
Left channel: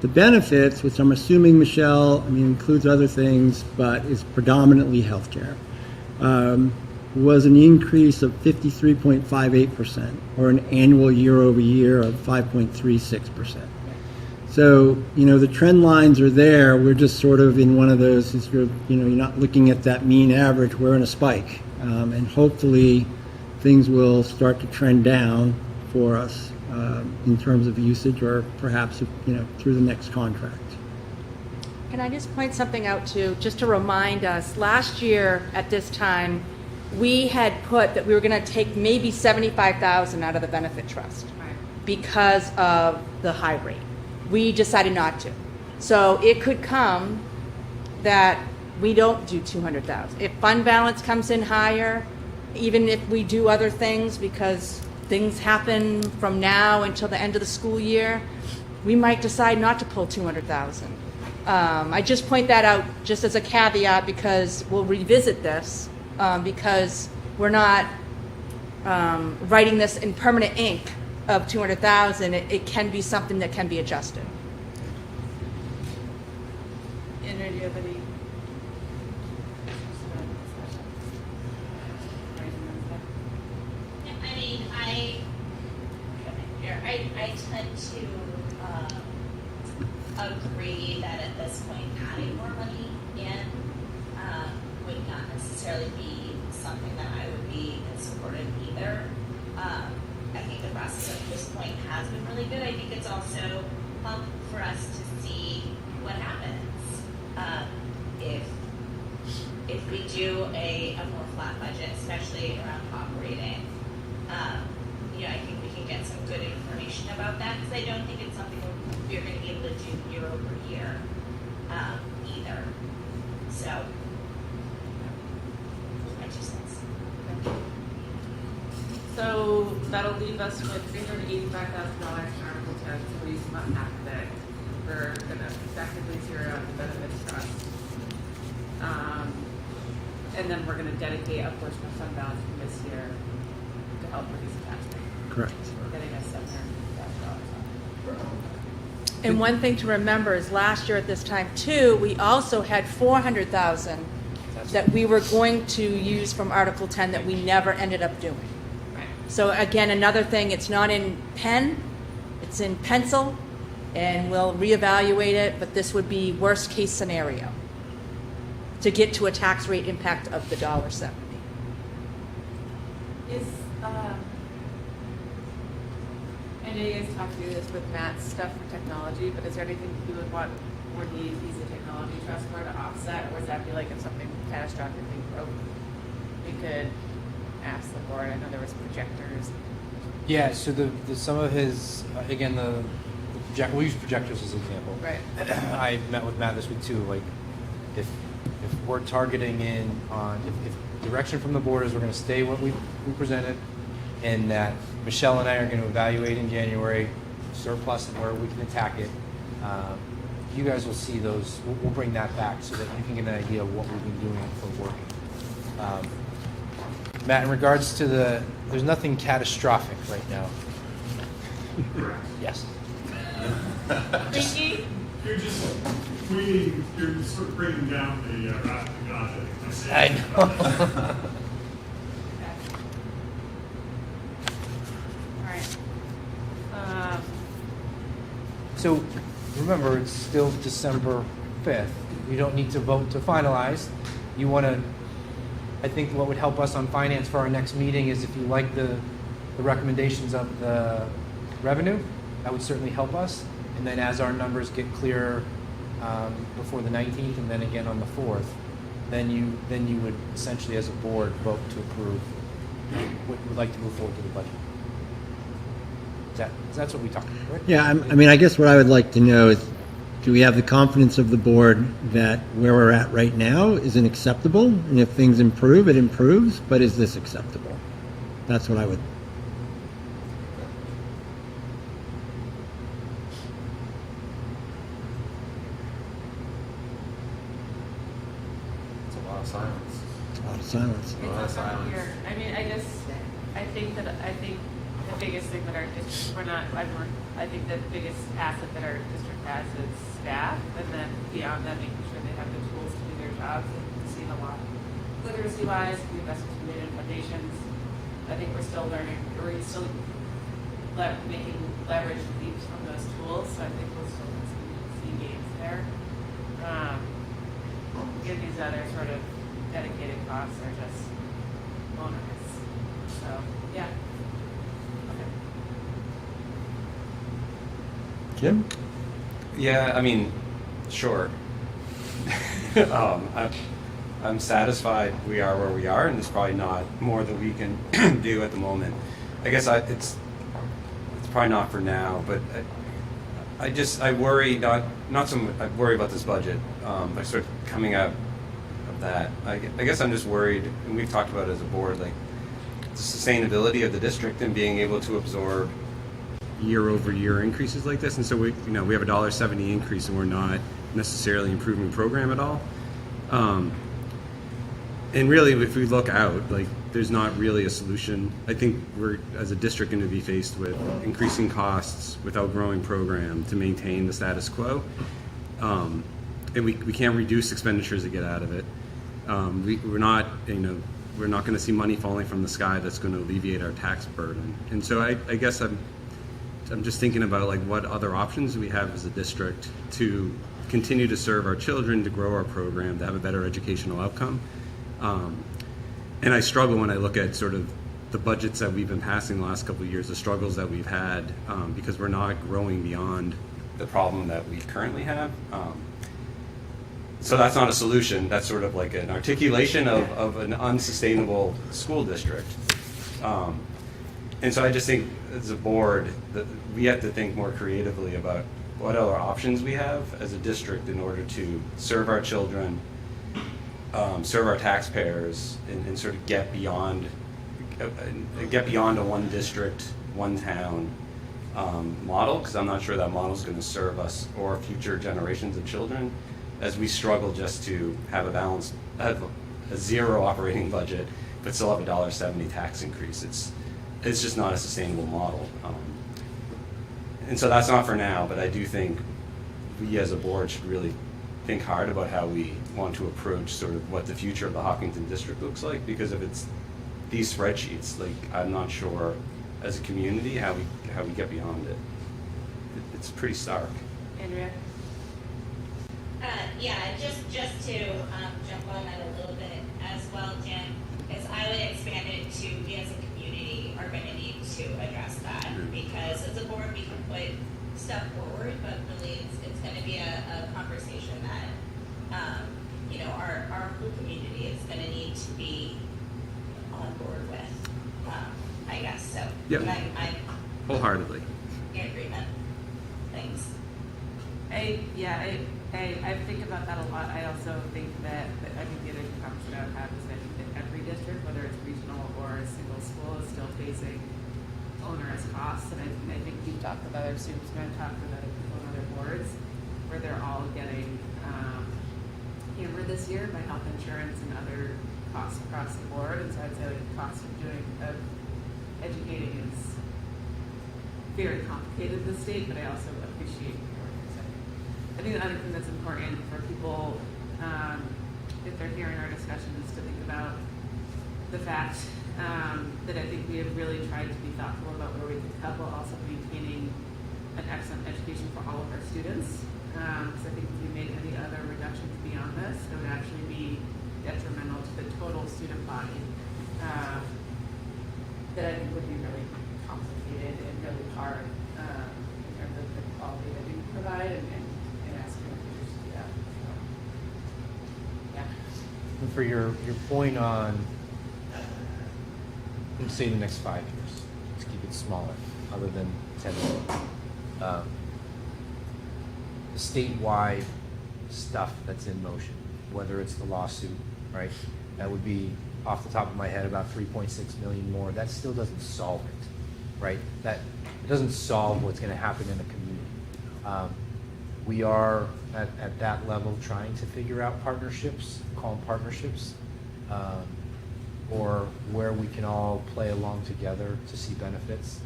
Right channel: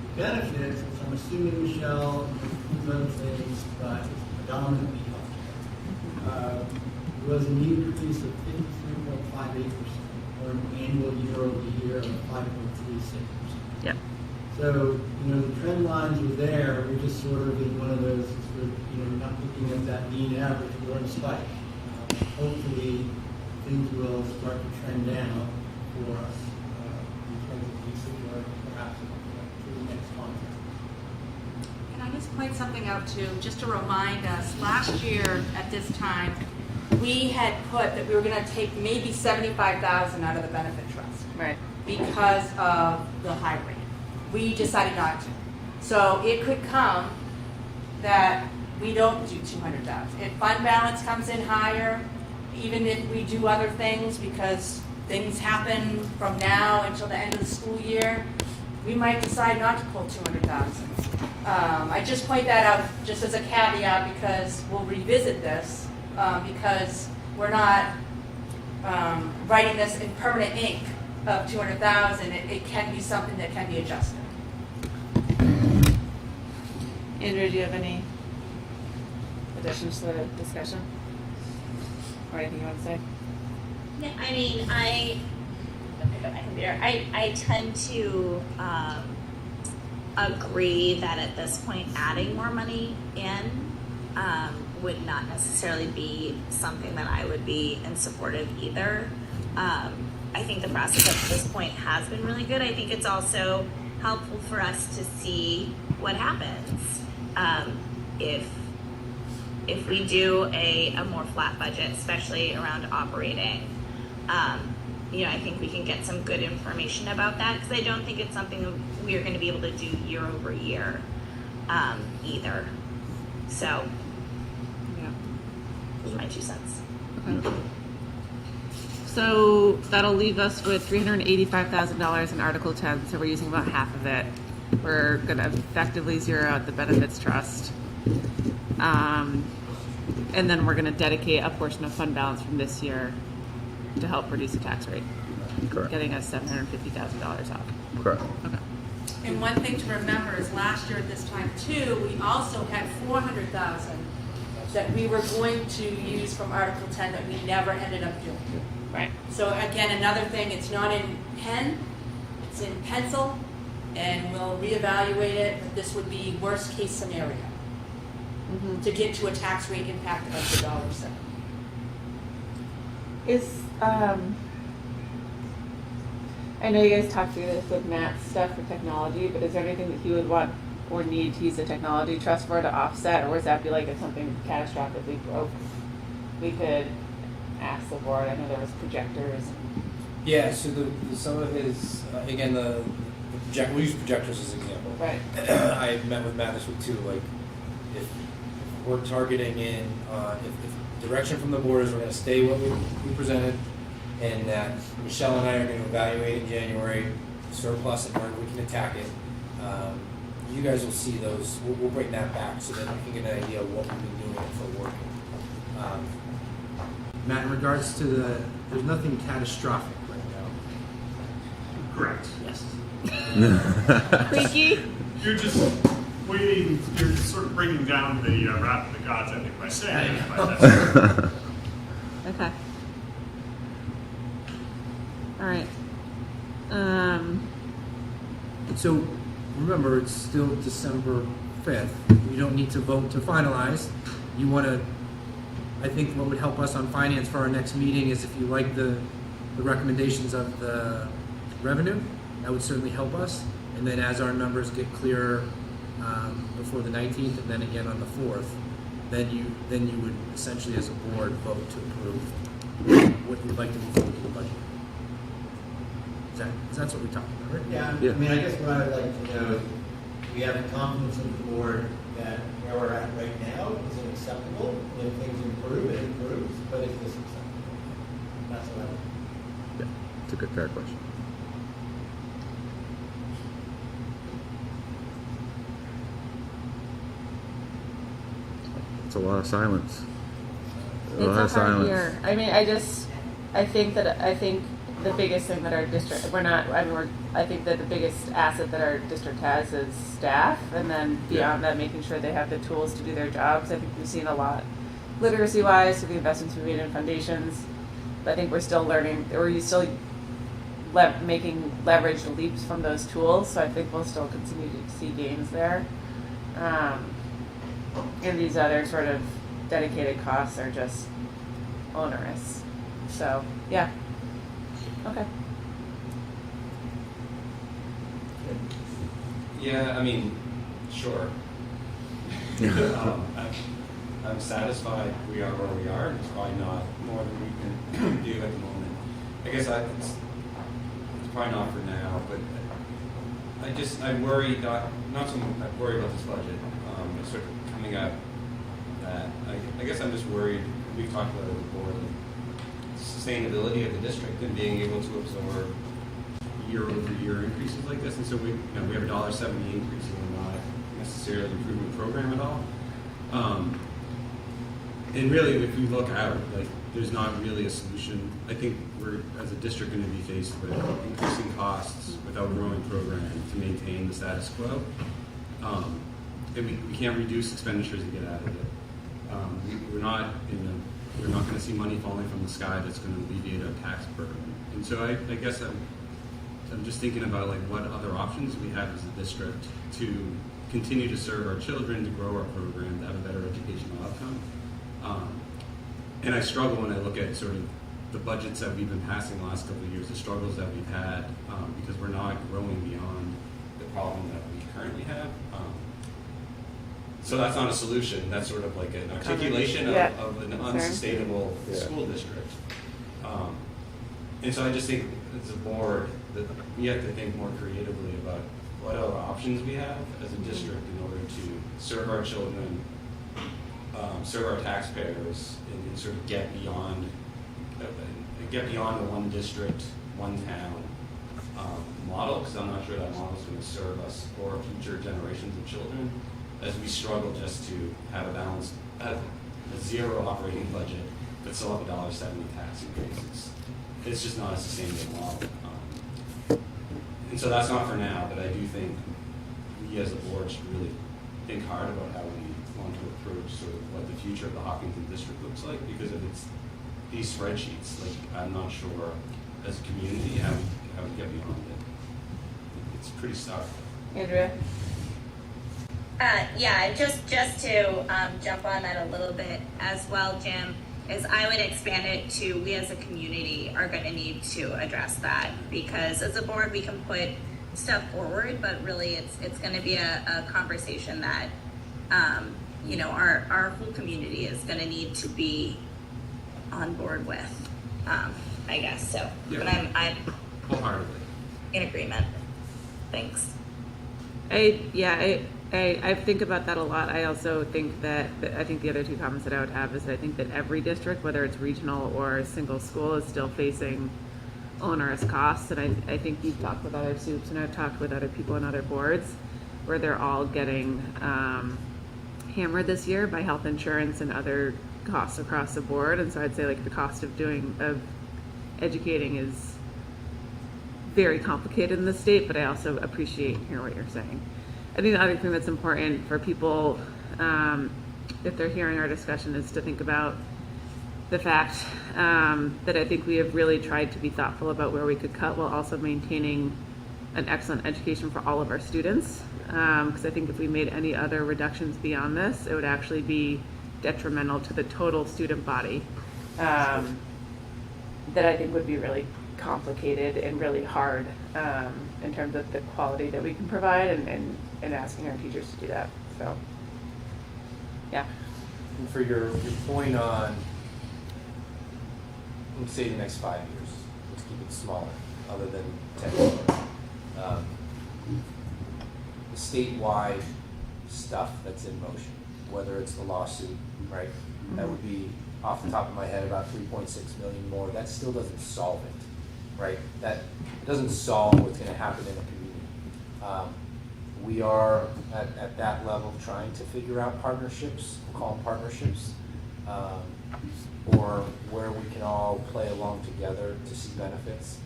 The benefits, which I'm assuming, Michelle, includes other things, but is predominantly healthcare, was an increase of 53.58%, or an annual year over year of 5.36%. Yep. So, the trend lines are there. We're just sort of in one of those, you're not looking at that mean average, we're in a spike. And hopefully things will start to trend down for us in terms of usage, or perhaps, through the next contract. Can I just point something out too, just to remind us, last year at this time, we had put that we were going to take maybe $75,000 out of the benefit trust, right? Because of the high rate. We decided not to. So it could come that we don't do $200,000. If fund balance comes in higher, even if we do other things, because things happen from now until the end of the school year, we might decide not to pull $200,000. I just point that out just as a caveat, because we'll revisit this, because we're not writing this in permanent ink of $200,000. It can be something that can be adjusted. Andrew, do you have any additions to the discussion? Or anything you want to say? I mean, I tend to agree that at this point adding more money in would not necessarily be something that I would be in support of either. I think the process at this point has been really good. I think it's also helpful for us to see what happens if we do a more flat budget, especially around operating. I think we can get some good information about that, because I don't think it's something we're going to be able to do year over year either. So, my 2 cents. Okay. So that'll leave us with $385,000 in Article 10, so we're using about half of it. We're going to effectively zero out the benefits trust. And then we're going to dedicate a portion of fund balance from this year to help reduce the tax rate. Correct. Getting us $750,000 out. Correct. Okay. And one thing to remember is last year at this time too, we also had $400,000 that we were going to use from Article 10 that we never ended up doing. Right. So again, another thing, it's not in pen, it's in pencil, and we'll reevaluate it, but this would be worst case scenario to get to a tax rate impact of the $1.70. I know you guys talked through this with Matt's stuff for technology, but is there anything that he would want or need to use the technology trust for to offset, or would that be like if something catastrophically broke, we could ask the board? I know there was projectors. Yeah, so the some of his, again, we'll use projectors as an example. Right. I met with Matt this week too, like, if we're targeting in, if direction from the board is we're gonna stay what we presented, and that Michelle and I are going to evaluate in January, surplus and where we can attack it. You guys will see those. We'll bring that back so that you can get an idea of what we've been doing it for working. Matt, in regards to there's nothing catastrophic right now. Correct. Yes. Creaky? You're just waiting, you're sort of bringing down the wrath of the gods, I think, by saying. I know. Okay. All right. So remember, it's still December 5th. You don't need to vote to finalize. You want to, I think what would help us on finance for our next meeting is if you like the recommendations of the revenue, that would certainly help us. And then as our numbers get clearer before the 19th and then again on the 4th, then you would essentially as a board vote to approve what you would like to move forward to the budget. That's what we talked about, right? Yeah, I mean, I guess what I would like to know is, do we have the confidence of the board that where we're at right now isn't acceptable? And if things improve, it improves, but is this acceptable? That's what I would. Yeah, it's a good, fair question. It's a lot of silence. Silence. A lot of It's a hard silence. year. I mean, I think the biggest thing that our district, I think that the biggest asset that our district has is staff, and then beyond that, making sure they have the tools to do their jobs. I think we've seen a lot literacy-wise through the investments we made in foundations. But I think we're still learning, or still making leveraged leaps from those tools, so I think we'll still continue to see gains there. And these other sort of dedicated costs are just onerous. So, yeah. Okay. Jim? Yeah, I mean, sure. I'm satisfied we are where we are, and there's probably not more that we can do at the moment. I guess it's probably not for now, but I worry I worry about this budget. Like sort of coming out of that. I guess I'm just worried, and we've talked about it as a board, like sustainability of the district and being able to absorb year-over-year increases like this. And so we have a $1.70 increase, and we're not necessarily improving the program at all. And really, if we look out, like there's not really a solution. I think we're, as a district, going to be faced with increasing costs without growing program to maintain the status quo. And we can't reduce expenditures to get out of it. We're not going to see money falling from the sky that's going to alleviate our tax burden. And so I guess I'm just thinking about like what other options we have as a district to continue to serve our children, to grow our program, to have a better educational outcome. And I struggle when I look at sort of the budgets that we've been passing the last couple of years, the struggles that we've had, because we're not growing beyond the problem that we currently have. So that's not a solution. That's sort of like an articulation of an unsustainable school district. And so I just think as a board that we have to think more creatively about what other options we have as a district in order to serve our children, serve our taxpayers, and sort of get beyond a one district, one town model, because I'm not sure that model is going to serve us or future generations of children as we struggle just to have a zero operating budget but still have a $1.70 tax increase. It's just not a sustainable model. And so that's not for now, but I do think we as a board should really think hard about how we want to approach sort of what the future of the Hopkinton district looks like, because if it's these spreadsheets, like I'm not sure as a community how we get beyond it. It's pretty stark. Andrea? Yeah, just to jump on that a little bit as well, Jim, is I would expand it to we as a community are going to need to address that, because as a board we can put stuff forward, but really it's going to be a conversation that our whole community is going to need to be on board with, I guess. So, yeah, but I'm wholeheartedly in agreement. Thanks. I think about that a lot. I also think that I think the other two comments that I would have is that I think that every district, whether it's regional or a single school, is still facing onerous costs. And I think you've talked with other soups and I've talked with other people on other boards where they're all getting hammered this year by health insurance and other costs across the board. And so I'd say like the cost of educating is very complicated in the state, but I also appreciate and hear what you're saying. I think the other thing that's important for people, if they're hearing our discussion, is to think about the fact that I think we have really tried to be thoughtful about where we could cut while also maintaining an excellent education for all of our students. Because I think if we made any other reductions beyond this, it would actually be detrimental to the total student body. That I think would be really complicated and really hard in terms of the quality that we can provide and asking our teachers to do that. So, yeah. And for your point on, let's say the next 5 years, let's keep it smaller, other than 10. The statewide stuff that's in motion, whether it's the lawsuit, right? That would be, off the top of my head, about 3.6 million more. That still doesn't solve it, right? That doesn't solve what's going to happen in a community. We are at that level trying to figure out partnerships, call them partnerships, or where we can all play along together to see benefits.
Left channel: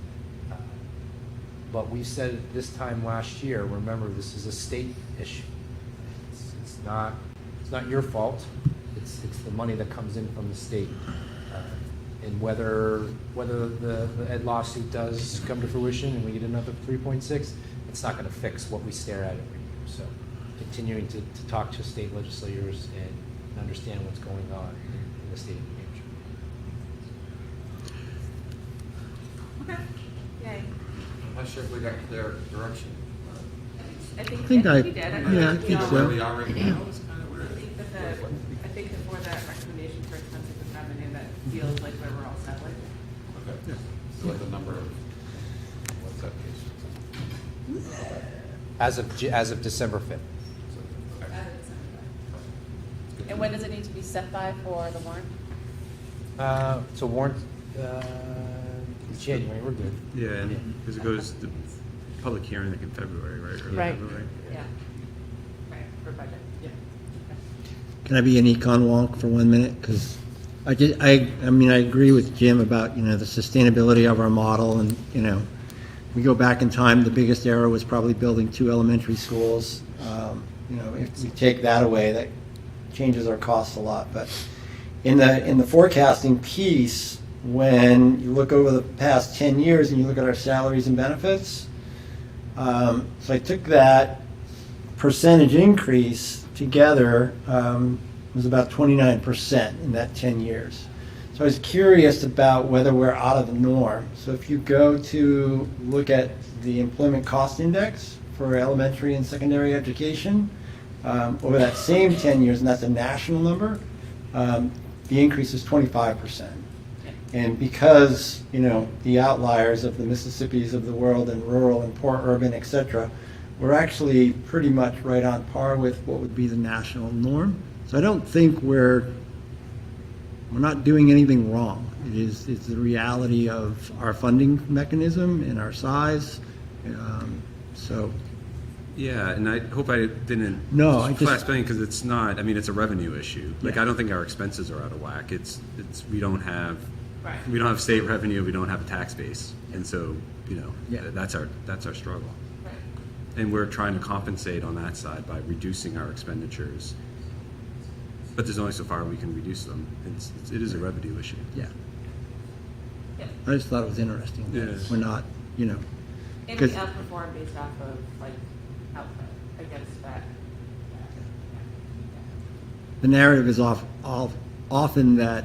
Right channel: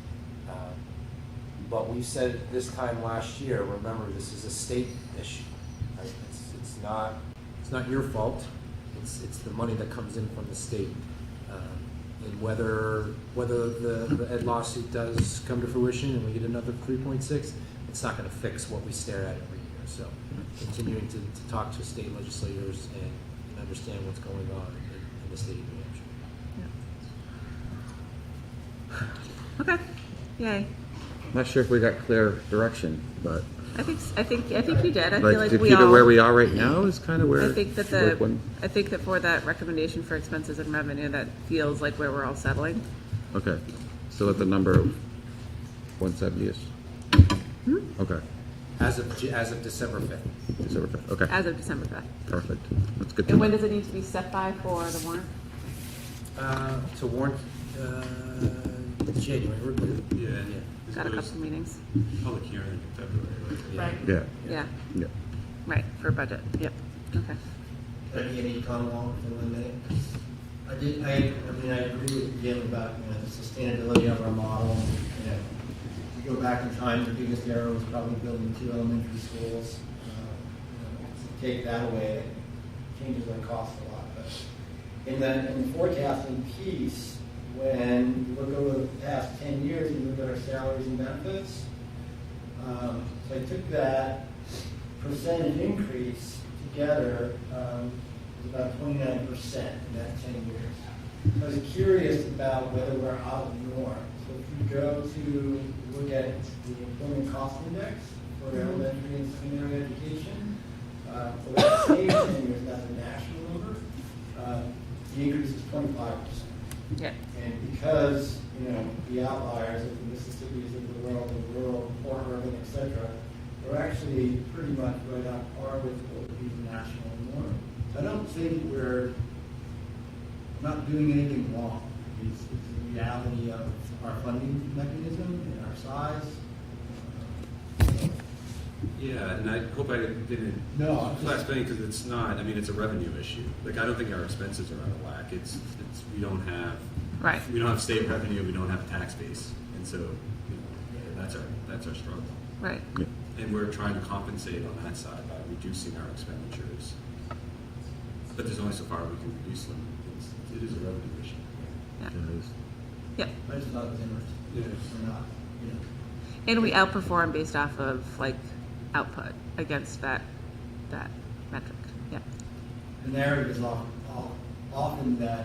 But we said this time last year, remember, this is a state issue. Right? It's not your fault. It's the money that comes in from the state. And whether the ed lawsuit does come to fruition and we get another 3.6, it's not going to fix what we stare at every year. So continuing to talk to state legislators and understand what's going on in the state of New Hampshire. Okay. Yay. I'm not sure if we got clear direction, but I think you did. I like feel to like we keep it all, where we are right now is kind of where. I think that I think that for that recommendation for expenses and revenue, that feels like where we're all settling. Okay, still at the number of 170-ish. Okay. As of December 5th. December 5th. Okay. As of December 5th. Perfect. That's good. To And know. when does it need to be set by for the warrant? So warrant January. We're good. Yeah, and this Got a goes couple meetings. public hearing, I think, in February, right? Right. Yeah. Yeah. Yeah. Right, for budget. Yep. Okay. Can I be an econ wonk for 1 minute? Because I agree with Jim about, the sustainability of our model, and, we go back in time, the biggest error was probably building 2 elementary schools. If we take that away, that changes our costs a lot. But in the forecasting piece, when you look over the past 10 years and you look at our salaries and benefits, so I took that percentage increase together, was about 29% in that 10 years. So I was curious about whether we're out of the norm. So if you go to look at the employment cost index for elementary and secondary education, over that same 10 years, and that's a national number, the increase is 25%. Yeah. And because, the outliers of the Mississippis of the world and rural and poor urban, et cetera, we're actually pretty much right on par with what would be the national norm. So I don't think we're not doing anything wrong. It's the reality of our funding mechanism and our size. Yeah, and I hope I didn't flash bang because it's not. I mean, it's a revenue issue. Like, I don't think our expenses are out of whack. It's we don't have state revenue. We don't have a tax base, and so that's our struggle. Right. And we're trying to compensate on that side by reducing our expenditures. But there's only so far we can reduce them. It is a revenue issue. Yeah. Yeah. I just thought it was interesting. Yeah. We're not, And we outperform based off of output against that metric. Yeah. The narrative is often that,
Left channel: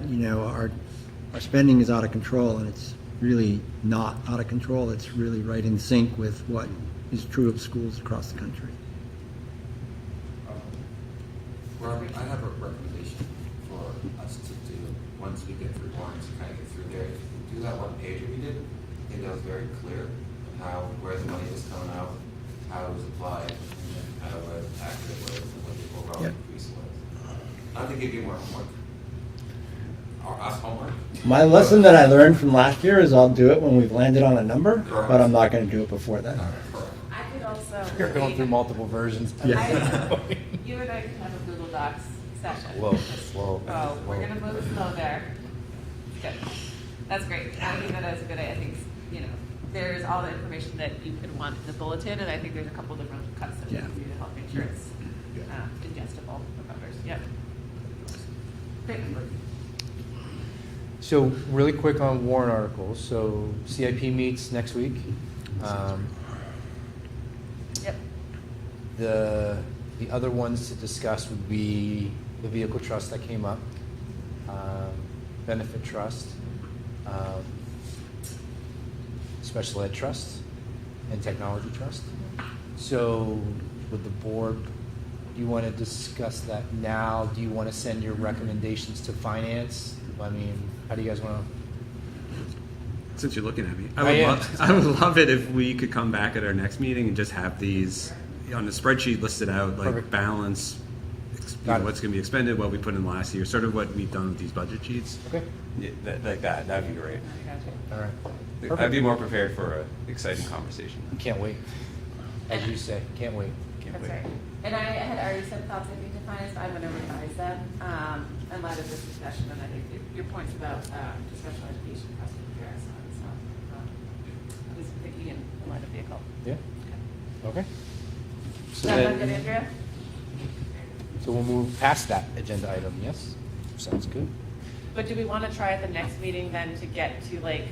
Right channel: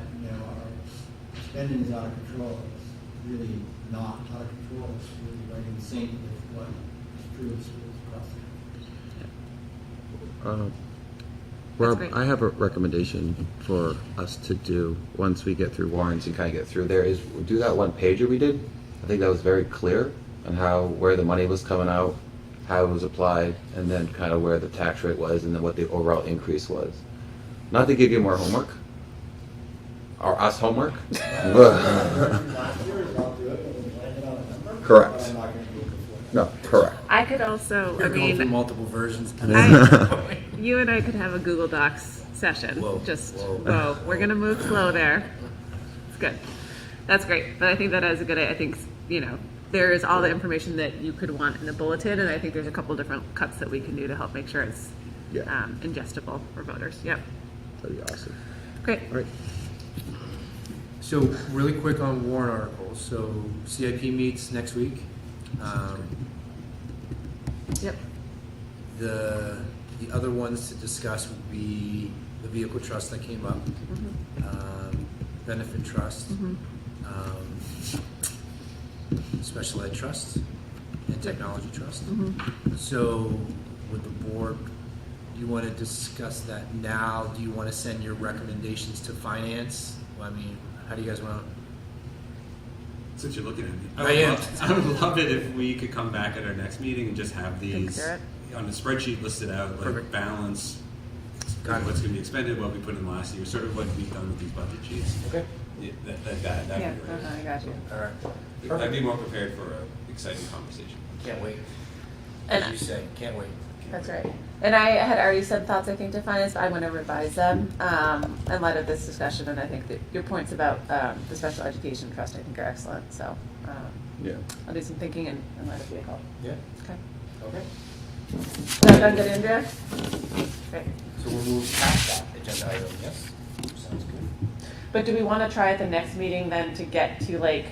our spending is out of control, and it's really not out of control. It's really right in sync with what is true of schools across the country. Rob, I have a recommendation for us to do once we get through warrants and kind of get through there is we'll do that one pager we did. I think that was very clear on where the money was coming out how it was applied, and then kind of where the tax rate was, and then what the overall increase was. Not to give you more homework, or us homework. My lesson that I learned from last year is I'll do it when we've landed on a number. Correct. But I'm not gonna do it before then. No, correct. I could also, I We're going through mean, multiple versions. you and I could have a Google Docs session. Whoa. We're gonna move slow there. It's good. That's great. But I think that is a good, I think, there is all the information that you could want in the bulletin, and I think there's a couple different cuts that we can do to help make sure it's ingestible for voters. Yep. That'd be awesome. Great. Right. So really quick on warrant articles. So CIP meets next week. Yep. The other ones to discuss would be the vehicle trust that came up, benefit trust, special ed trust, and technology trust. So with the board, do you want to discuss that now? Do you want to send your recommendations to finance? I mean, how do you guys want to? Since you're looking at me, I would love it if we could come back at our next meeting and just have these on a spreadsheet listed out, like Perfect. balance, Got it. what's going to be expended, what we put in last year, sort of what we've done with these budget sheets. Okay. Yeah, like that. That'd be great. I got you. All right. I'd Perfect. be more prepared for an exciting conversation. Can't wait. As you say, can't wait. That's right. And I had already said thoughts, I think, to finance, but I'm going to revise them in light of this discussion. And I think that your points about the special education trust, I think, are excellent. So I'll do some thinking in light of vehicle. Yeah. Okay. Okay. Is that good, Andrea? Great. So we'll move past that agenda item. Yes. Sounds good. But do we want to try at the next meeting then to get to like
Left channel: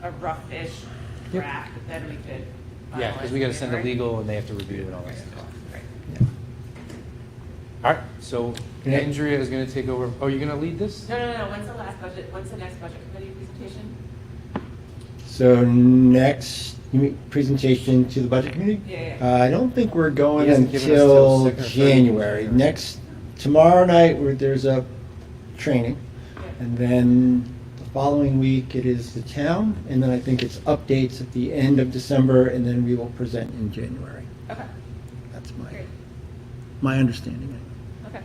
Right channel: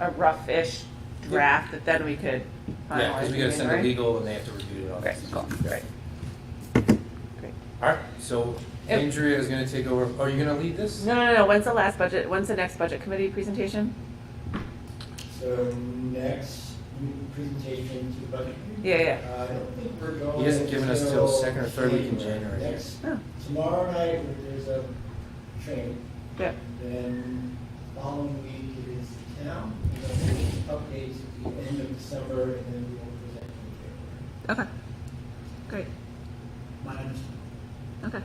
a rough-ish draft that then we could finalize? Yeah, because we got to send it anyway? legal and they have to review it and all Okay, that. cool, great. All right. So Andrea is going to take over. Oh, you're going to lead this? No. When's the next budget committee presentation? So next presentation to the budget committee? Yeah. I don't think we're going He hasn't given us till until 2nd or 3rd of January. Tomorrow night, there's a training. Yeah. And then the following week, it is the town, and then I think it's updates at the end of December, and then we will present in January. Okay. That's Great. my understanding. Okay.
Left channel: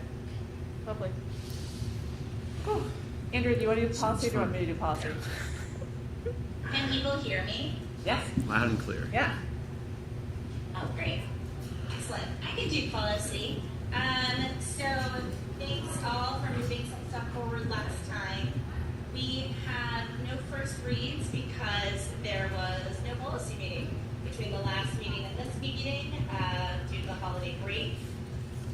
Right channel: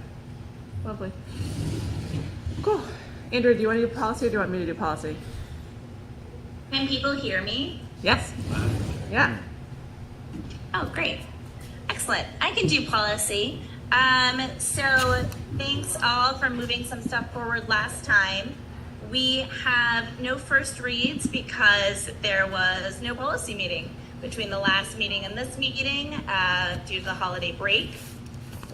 Lovely. Cool. Andrew, do you want to do policy or do you want me to do policy? Can people hear me? Yes. Loud and clear. Yeah. Oh, great. Excellent. I can do policy. So thanks all for moving some stuff forward last time. We have no first reads because there was no policy meeting between the last meeting and this meeting due to the holiday break.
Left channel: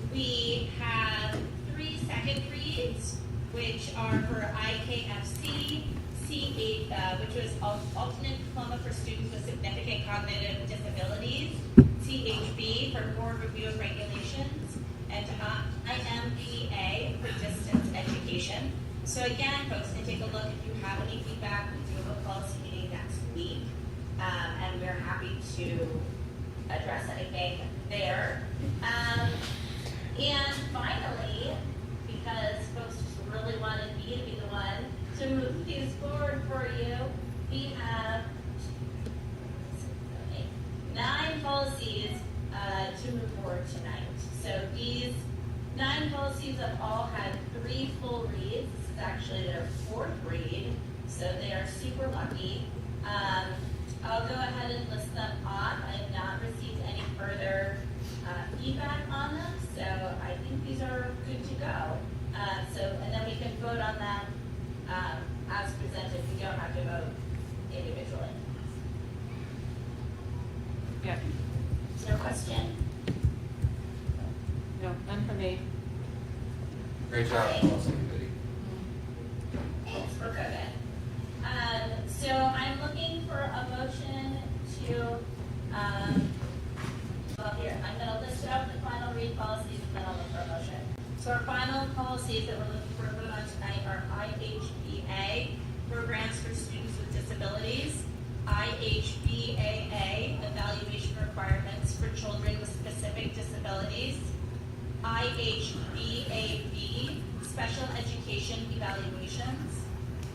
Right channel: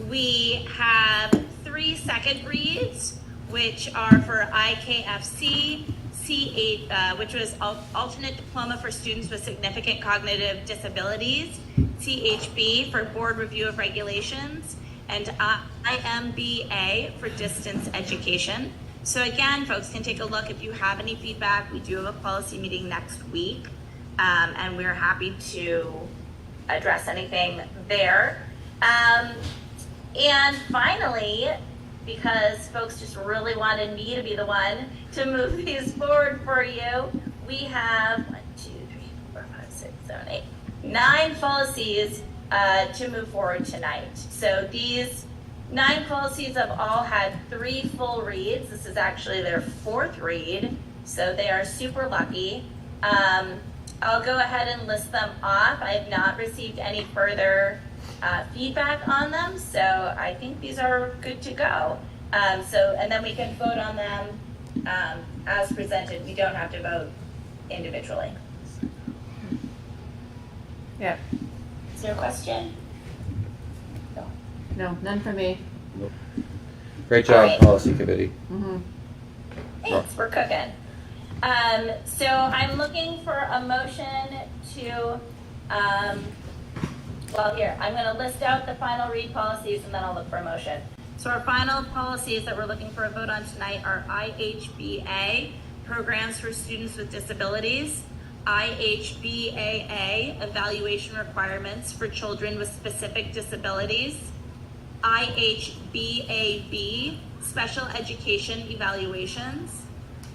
We have 3 second reads, which are for IKFC, C8, which was alternate diploma for students with significant cognitive disabilities, CHB for board review of regulations, and IMBA for distance education. So again, folks can take a look if you have any feedback. We do have a policy meeting next week, and we're happy to address anything there. And finally, because folks just really wanted me to be the one to move these forward for you, we have 9 policies to move forward tonight. So these 9 policies have all had 3 full reads. This is actually their 4th read, so they are super lucky. I'll go ahead and list them off. I have not received any further feedback on them, so I think these are good to go. And then we can vote on them as presented. We don't have to vote individually. Yeah. Is there a question? No, none for me. Great job, policy committee. Thanks, we're cooking. So I'm looking for a motion to, I'm going to list out the final read policies and then I'll look for a motion. So our final policies that we're looking for a vote on tonight are IHBA, Programs for Students with Disabilities, IHBAA, Evaluation Requirements for Children with Specific Disabilities, IHBAB, Special Education Evaluations,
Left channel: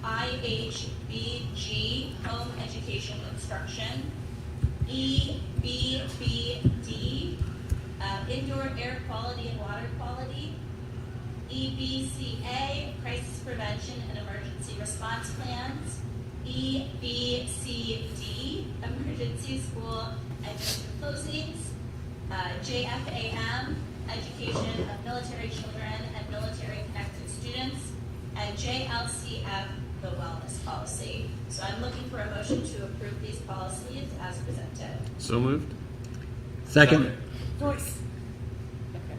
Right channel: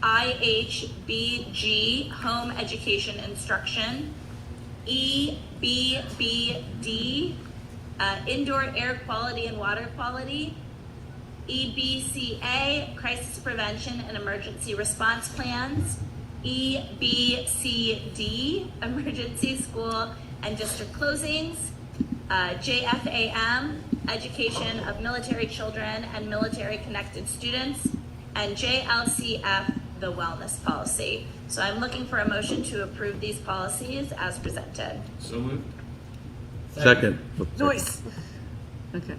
IHBG, Home Education Instruction, BBD, indoor air quality and water quality. EBCA, crisis prevention and emergency response plans. EBCD, emergency school and district closings. JFAM, education of military children and military connected students. And JLCF, the wellness policy. So I'm looking for a motion to approve these policies as presented. So moved. Second. Noise. Okay.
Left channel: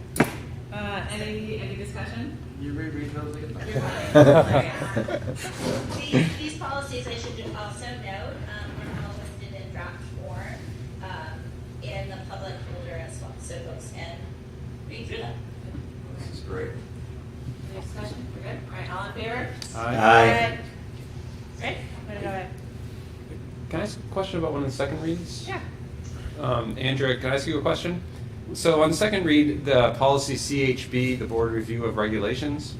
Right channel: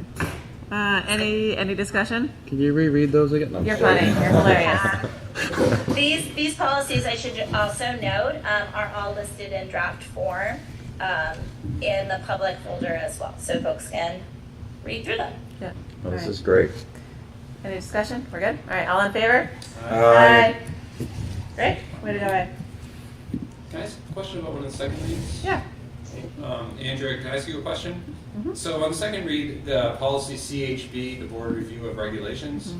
Any discussion? Can you reread those again? No. You're funny. You're hilarious. These policies, I should also note, are all listed in draft form in the public folder as well, so folks can read through them. Yeah. Oh, this All is great. Any discussion? We're good? All right, all in favor? Aye. Great. Way to go, Ed. Can I ask a question about one of the second reads? Yeah. Andrea, can I ask you a question? Mm-hmm. So on the second read, the policy CHB, the board review of regulations,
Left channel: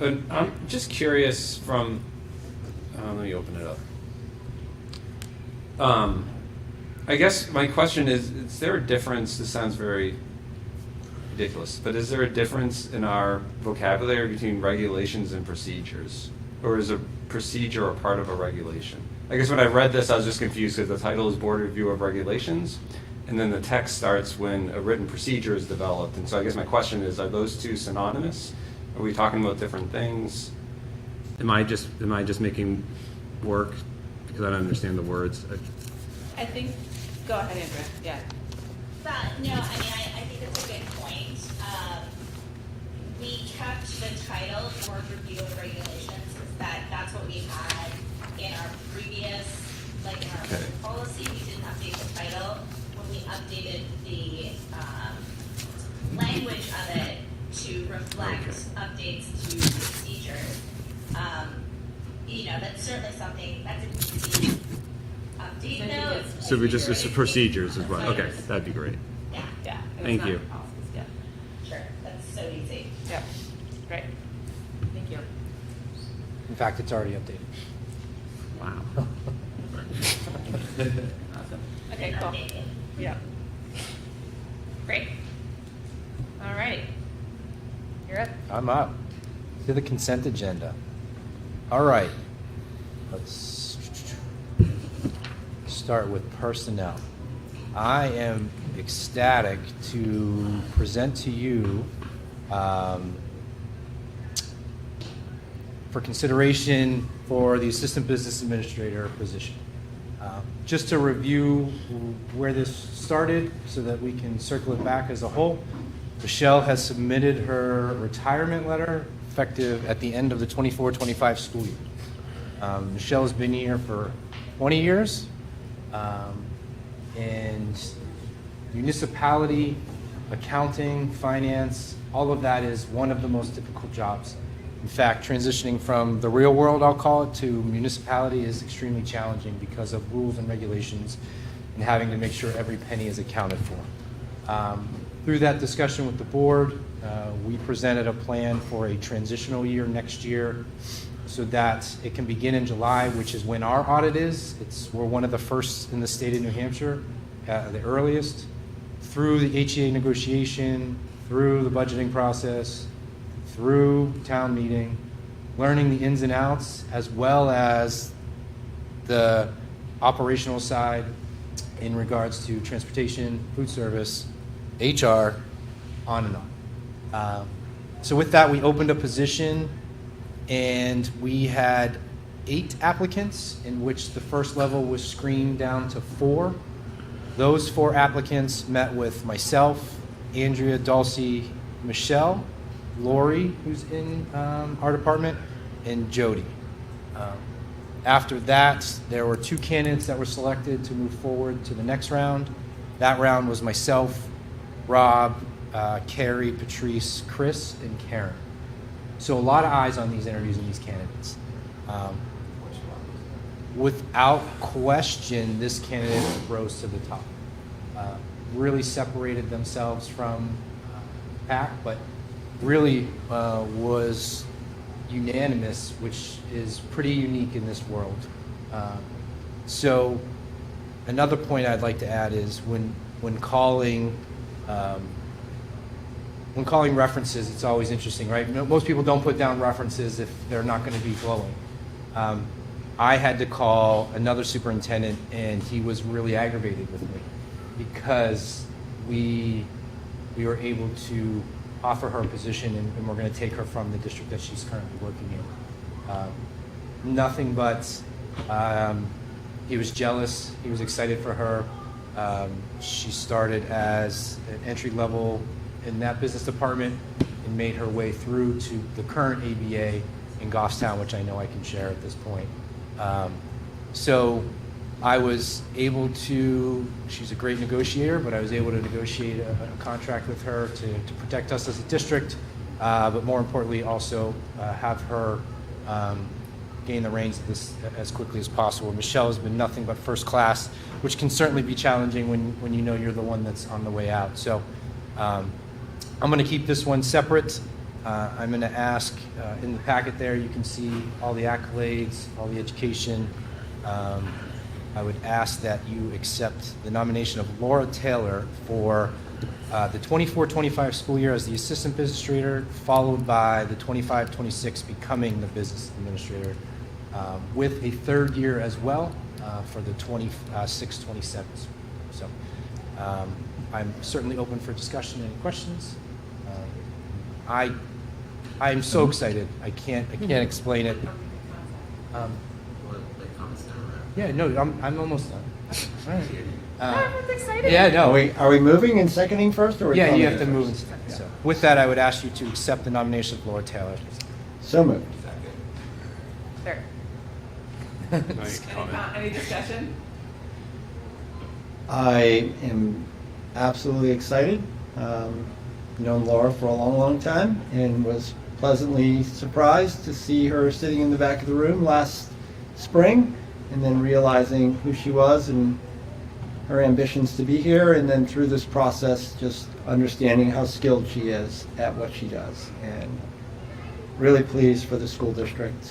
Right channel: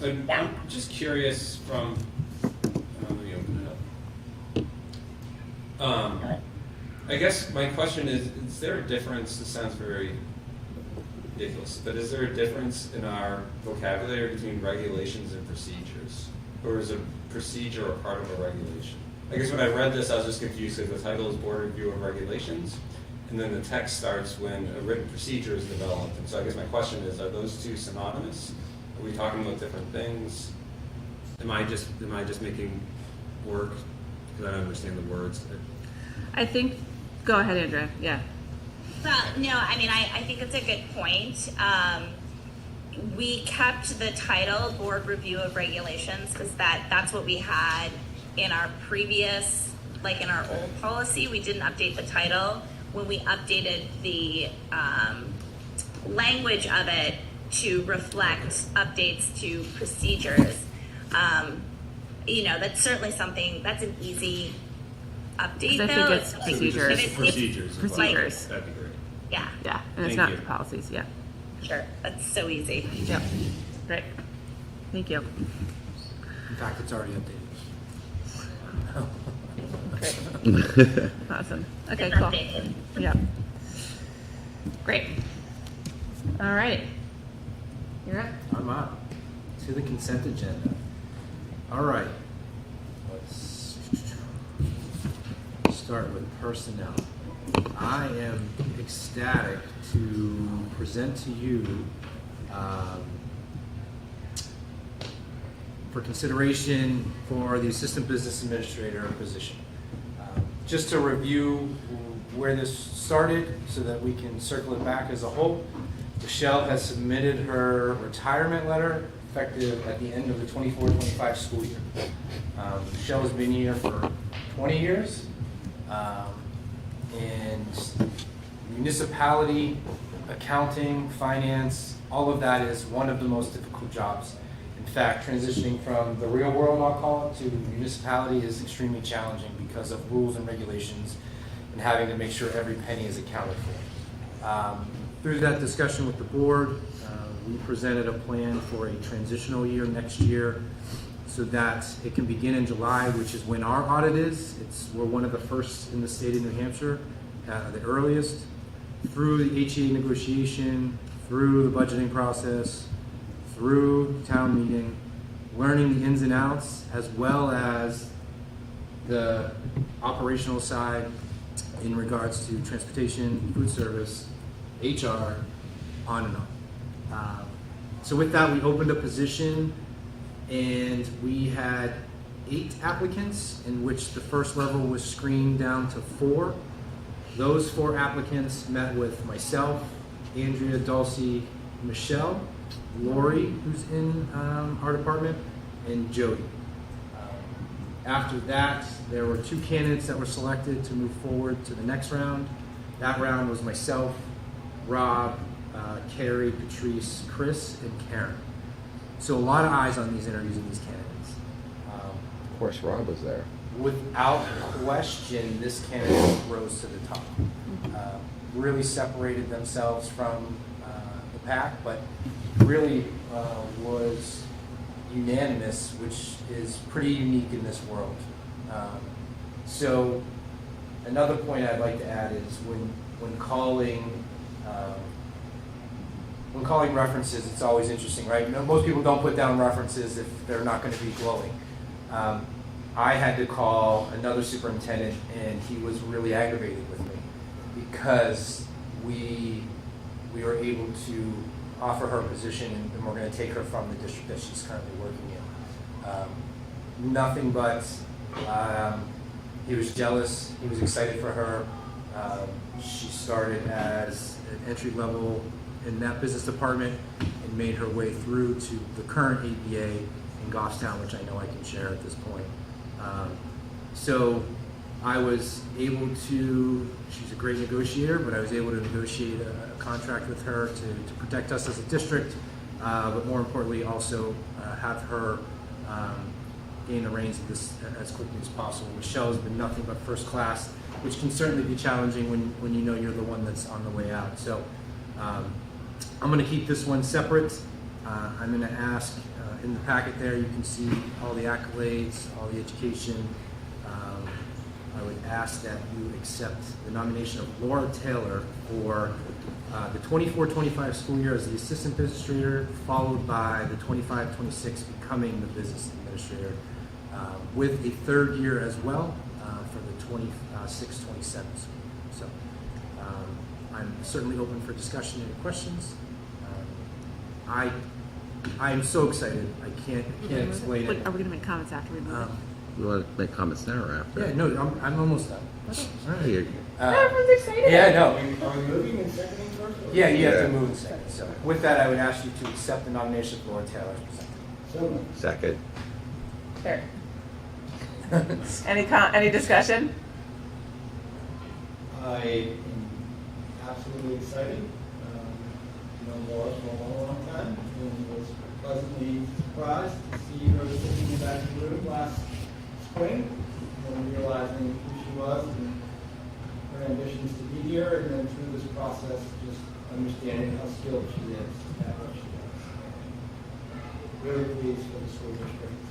I'm just curious from, let me open it up. I guess my question is there a difference, this sounds very ridiculous, but is there a difference in our vocabulary between regulations and procedures? Or is a procedure a part of a regulation? I guess when I read this, I was just confused because the title is Board Review of Regulations, and then the text starts when a written procedure is developed. And so I guess my question is, are those two synonymous? Are we talking about different things? Am I just making work because I don't understand the words? I think, go ahead, Andrea. Yeah. Well, no, I mean, I think it's a good point. We kept the title Board Review of Regulations because that's what we had in our previous, like in our old policy. We didn't update the title. When we updated the language of it to reflect updates to procedures, that's certainly something, that's an easy update I think though. it's So we just procedures. use procedures as well. Okay, Procedures. that'd be great. Yeah, Yeah, and Thank it's not you. policies. Yeah. sure, that's so easy. Yep. Great. Thank you. In fact, it's already updated. Awesome. Okay, It's cool. updated. Yeah. Great. All right. You're up. I'm up to the consent agenda. All right. Let's start with personnel. I am ecstatic to present to you for consideration for the assistant business administrator position. Just to review where this started so that we can circle it back as a whole. Michelle has submitted her retirement letter effective at the end of the 24-25 school year. Michelle's been here for 20 years. And municipality, accounting, finance, all of that is one of the most difficult jobs. In fact, transitioning from the real world, I'll call it, to municipality is extremely challenging because of rules and regulations and having to make sure every penny is accounted for. Through that discussion with the board, we presented a plan for a transitional year next year so that it can begin in July, which is when our audit is. We're one of the first in the state of New Hampshire, the earliest, through the HEA negotiation, through the budgeting process, through town meeting, learning the ins and outs, as well as the operational side in regards to transportation, food service, HR, on and on. So with that, we opened a position and we had 8 applicants, in which the first level was screened down to 4. Those 4 applicants met with myself, Andrea, Dulcie, Michelle, Lori, who's in our department, and Jody. After that, there were 2 candidates that were selected to move forward to the next round. That round was myself, Rob, Carrie, Patrice, Chris, and Karen. So a lot of eyes on these interviews and these candidates. Of course, Rob was there. Without question, this candidate rose to the top. Really separated themselves from the pack, but really was unanimous, which is pretty unique in this world. So another point I'd like to add is when calling references, it's always interesting, right? Most people don't put down references if they're not going to be glowing. I had to call another superintendent, and he was really aggravated with me because we were able to offer her a position, and we're going to take her from the district that she's currently working in. Nothing but he was jealous. He was excited for her. She started as an entry level in that business department and made her way through to the current ABA in Goffstown, which I know I can share at this point. So I was able to, she's a great negotiator, but I was able to negotiate a contract with her to protect us as a district, but more importantly also have her gain the reins of this as quickly as possible. Michelle has been nothing but first class, which can certainly be challenging when you know you're the one that's on the way out. So I'm going to keep this one separate. I'm going to ask, in the packet there, you can see all the accolades, all the education. I would ask that you accept the nomination of Laura Taylor for the 24-25 school year as the assistant business administrator, followed by the 25-26 becoming the business administrator, with a third year as well for the 26-27. So I'm certainly open for discussion and questions. I'm so excited. I can't explain it. Are we going to make comments after we move? You want to make comments now or after? Yeah, no, I'm almost done. All right. Everyone's excited. Yeah, no. Are we moving and seconding first, or? Yeah, you have to move and second. So with that, I would ask you to accept the nomination of Laura Taylor. So moved. Second. There. Any discussion? I am absolutely excited. Known Laura for a long, long time, and was pleasantly surprised to see her sitting in the back of the room last spring, and then realizing who she was and her ambitions to be here, and then through this process just understanding how skilled she is at what she does, and really pleased for the school district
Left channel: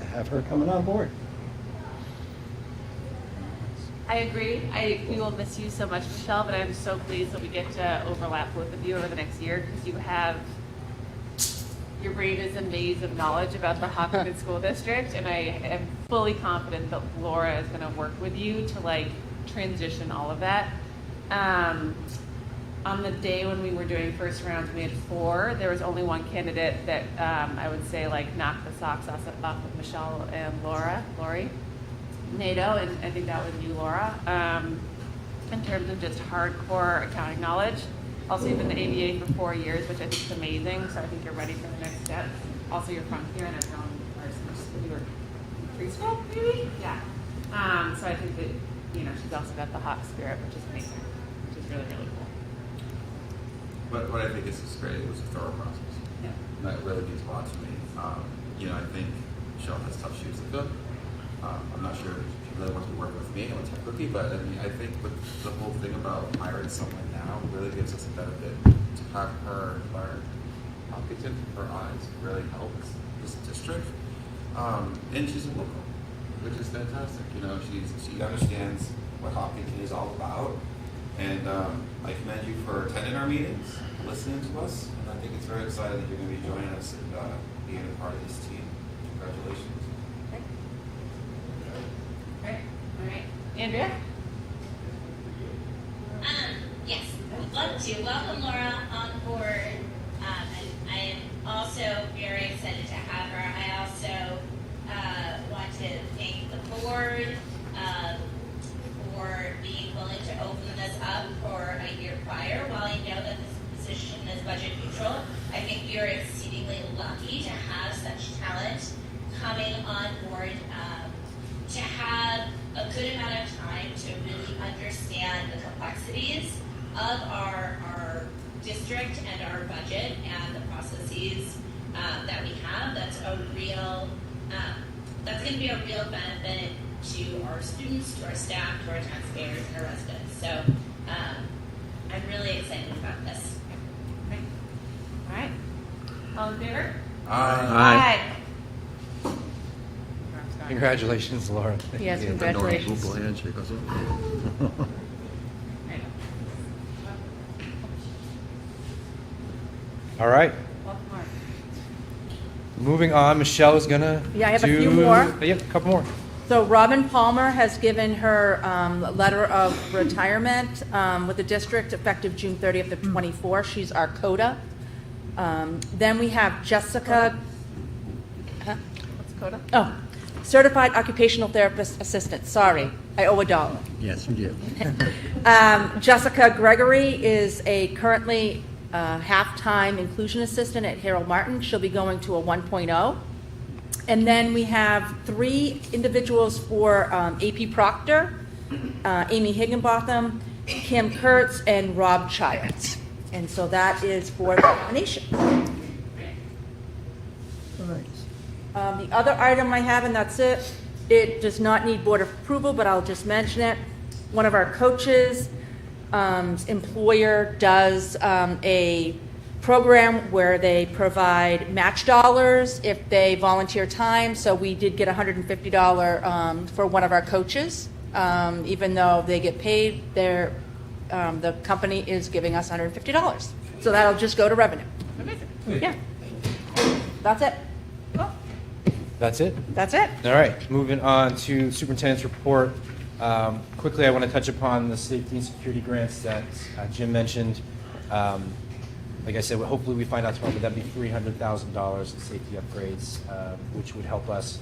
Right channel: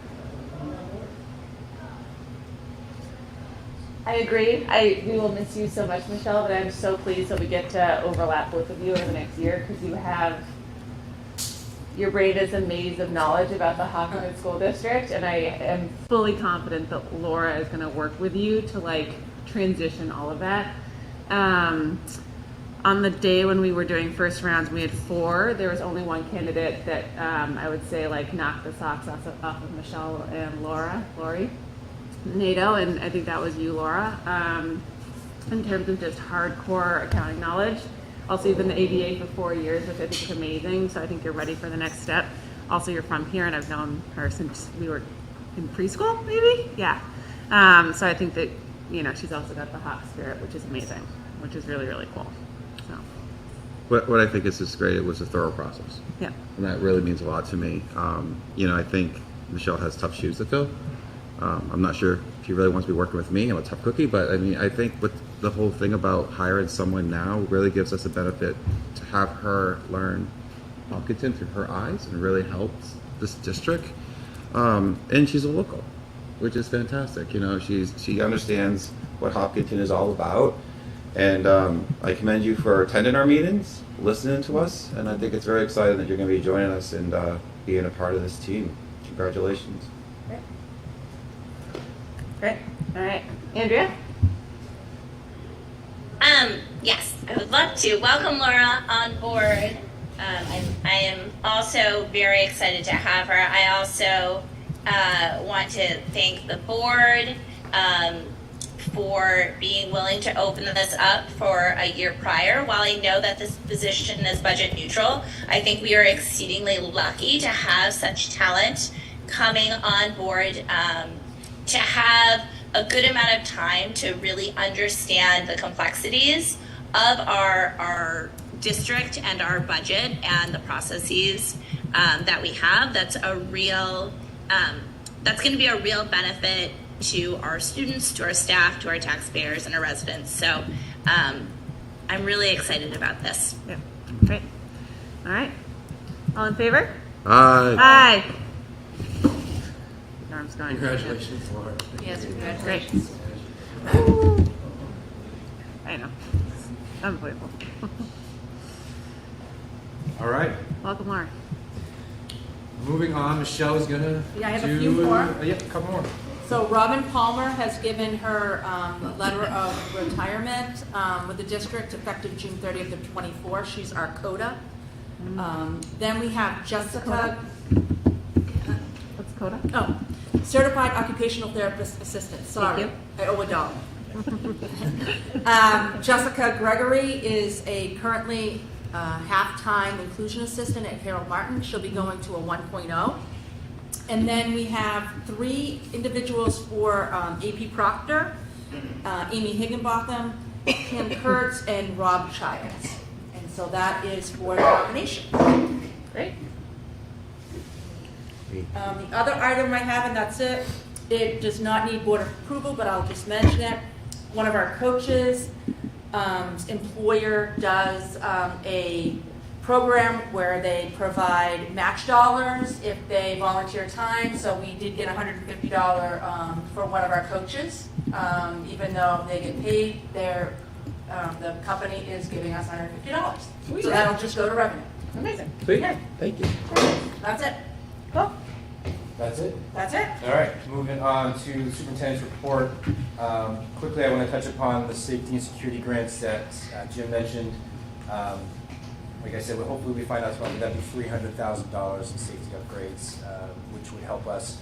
to have her coming on board. I agree. We will miss you so much, Michelle, but I'm so pleased that we get to overlap both of you over the next year, because you have, your brain is a maze of knowledge about the Hopkinton School District, and I am Fully confident that Laura is going to work with you to transition all of that. On the day when we were doing first rounds, we had 4. There was only one candidate that I would say knocked the socks off of Michelle and Lori NATO, and I think that was you, Laura. In terms of just hardcore accounting knowledge. Also, you've been the ABA for 4 years, which I think is amazing, so I think you're ready for the next step. Also, you're from here, and I've known her since we were in preschool, maybe? Yeah. So I think that, she's also got the hot spirit, which is amazing, which is really, really cool. So. What I think is just great, it was a thorough process. Yeah. And that really means a lot to me. I think Michelle has tough shoes to fill. I'm not sure if she really wants to be working with me. I'm a tough cookie, but I think with the whole thing about hiring someone now really gives us a benefit to have her learn Hopkinton through her eyes, and really helps this district. And she's a local, which is fantastic. She understands what Hopkinton is all about, and I commend you for attending our meetings, listening to us, and I think it's very exciting that you're going to be joining us and being a part of this team. Congratulations. Great. All right. Andrea? Yes, I would love to welcome Laura on board. I am also very excited to have her. I also want to thank the board for being willing to open this up for a year prior. While I know that this position is budget neutral, I think we are exceedingly lucky to have such talent coming on board, to have a good amount of time to really understand the complexities of our district and our budget and the processes that we have. That's a real, that's going to be a real benefit to our students, to our staff, to our taxpayers, and our residents. So I'm really excited about this. Yeah. Great. All right. All in favor? Aye. Darn times going. Congratulations, Laura. Yes, congratulations. I know. Unbelievable. All right, Welcome, Mark. moving on. Michelle is gonna Yeah, I have a do- few more. Yeah, a couple more. So Robin Palmer has given her letter of retirement with the district effective June 30th of 24. She's our CODA. Then we have Jessica. What's CODA? Oh, Certified Occupational Therapist Assistant. Sorry, I owe $1. Yes, you did. Jessica Gregory is a currently half-time inclusion assistant at Harold Martin. She'll be going to a 1.0. And then we have 3 individuals for AP Proctor, Amy Higginbotham, Kim Kurtz, and Rob Childs. And so that is for the nomination. Great. The other item I have, and that's it, it does not need board approval, but I'll just mention it. One of our coaches' employer does a program where they provide match dollars if they volunteer time. So we did get $150 for one of our coaches. Even though they get paid, the company is giving us $150. So that'll just go to revenue. Amazing. Yeah. Thank you. That's it. Cool. That's it? That's it. All right, moving on to superintendent's report. Quickly, I want to touch upon the safety and security grants that Jim mentioned. Like I said, hopefully we find out that'd be $300,000 in safety upgrades, which would help us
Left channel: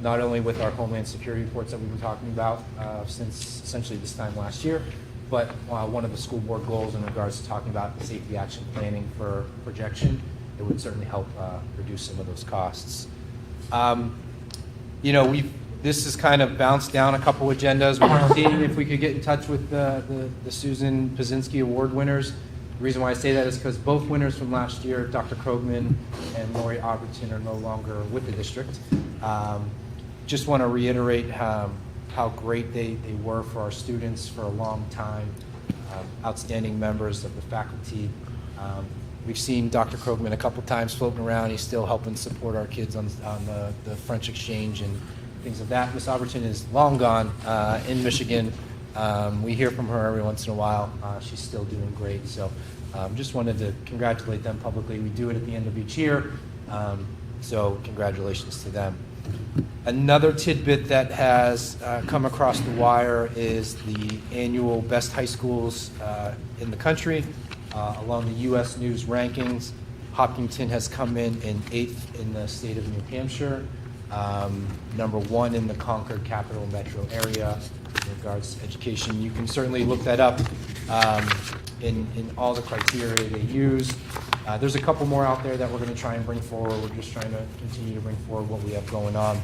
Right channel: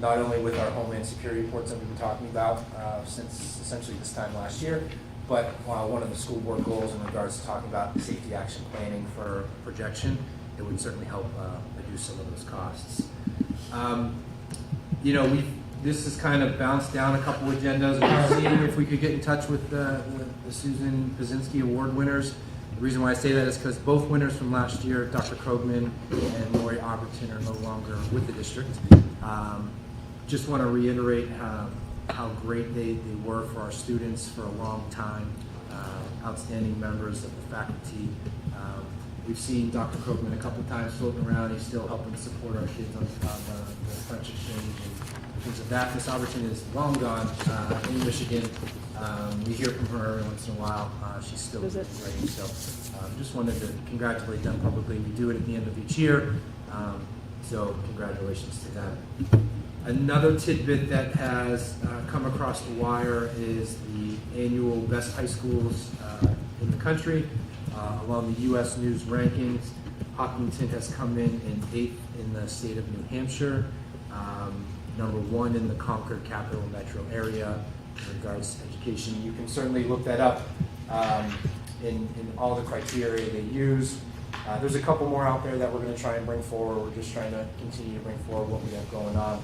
not only with our homeland security reports that we've been talking about since essentially this time last year, but one of the school board goals in regards to talking about safety action planning for projection, it would certainly help reduce some of those costs. This has kind of bounced down a couple agendas. We're seeing if we could get in touch with the Susan Pazinski Award winners. The reason why I say that is because both winners from last year, Dr. Krogman and Lori Albertson, are no longer with the district. Just want to reiterate how great they were for our students for a long time, outstanding members of the faculty. We've seen Dr. Krogman a couple times floating around. He's still helping support our kids on the French exchange and things of that. Miss Albertson is long gone in Michigan. We hear from her every once in a while. She's still doing great. So just wanted to congratulate them publicly. We do it at the end of each year. So congratulations to them. Another tidbit that has come across the wire is the annual best high schools in the country. Along the U.S. News rankings, Hopkinton has come in 8th in the state of New Hampshire, number 1 in the Concord Capital Metro area in regards to education. You can certainly look that up in all the criteria they use. There's a couple more out there that we're going to try and bring forward. We're just trying to continue to bring forward what we have going on.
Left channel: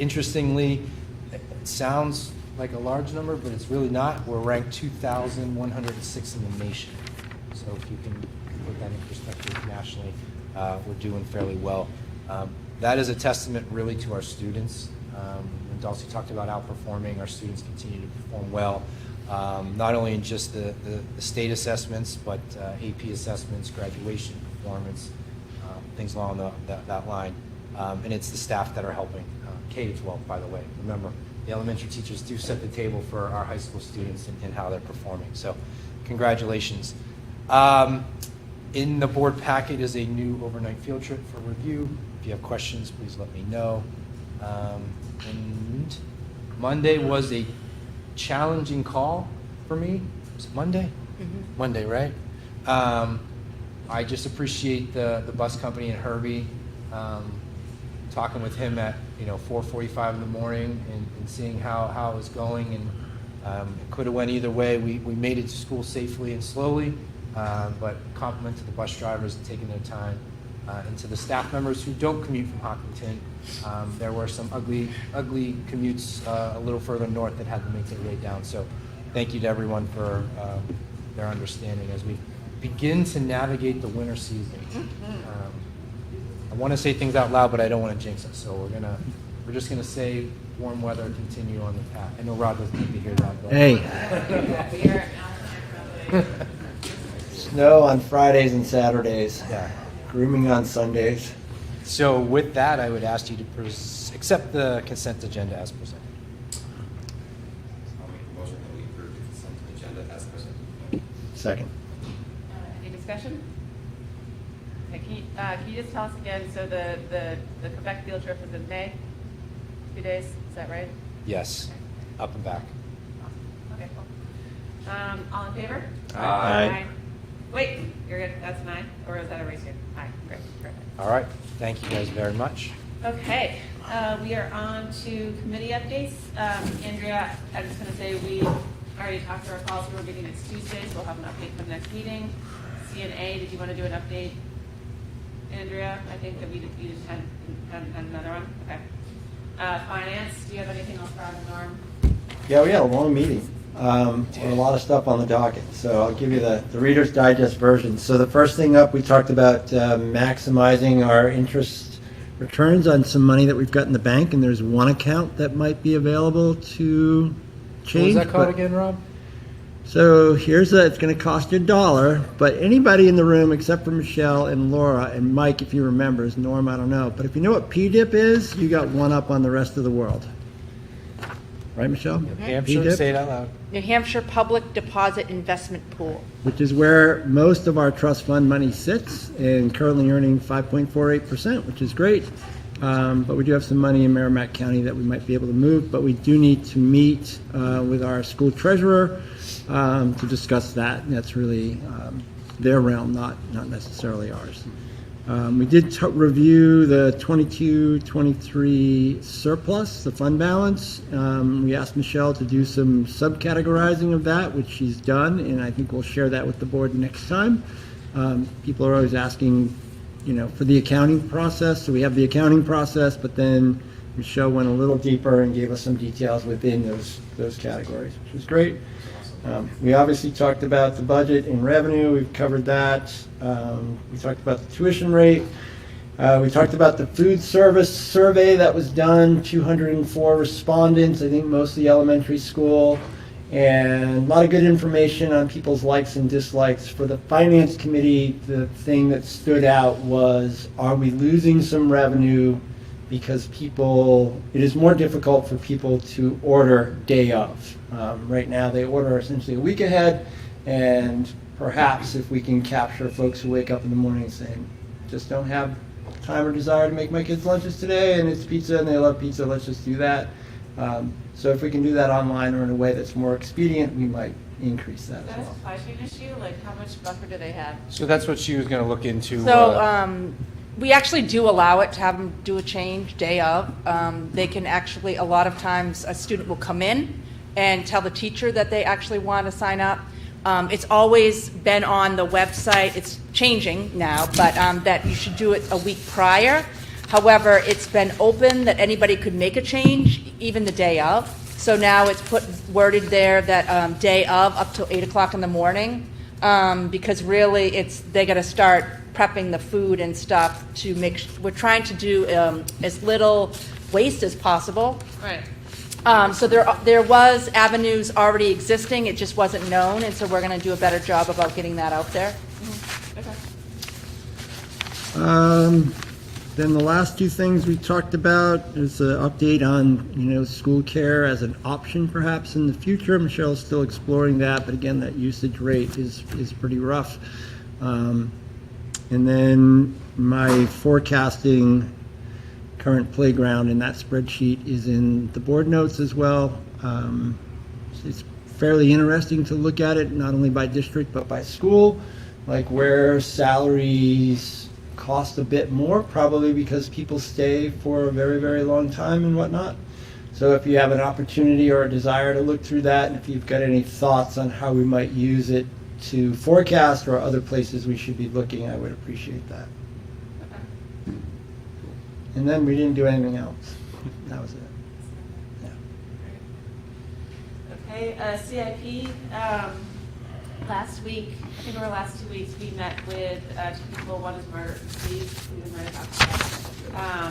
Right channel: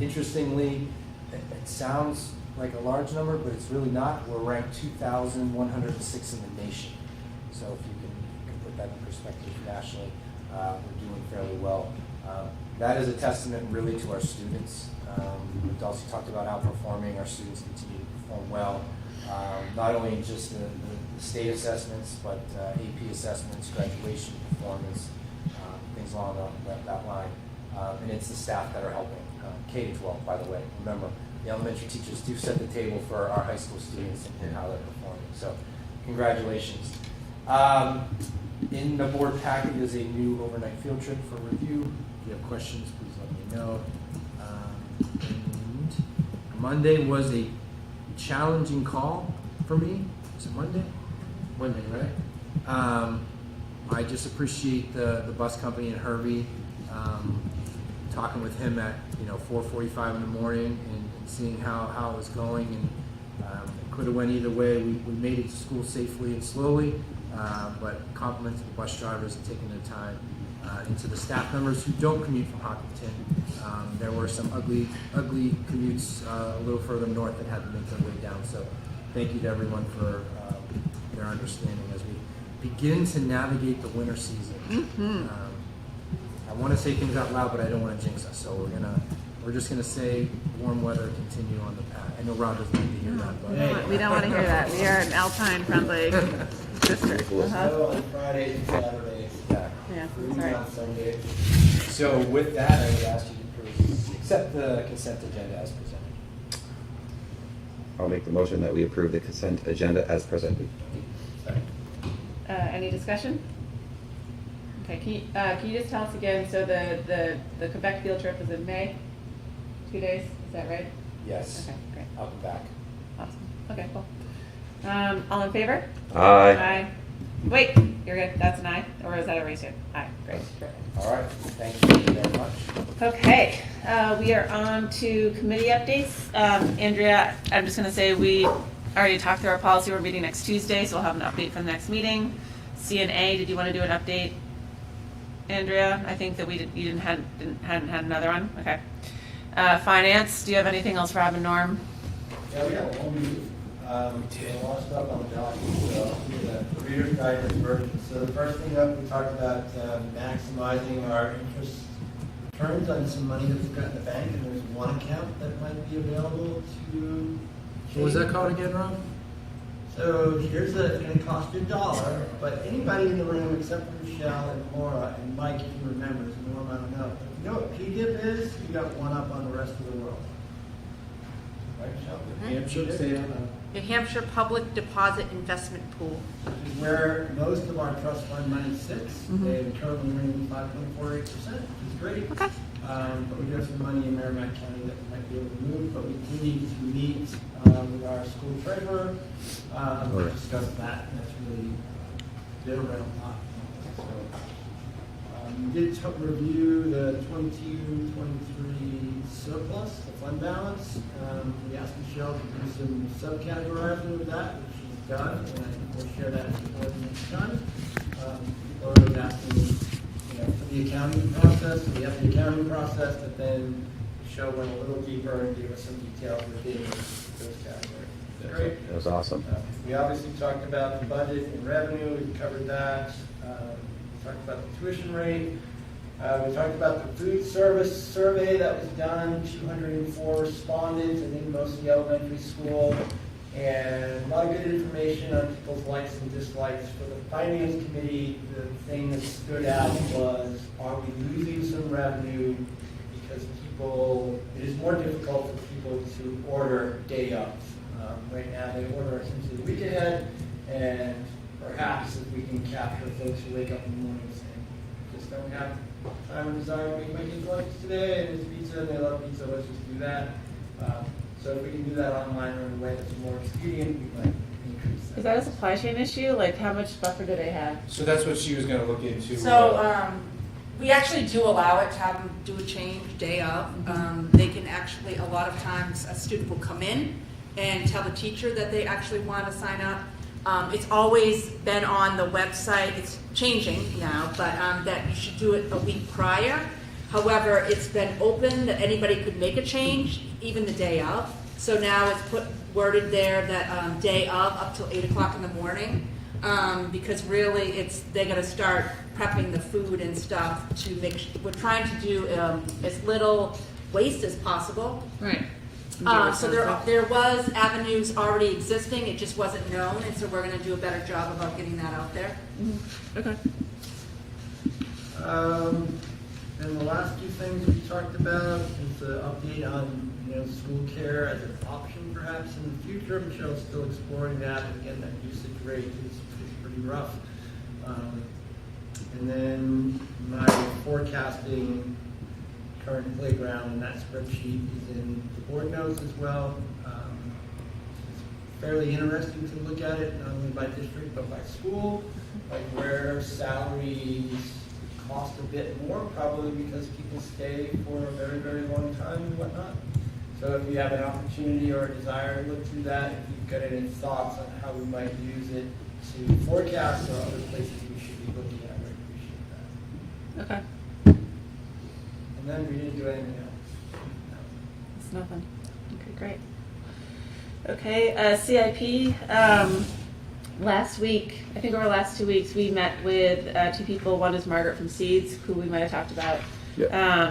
Interestingly, it sounds like a large number, but it's really not. We're ranked 2,106 in the nation. So if you can put that in perspective nationally, we're doing fairly well. That is a testament really to our students. Dulcie talked about outperforming. Our students continue to perform well, not only in just the state assessments, but AP assessments, graduation performance, things along that line. And it's the staff that are helping. K-12, by the way. Remember, the elementary teachers do set the table for our high school students and how they're performing. So congratulations. In the board packet is a new overnight field trip for review. If you have questions, please let me know. And Monday was a challenging call for me. Was it Monday? Mm-hmm. Monday, right? I just appreciate the bus company and Herbie. Talking with him at 4:45 in the morning and seeing how it was going, and it could have went either way. We made it to school safely and slowly, but compliment to the bus drivers and taking their time, and to the staff members who don't commute from Hopkinton. There were some ugly commutes a little further north that had to make their way down. So thank you to everyone for their understanding as we begin to navigate the winter season. Mm-hmm. I want to say things out loud, but I don't want to jinx us. So we're just gonna say warm weather continue on the path. I know Rod doesn't like to hear that. But Hey. We don't want to hear that. We are an alpine-friendly district. Snow on Fridays and Saturdays. Yeah. Grooming on Sundays. So with that, I would ask you to accept the consent agenda as presented. I'll make the motion that we approve the consent agenda as presented. Second. Any discussion? Okay, can you just tell us again, so the Quebec field trip is in May? 2 days, is that right? Yes. Okay, great. Up and back. Awesome. Okay, cool. All in favor? Aye. Wait, you're good, that's an aye, or is that a raise here? Aye, great, perfect. All right. Thank you very much. Okay, we are on to committee updates. Andrea, I'm just gonna say, we already talked through our policy, we're meeting next Tuesday, so we'll have an update for the next meeting. CNA, did you wanna do an update? Andrea, I think that you hadn't had another one, okay. Finance, do you have anything else for Rob and Norm? Yeah, we had a long meeting. A lot of stuff on the docket, so I'll give you the Reader's Digest version. So the first thing up, we talked about maximizing our interest returns on some money that we've got in the bank, and there's one account that might be available to change. What was that called but- again, Rob? So it's going to cost you $1, but anybody in the room except for Michelle and Laura and Mike, if you remember, is Norm, I don't know. But if you know what PDIP is, you got one up on the rest of the world. Right, Michelle? New Hampshire, PDIP? say it out loud. New Hampshire Public Deposit Investment Pool. Which is where most of our trust fund money sits, and currently earning 5.48%, which is great. But we do have some money in Merrimack County that we might be able to move, but we do need to meet with our school treasurer to discuss that, and that's really their realm, not necessarily ours. We did review the 22-23 surplus, the fund balance. We asked Michelle to do some subcategorizing of that, which she's done, and I think we'll share that with the board next time. People are always asking, for the accounting process. So we have the accounting process, but then Michelle went a little deeper and gave us some details within those categories, which was great. That was awesome. We obviously talked about the budget and revenue. We've covered that. We talked about the tuition rate. We talked about the food service survey that was done, 204 respondents, I think mostly elementary school, and a lot of good information on people's likes and dislikes. For the finance committee, the thing that stood out was, are we losing some revenue because it is more difficult for people to order day of. Right now they order essentially a week ahead, and perhaps if we can capture folks who wake up in the morning saying, just don't have time or desire to make my kids lunches today, and it's pizza and they love pizza, let's just do that. So if we can do that online or in a way that's more expedient, we might increase that. Is that a supply chain issue? Like, how much buffer do they have? So that's what she was going to look into. So we actually do allow it to have them do a change day of. They can actually, a lot of times, a student will come in and tell the teacher that they actually want to sign up. It's always been on the website. It's changing now, but that you should do it a week prior. However, it's been open that anybody could make a change, even the day of. So now it's worded there that day of up till 8 o'clock in the morning, because really they got to start prepping the food and stuff to we're trying to do as little waste as possible. Right. So there was avenues already existing, it just wasn't known, and so we're going to do a better job about getting that out there. Okay. Then the last two things we talked about is an update on, school care as an option perhaps in the future. Michelle's still exploring that, but again, that usage rate is pretty rough. And then my forecasting current playground in that spreadsheet is in the board notes as well. It's fairly interesting to look at it, not only by district, but by school, like where salaries cost a bit more, probably because people stay for a very, very long time and whatnot. So if you have an opportunity or a desire to look through that, and if you've got any thoughts on how we might use it to forecast or other places we should be looking, I would appreciate that. Okay. And then we didn't do anything else. That was it. It's nothing. Yeah. Okay, great. Okay, CIP. Last week, I think over the last 2 weeks, we met with two people. One is Margaret from Seeds, who we might have talked about. Yep.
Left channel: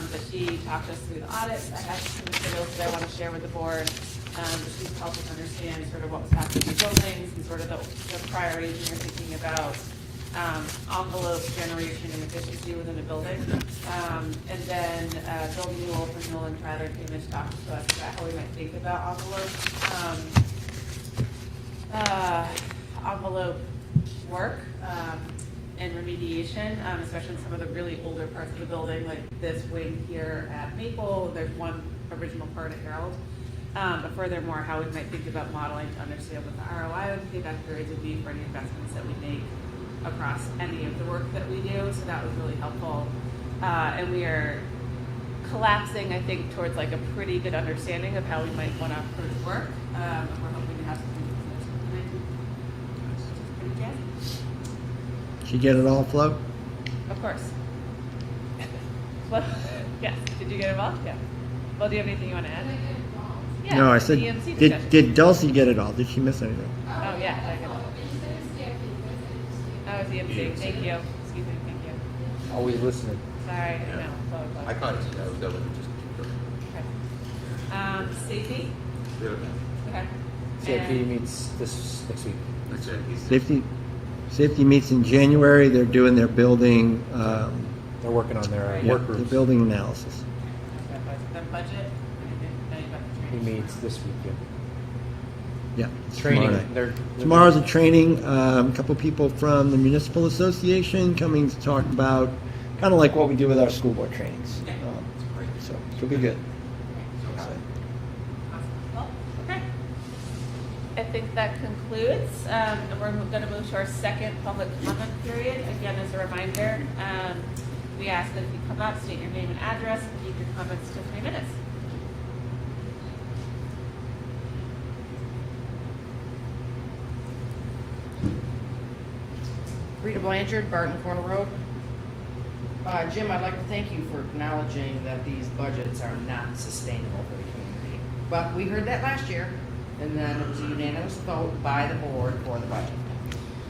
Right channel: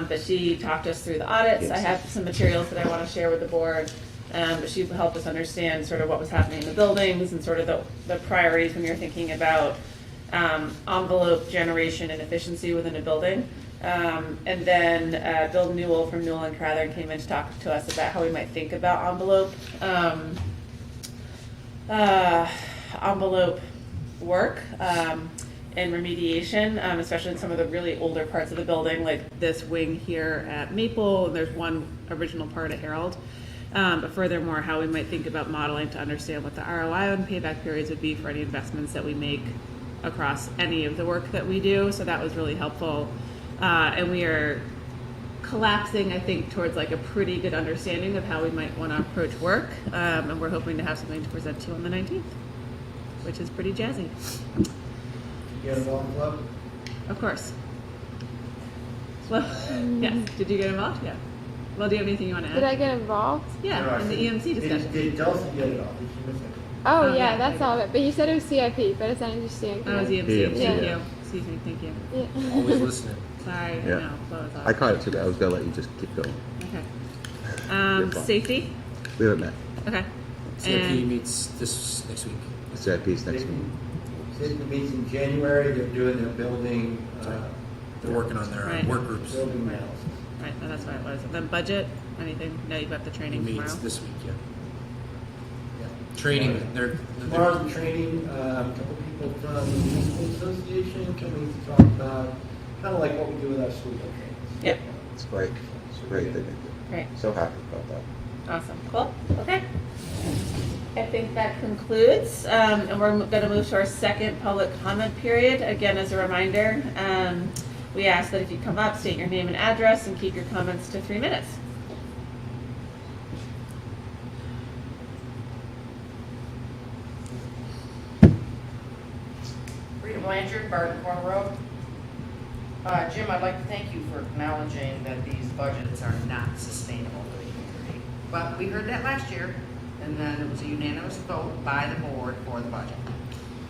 That she talked us through the audits. I have some materials that I want to share with the board. But she's helped us understand sort of what was happening in the buildings and sort of the priorities when you're thinking about envelope generation and efficiency within a building. And then Bill Newell from Newell and Crowther came in to talk to us about how we might think about envelope work and remediation, especially in some of the really older parts of the building, like this wing here at Maple, and there's one original part at Herald. But furthermore, how we might think about modeling to understand what the ROI and payback periods would be for any investments that we make across any of the work that we do. So that was really helpful. And we are collapsing, I think, towards like a pretty good understanding of how we might want to approach work. And we're hoping to have something to present to you on the 19th, which is pretty jazzy. Did you get it all, Flo? Of course. Well, yes. Did you get involved? Yeah. Well, do you have anything you want to add? Did I get involved? Yeah. No, I in said, the EMC discussion. did Dulcie get it all? Did she miss anything? Oh, Oh, yeah, yeah. that's all of it. But you said it was CIP, but it's not interesting. That was EMC. Yeah. Thank you. Excuse me. Thank you. Yeah. Always listening. Sorry. Yeah. No. Phone call. I caught it today. I was gonna let you just keep going. Okay. Safety. We haven't met. Okay. CIP And- meets this next week. CIP's next. Safety meets in January. They're doing their building, They're working on their Right. work their groups. building analysis. Right, so that's what it was. Then budget. Anything? No, you've got the He training meets tomorrow. this week, yeah. Yeah. Training, Tomorrow. they're. Tomorrow's a training, a couple people from the Municipal Association coming to talk about kind of like what we do with our school board trainings. Yeah. It's great. So, Super good. Great. So happy about that. Awesome. Cool. Okay. I think that concludes, and we're going to move to our second public comment period. Again, as a reminder, we ask that if you come up, state your name and address, and keep your comments to 3 minutes. Rita Blanchard, Barton Corner Road. Jim, I'd like to thank you for acknowledging that these budgets are not sustainable for the community. But we heard that last year, and then it was a unanimous vote by the board for the budget.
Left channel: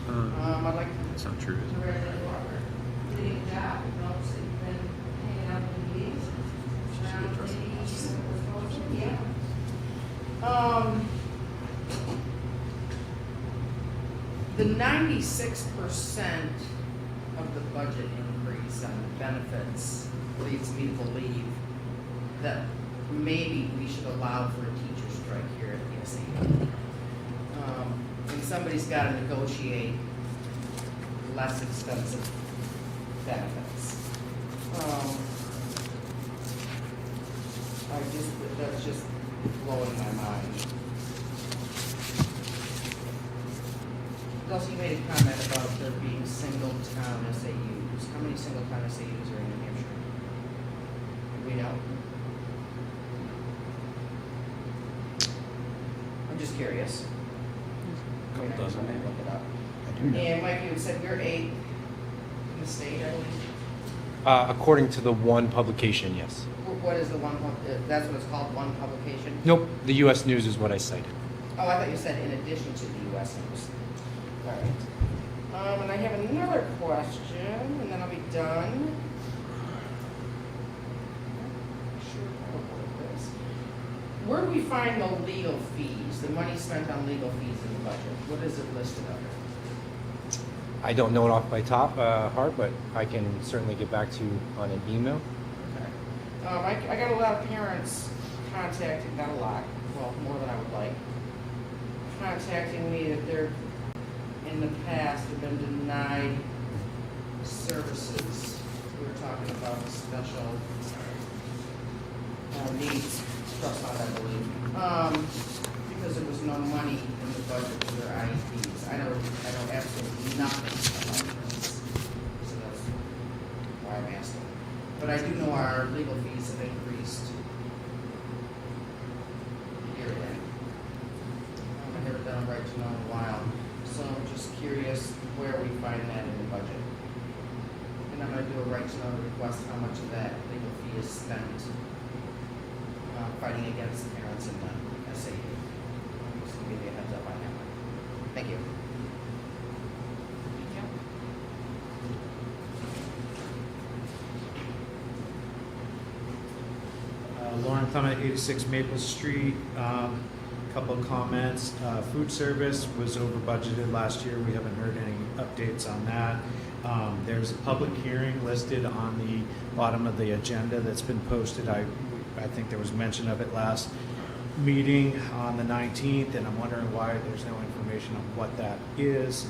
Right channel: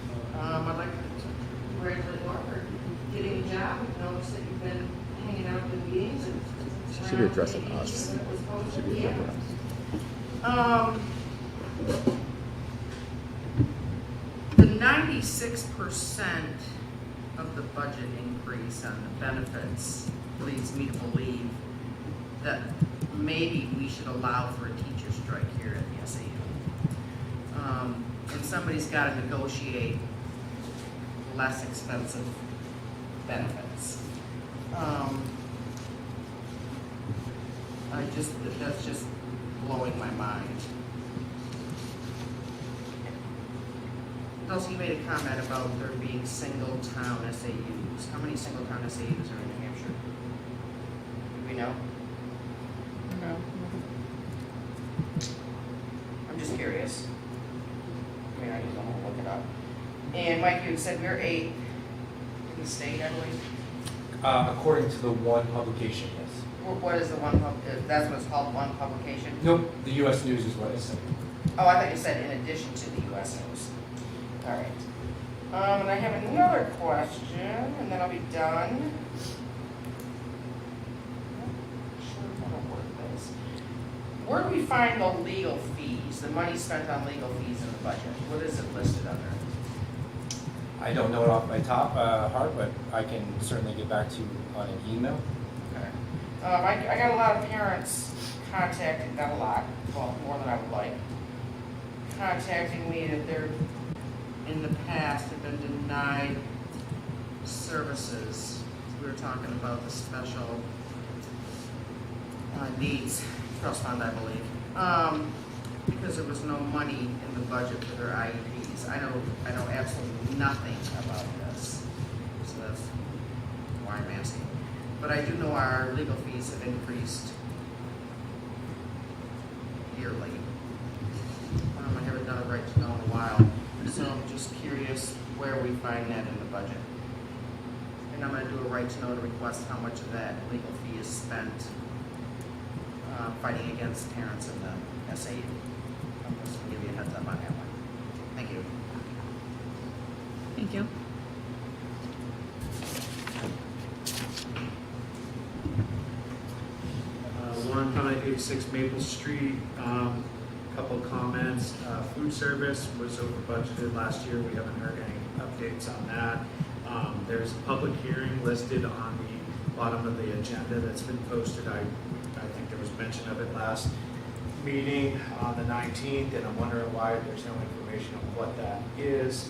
I'd like to congratulate Margaret, did a good job. Notice that you've been hanging out in the meetings. She should be addressing us. The 96% of the budget increase on the benefits leads me to believe that maybe we should allow for a teacher strike here at the SAU. And somebody's got to negotiate less expensive benefits. That's just blowing my mind. Also, you made a comment about there being single town SAUs. How many single town SAUs are in New Hampshire? Do we know? I'm just curious. I mean, I just want to look it up. And Mike, you said we're 8 in the state, I believe. According to the one publication, yes. What is the one, that's what it's called, one publication? Nope, the US News is what I cited. Oh, I thought you said in addition to the US News. All right. And I have another question, and then I'll be done. Where do we find the legal fees, the money spent on legal fees in the budget? What is it listed under? I don't know it off by heart, but I can certainly get back to you on an email. I got a lot of parents contacting, not a lot, well, more than I would like, contacting me that they're, in the past, have been denied services. We were talking about the special needs trust fund, I believe, because there was no money in the budget for their IEPs. I know absolutely nothing about this, so that's why I'm asking. But I do know our legal fees have increased yearly. I haven't done a right to know in a while, so I'm just curious where we find that in the budget. And I'm gonna do a right to know to request how much of that legal fee is spent fighting against the parents in the SAU. So maybe a heads up on that one. Thank you. Thank you. Lauren Clement, 86 Maple Street. Couple of comments. Food service was over budgeted last year. We haven't heard any updates on that. There's a public hearing listed on the bottom of the agenda that's been posted. I think there was mention of it last meeting on the 19th, and I'm wondering why there's no information on what that is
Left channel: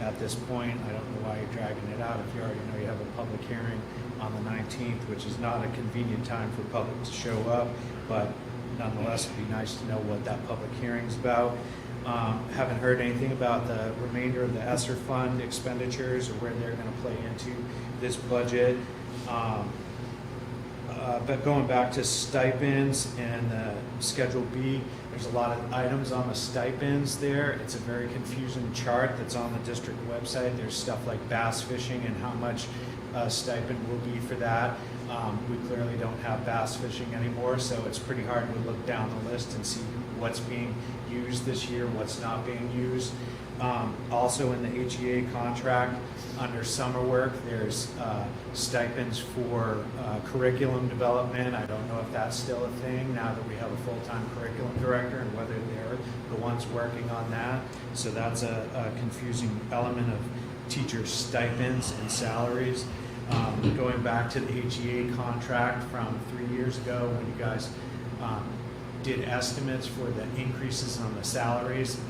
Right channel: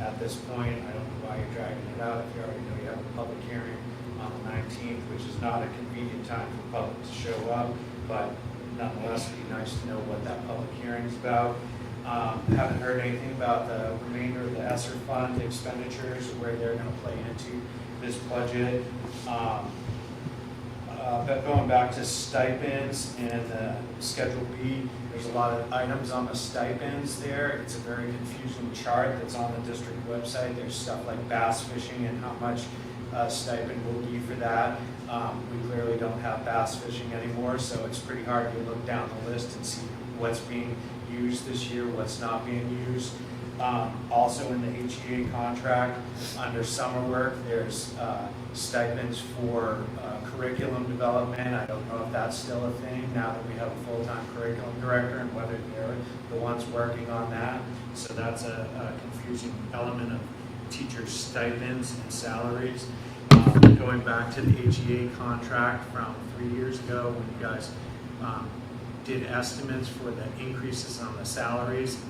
at this point. I don't know why you're dragging it out if you already know you have a public hearing on the 19th, which is not a convenient time for the public to show up, but nonetheless, it'd be nice to know what that public hearing's about. Haven't heard anything about the remainder of the ESSER fund expenditures or where they're going to play into this budget. But going back to stipends and Schedule B, there's a lot of items on the stipends there. It's a very confusing chart that's on the district website. There's stuff like bass fishing and how much stipend will be for that. We clearly don't have bass fishing anymore, so it's pretty hard to look down the list and see what's being used this year, what's not being used. Also in the HEA contract, under summer work, there's stipends for curriculum development. I don't know if that's still a thing now that we have a full-time curriculum director and whether they're the ones working on that. So that's a confusing element of teacher stipends and salaries. Going back to the HEA contract from 3 years ago when you guys did estimates for the increases on the salaries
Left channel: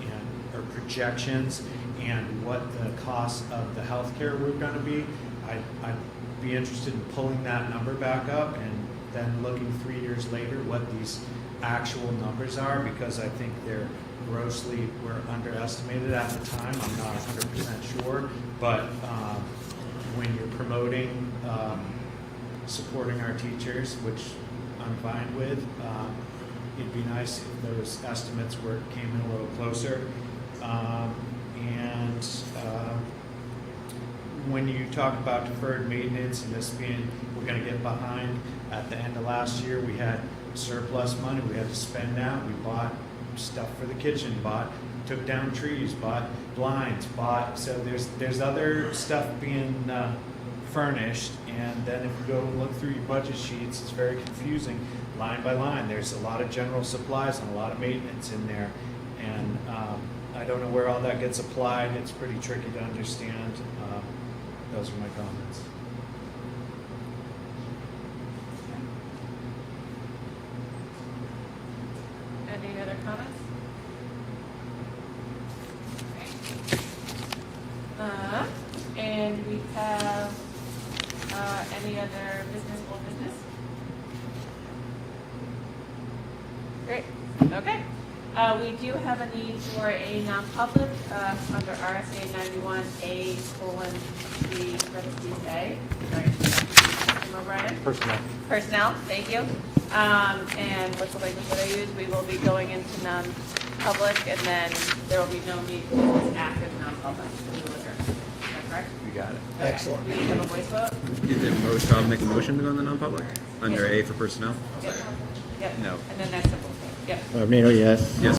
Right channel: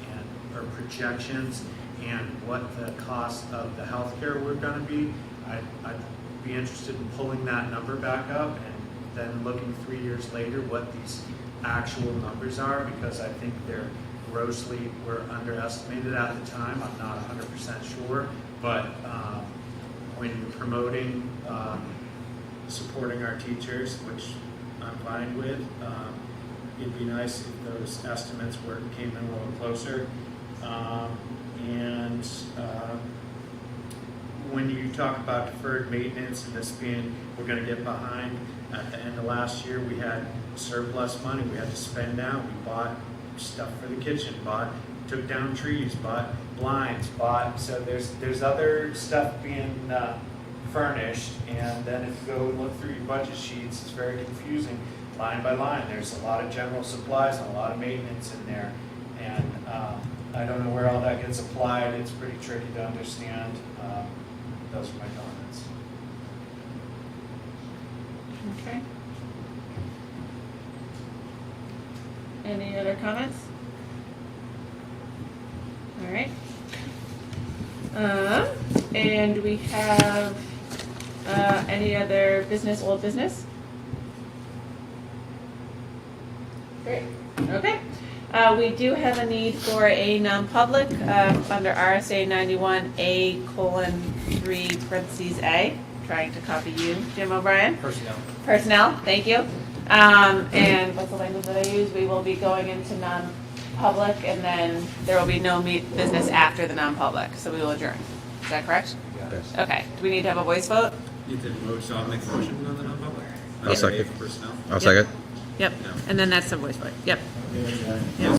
or projections and what the cost of the healthcare were going to be, I'd be interested in pulling that number back up and then looking 3 years later what these actual numbers are, because I think they're were underestimated at the time. I'm not 100% sure, but when you're promoting supporting our teachers, which I'm fine with, it'd be nice if those estimates came in a little closer. When you talk about deferred maintenance and this being, we're going to get behind, at the end of last year, we had surplus money we had to spend down. We bought stuff for the kitchen, took down trees, bought blinds, so there's other stuff being furnished, and then if you go look through your budget sheets, it's very confusing line by line. There's a lot of general supplies and a lot of maintenance in there, and I don't know where all that gets applied. It's pretty tricky to understand. Those are my comments. Okay. Any other comments? All right. And we have any other business, old business? Great. Okay. We do have a need for a non-public under RSA 91A:3(a). Trying to copy you, Jim O'Brien. Personnel. Thank you. And what's the language that I use? We will be going into non-public, and then there will be no business after the non-public. So we will adjourn. Is that correct? You got it. Okay. Excellent. We need to have a voice vote. I'll make a motion to go in the non-public. I'll second. A for personnel. I'll second. Yep. And then that's the voice vote. Yep. Mayor, yes.